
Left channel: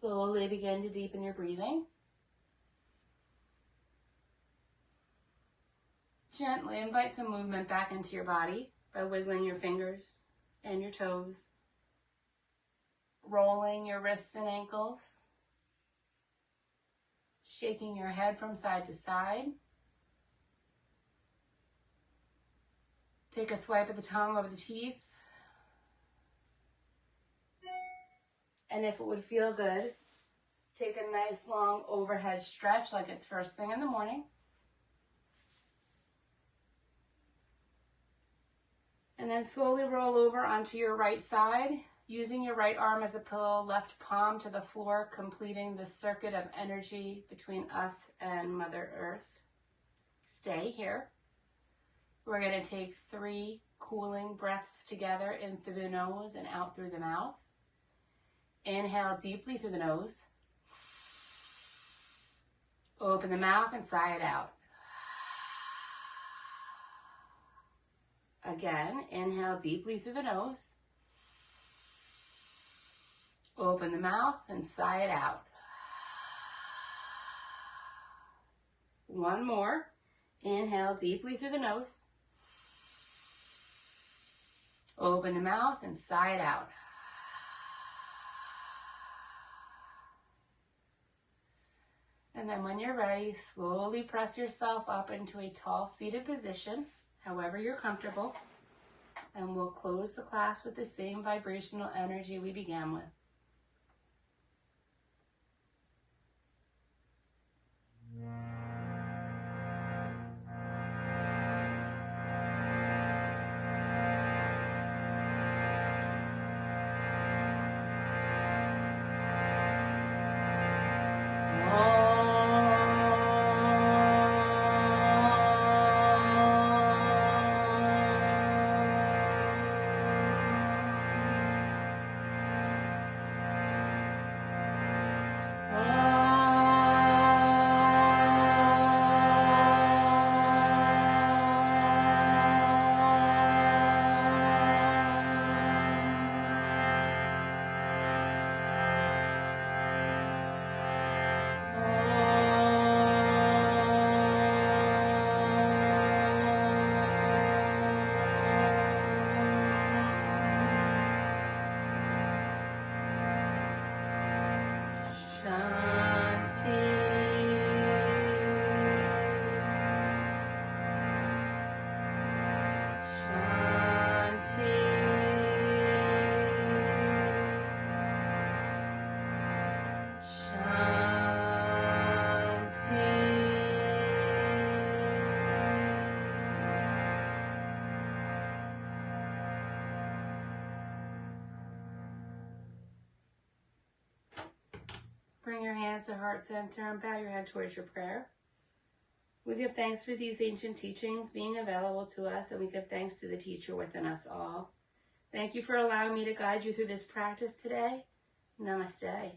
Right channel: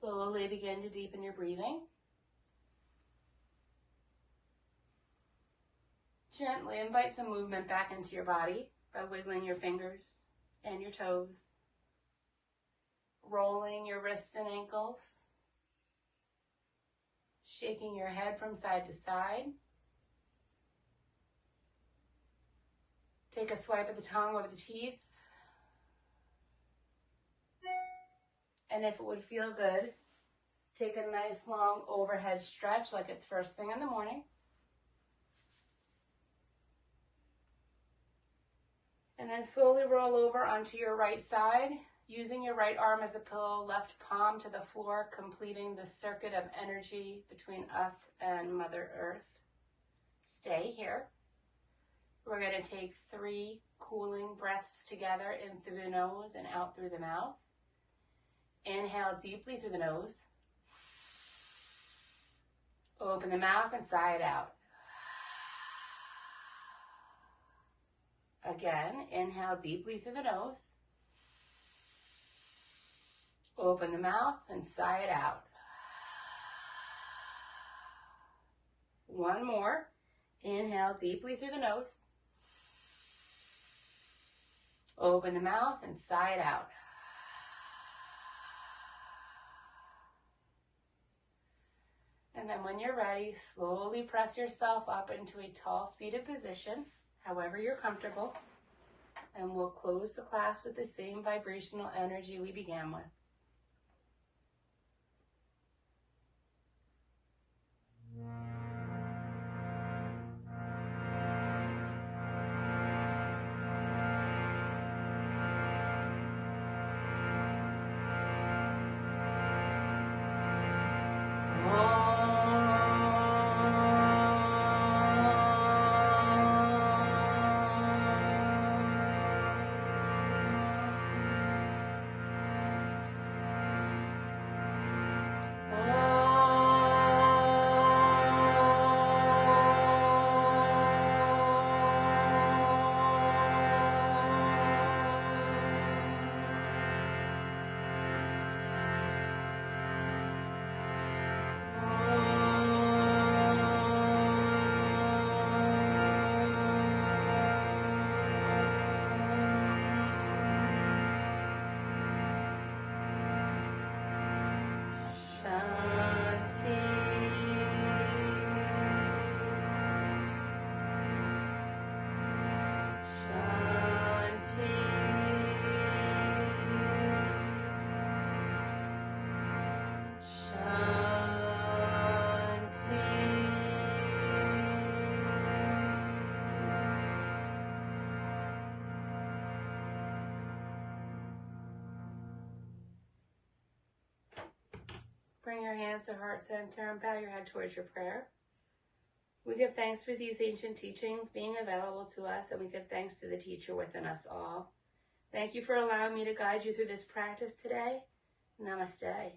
Slowly begin to deepen your breathing. Gently invite some movement back into your body by wiggling your fingers and your toes, rolling your wrists and ankles, shaking your head from side to side. Take a swipe of the tongue over the teeth. And if it would feel good, take a nice long overhead stretch like it's first thing in the morning. And then slowly roll over onto your right side, using your right arm as a pillow, left palm to the floor, completing the circuit of energy between us and Mother Earth. Stay here. We're going to take 3 cooling breaths together in through the nose and out through the mouth. Inhale deeply through the nose. Open the mouth and sigh it out. Again, inhale deeply through the nose. Open the mouth and sigh it out. One more. Inhale deeply through the nose. Open the mouth and sigh it out. And then when you're ready, slowly press yourself up into a tall seated position, however you're comfortable. And we'll close the class with the same vibrational energy we began with. Bring your hands to heart center and bow your head towards your prayer. We give thanks for these ancient teachings being available to us, and we give thanks to the teacher within us all. Thank you for allowing me to guide you through this practice today. Namaste.